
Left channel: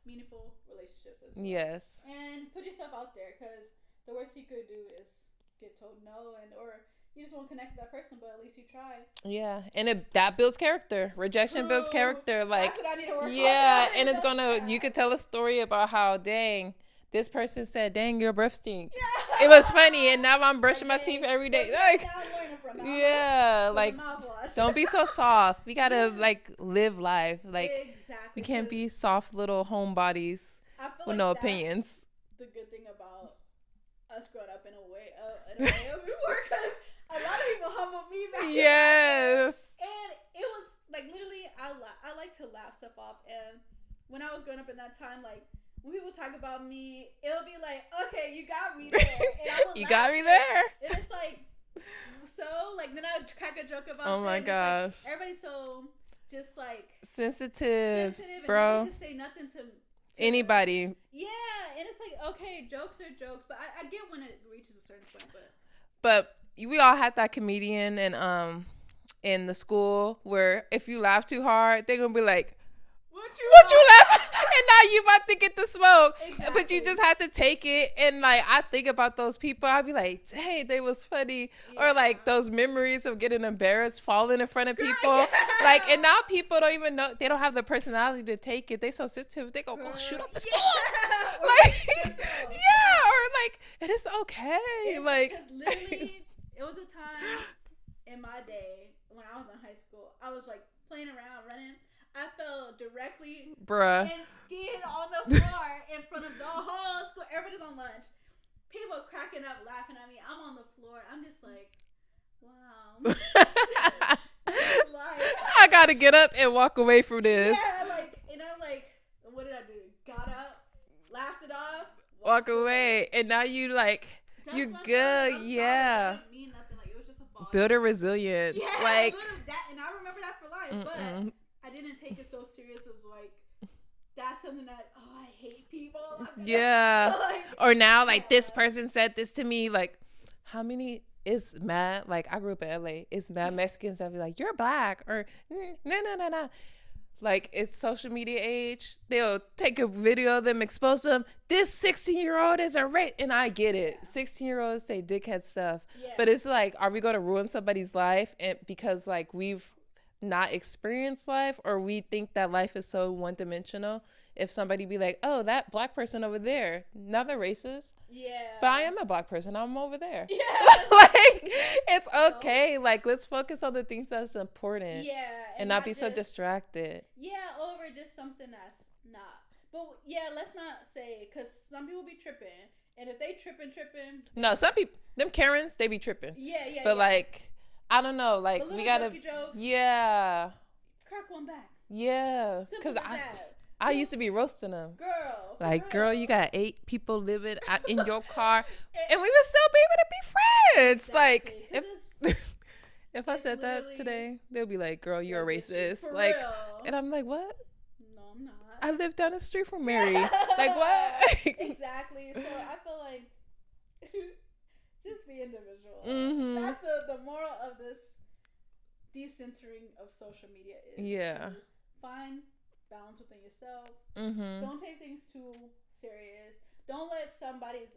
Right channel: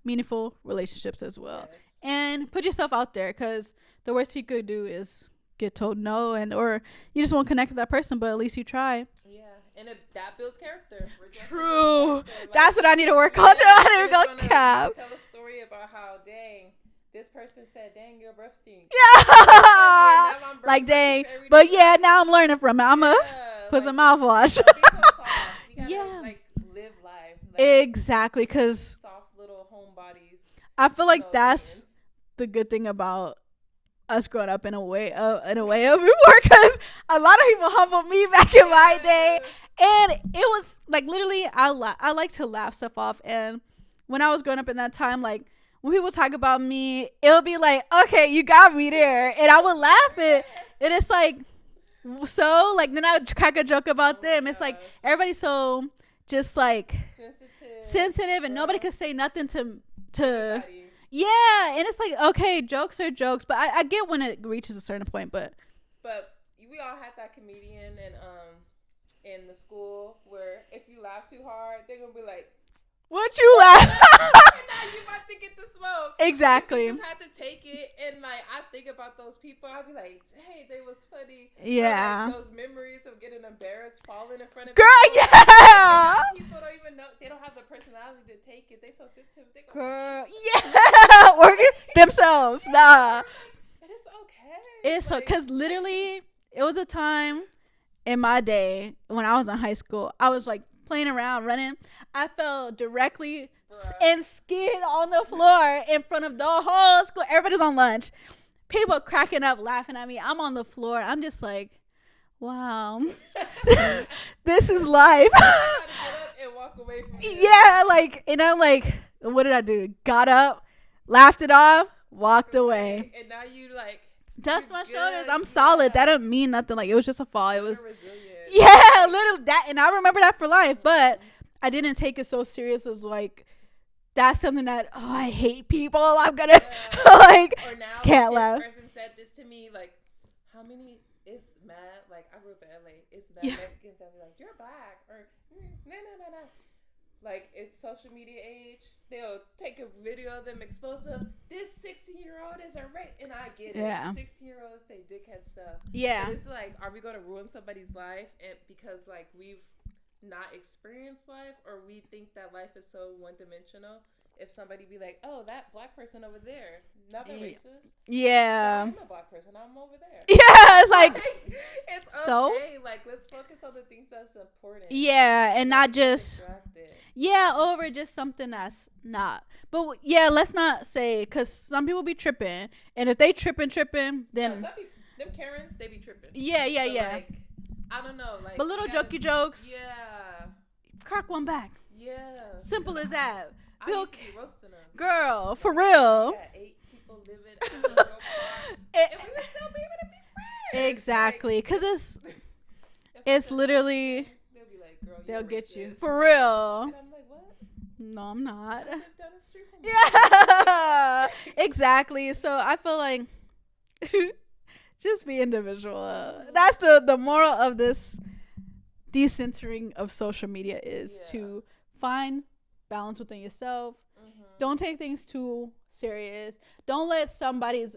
meaningful relationships as well. Yes. And put yourself out there, because the worst you could do is get told no, or you just won't connect with that person, but at least you try. Yeah, and that builds character. Rejection builds character. Like, that's what I need to work on. You could tell a story about how, dang, this person said, dang, your breath stinks. Yeah. It was funny, and now I'm brushing my teeth every day. But yeah, now I'm learning from it. I'm going to put some mouthwash. Don't be so soft. We got to, live life. Like, exactly. Because be soft little homebodies. I feel like that's the good thing about us growing up in a way of before, because a lot of people humbled me back in my day, and it was like, literally, I like to laugh stuff off. And when I was growing up in that time, like, when people talk about me, it'll be like, okay, you got me there, and I would laugh it, and it's like, so, like, then I would crack a joke about them. It's like, everybody's so just like sensitive, and nobody could say nothing to anybody. Yeah, and it's like, okay, jokes are jokes, but I get when it reaches a certain point. But we all had that comedian in the school where if you laugh too hard, they're gonna be like, what you laugh? And now you about to get the smoke. Exactly. But you just had to take it. And like, I think about those people, I'd be like, hey, they was funny. Yeah. Or like those memories of getting embarrassed, falling in front of people. Yeah. Like, and now people don't even know, they don't have the personality to take it. They so sensitive. They go, shoot up the school. Or themselves. Yeah. Or like, it is okay. It's like, because literally, it was a time in my day when I was in high school, I was like playing around, running. I fell directly and skid on the floor in front of the whole school. Everybody's on lunch. People cracking up, laughing at me. I'm on the floor. I'm just like, wow. This is life. I got to get up and walk away from this. Yeah, like, and I'm like, what did I do? Got up, laughed it off, walked away. And now you like, dust my shoulders. I'm solid. That don't mean nothing. Like, it was just a fall. Good or resilient. Yeah, like, literally that. And I remember that for life. But I didn't take it so serious as like, that's something that, I hate people. I'm gonna like, or now like this person said this to me. Like, how many is mad? Like, I grew up in LA. It's mad Mexicans that be like, you're black, or no. Like, it's social media age. They'll take a video of them, expose them. This 16-year-old is a rape, and I get it. 16-year-olds say dickhead stuff. Yeah, but it's like, are we gonna ruin somebody's life and because like we've not experienced life, or we think that life is so one-dimensional? If somebody be like, oh, that black person over there, not they're racist. Yeah, but I am a black person, I'm over there. Yeah, it's like it's okay. So? Like, let's focus on the things that's important. Yeah, and not just so distracted. Yeah, over just something that's not. But yeah, let's not say, because some people be tripping, and if they tripping, then no, some people, them Karens, they be tripping. Yeah, but like, I don't know, like, but little jokey jokes. Yeah, crack one back. Yeah, simple as that. I used to be roasting them. Girl, for like, real. Girl, you got 8 people living in your car, and we would still be able to be friends. Exactly, because it's literally today, they'll be like, "Girl, you're racist." For real. And I'm like, "What? No, I'm not. I live down the street from Mary." Like, what? Exactly. So I feel like just be individual. That's the moral of this decentering of social media is to find balance within yourself. Don't take things too serious. Don't let somebody's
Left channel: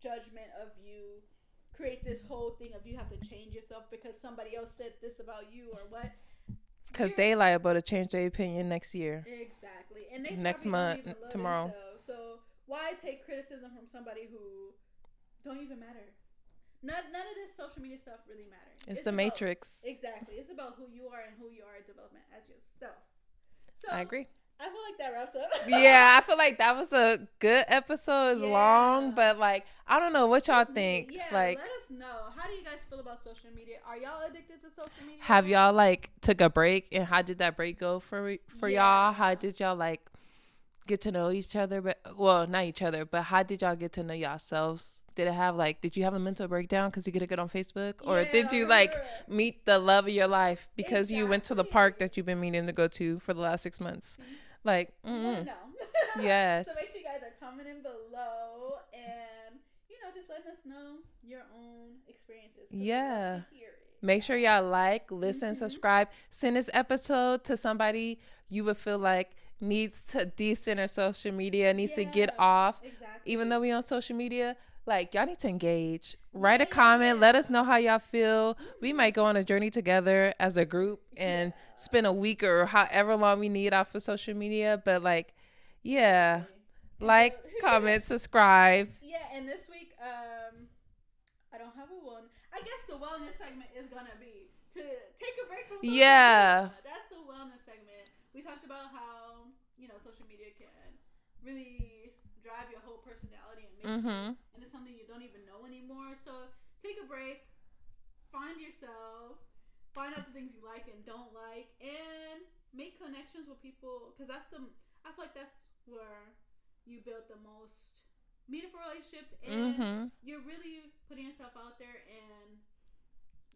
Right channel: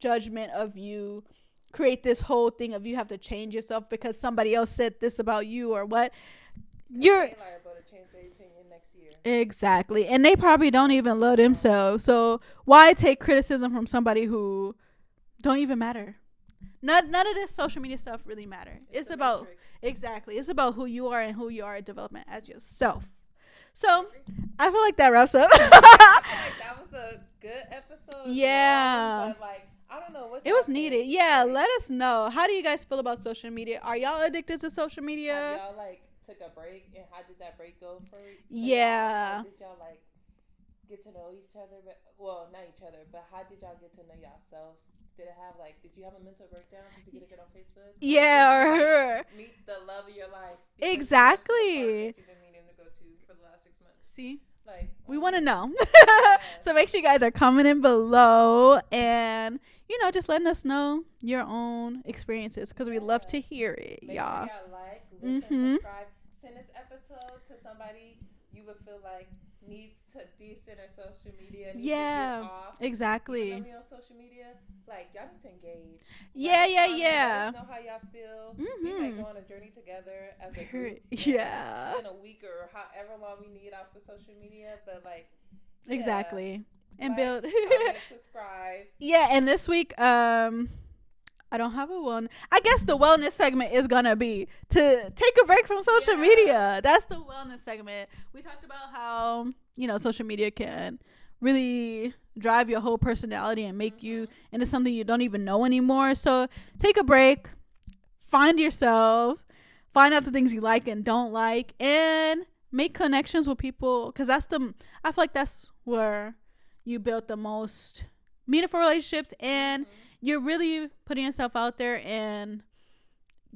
judgment of you create this whole thing of you have to change yourself because somebody else said this about you or what. Because they liable to change their opinion next year. Exactly. And they probably don't even love themselves. So why take criticism from somebody who don't even matter? None of this social media stuff really matter. It's the matrix. Exactly. It's about who you are and who you are in development as yourself. So I agree. I feel like that wraps up. Yeah, I feel like that was a good episode. It's long, but like I don't know what y'all think. Needed. Yeah, like, let us know. How do you guys feel about social media? Are y'all addicted to social media? Have y'all like took a break, and how did that break go for y'all? How did y'all like get to know each other? But well, not each other, but how did y'all get to know yourselves? Did you have a mental breakdown because you get a good on Facebook? Or did you like meet the love of your life because you went to the park that you've been meaning to go to for the last 6 months? See? Like, we want to know. Yes. So make sure you guys are commenting below and, just letting us know your own experiences because we'd love to hear it. Make sure y'all like, listen, subscribe. Send this episode to somebody you would feel like needs to decenter social media, needs to get off. Exactly. Even though we on social media, like, y'all need to engage. Write a comment. Let us know how y'all feel. We might go on a journey together as a group and spend a week or however long we need off of social media. But, like, exactly. Like, comment, subscribe. Yeah, and this week, I don't have a one. I guess the wellness segment is going to be to take a break from social media. That's the wellness segment. We talked about how, social media can really drive your whole personality and make you into something you don't even know anymore. So take a break, find yourself, find out the things you like and don't like, and make connections with people, because I feel like that's where you build the most meaningful relationships, and you're really putting yourself out there, and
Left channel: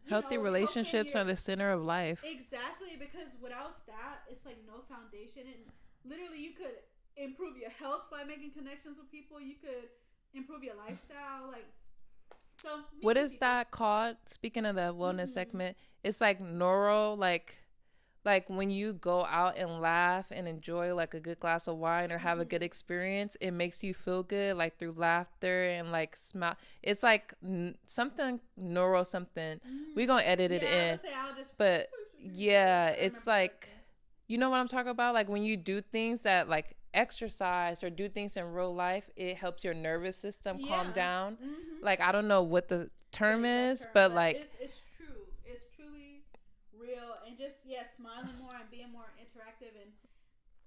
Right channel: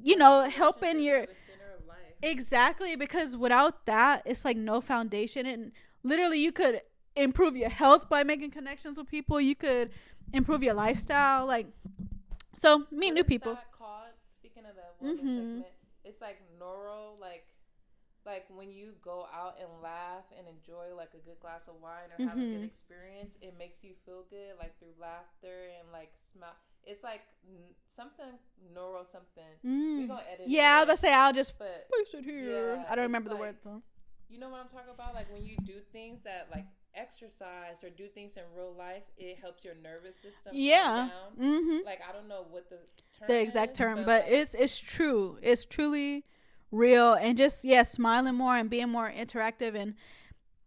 relationships helping are the center of life. Exactly, because without that, it's like no foundation, and literally you could improve your health by making connections with people. You could improve your lifestyle, so meet new people. What is that called? Speaking of the wellness segment, it's like like when you go out and laugh and enjoy like a good glass of wine or have a good experience, it makes you feel good, like through laughter and like smile. It's like something neuro something. We're gonna edit it. Yeah, I was gonna say I'll just put it here. Yeah, I don't it's like you know what I'm talking about? Like when you do things that like exercise or do things in real life, it helps your nervous system calm down. Like I don't know what the exact term, but like it's true. It's truly real, and just smiling more and being more interactive and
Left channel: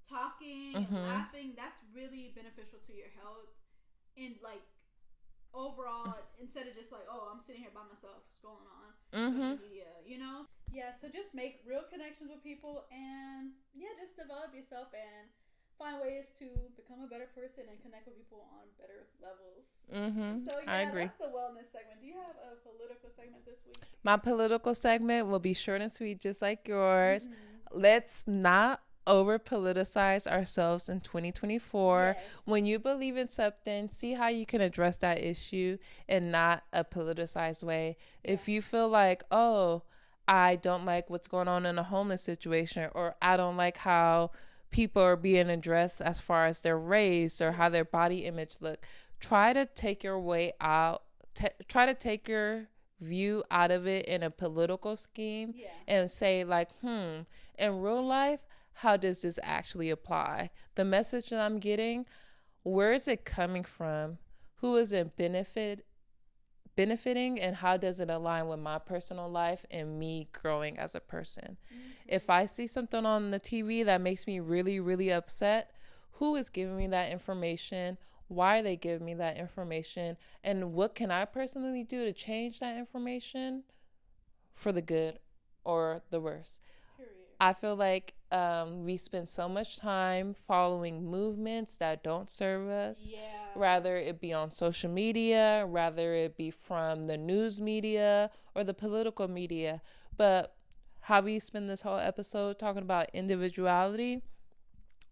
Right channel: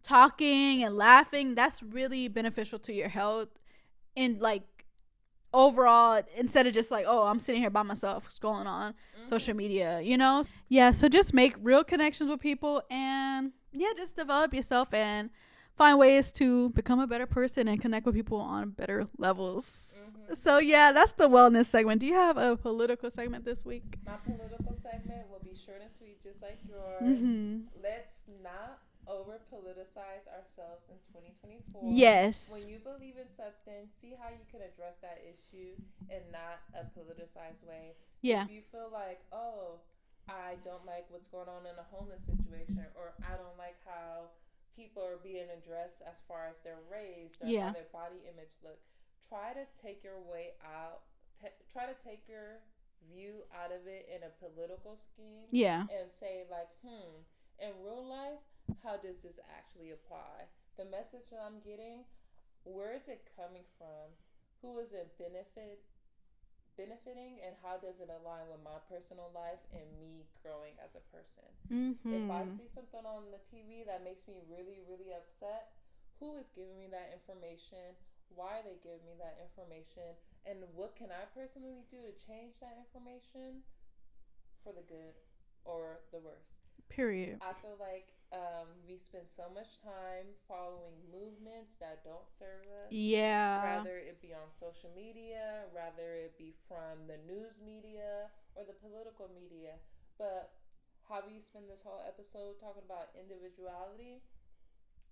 talking and laughing, that's really beneficial to your health and like overall, instead of just like, oh, I'm sitting here by myself scrolling on social media, so just make real connections with people, and just develop yourself and find ways to become a better person and connect with people on better levels. So that's the wellness segment. Do you have a political segment this week? My political segment will be short and sweet, just like yours. Let's not over politicize ourselves in 2024. Yes. When you believe in something, see how you can address that issue in not a politicized way. If you feel like, oh, I don't like what's going on in a homeless situation, or I don't like how people are being addressed as far as their race or how their body image look, try to take your way out, try to take your view out of it in a political scheme and say like, in real life, how does this actually apply? The message that I'm getting, where is it coming from? Who is it benefiting, and how does it align with my personal life and me growing as a person? If I see something on the TV that makes me really, really upset, who is giving me that information? Why are they giving me that information? And what can I personally do to change that information for the good or the worse? Period. I feel like we spend so much time following movements that don't serve us. Yeah. Rather it be on social media, rather it be from the news media or the political media. But how we spend this whole episode talking about individuality,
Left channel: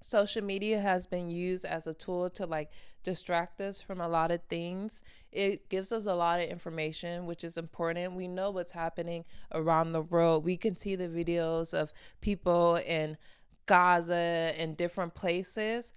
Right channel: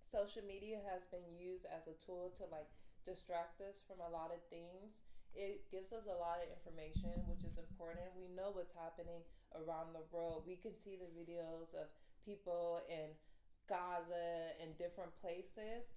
social media has been used as a tool to like distract us from a lot of things. It gives us a lot of information, which is important. We know what's happening around the world. We can see the videos of people in Gaza and different places.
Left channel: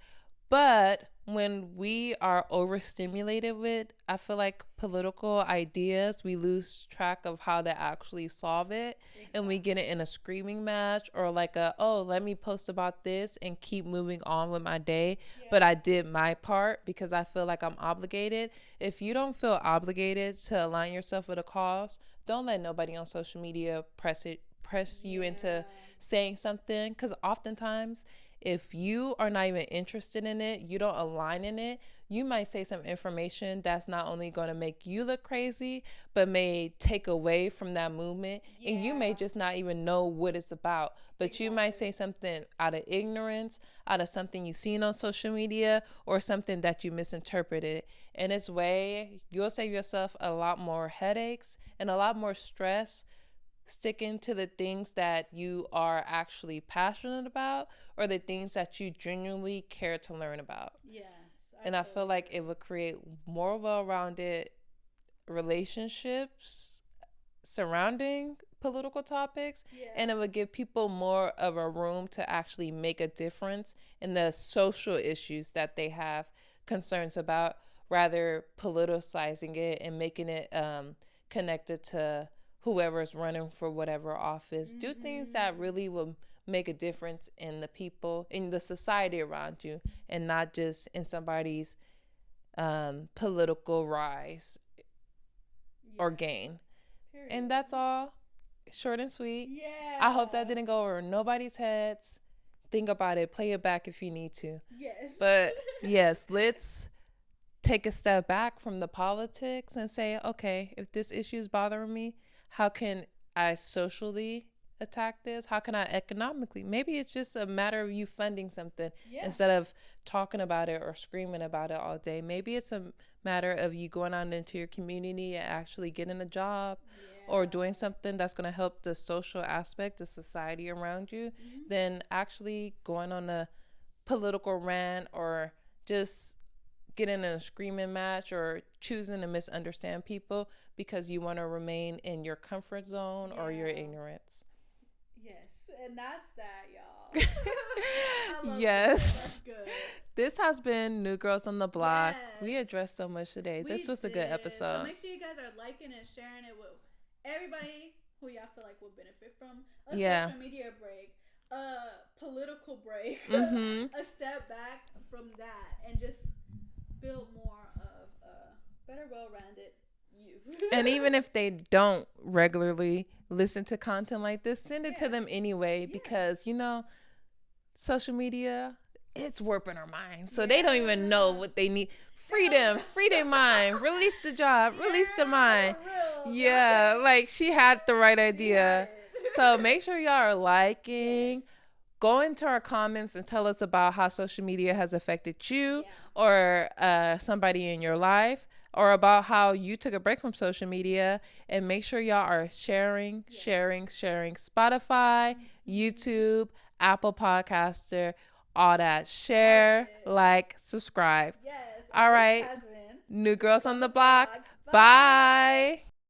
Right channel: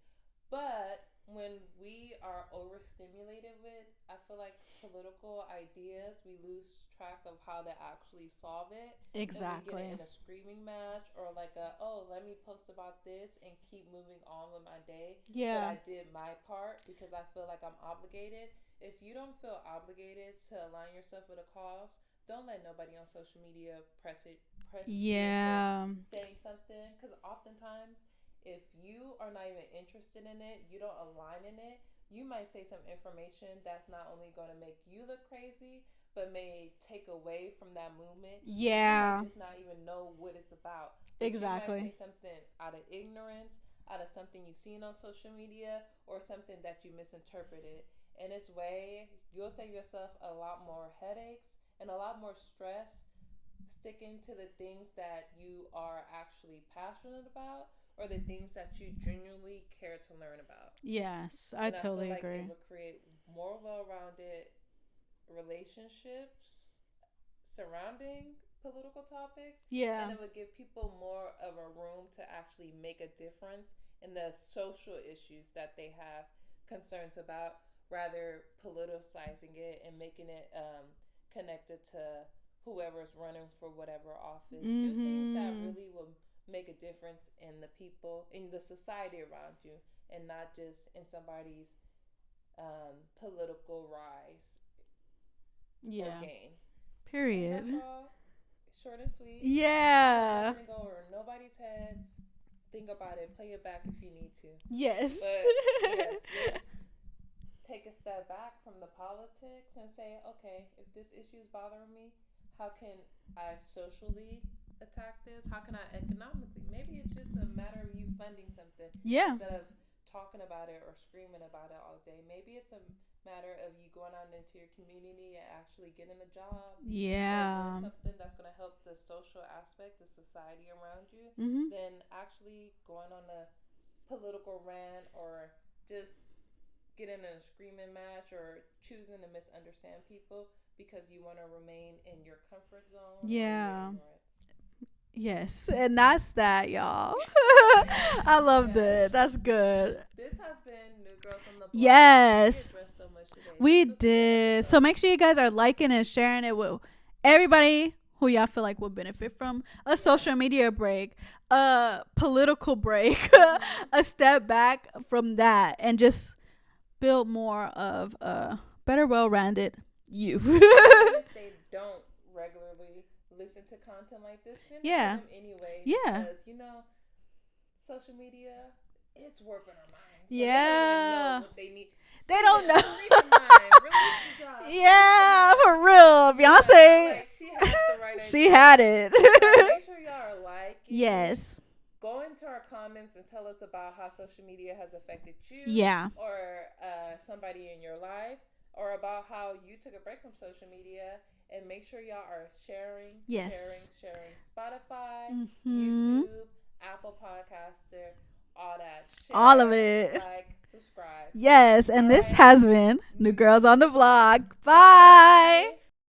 But when we are overstimulated with, I feel like, political ideas, we lose track of how to actually solve it. Exactly. And we get it in a screaming match or like let me post about this and keep moving on with my day. Yeah. But I did my part because I feel like I'm obligated. If you don't feel obligated to align yourself with a cause, don't let nobody on social media press you into saying something. Because oftentimes, if you are not even interested in it, you don't align in it, you might say some information that's not only going to make you look crazy, but may take away from that movement. Yeah. And you may just not even know what it's about. But exactly. You might say something out of ignorance, out of something you've seen on social media, or something that you misinterpreted. In this way, you'll save yourself a lot more headaches and a lot more stress sticking to the things that you are actually passionate about or the things that you genuinely care to learn about. Yes, I feel like it would create more well-rounded relationships surrounding political topics. Yeah. And it would give people more of a room to actually make a difference in the social issues that they have concerns about, rather politicizing it and making it connected to whoever's running for whatever office. Mm-hmm. Do things that really will make a difference in the people, in the society around you, and not just in somebody's political rise or gain. Period. And that's all. Short and sweet. Yeah. I hope that didn't go over nobody's heads. Think about it. Play it back if you need to. Yes. But yes, let's take a step back from the politics and say, okay, if this issue is bothering me, how can I socially attack this? How can I economically? Maybe it's just a matter of you funding something instead of talking about it or screaming about it all day. Maybe it's a matter of you going out into your community and actually getting a job or doing something that's going to help the social aspect, the society around you, than actually going on a political rant or just getting in a screaming match or choosing to misunderstand people because you want to remain in your comfort zone or your ignorance. Yes, and that's that, y'all. I love this. That's good. This has been New Girls on the Block. Yes. We addressed so much today. We did. So make sure you guys are liking and sharing it with everybody who y'all feel like will benefit from a social media break, a political break, a step back from that, and just build more of a better, well-rounded you. And even if they don't regularly listen to content like this, send it to them anyway, because social media, it's warping our minds, so they don't even know what they need. Free their mind, release the job, release the mind. For real, Beyonce, like she had the right idea. She had it. So make sure y'all are liking. Yes. Go into our comments and tell us about how social media has affected you or somebody in your life, or about how you took a break from social media. And make sure y'all are sharing. Spotify, YouTube, Apple Podcaster, all that. Share, all of it. Like, subscribe. Yes, and all this has been New Girls on the Block. Bye.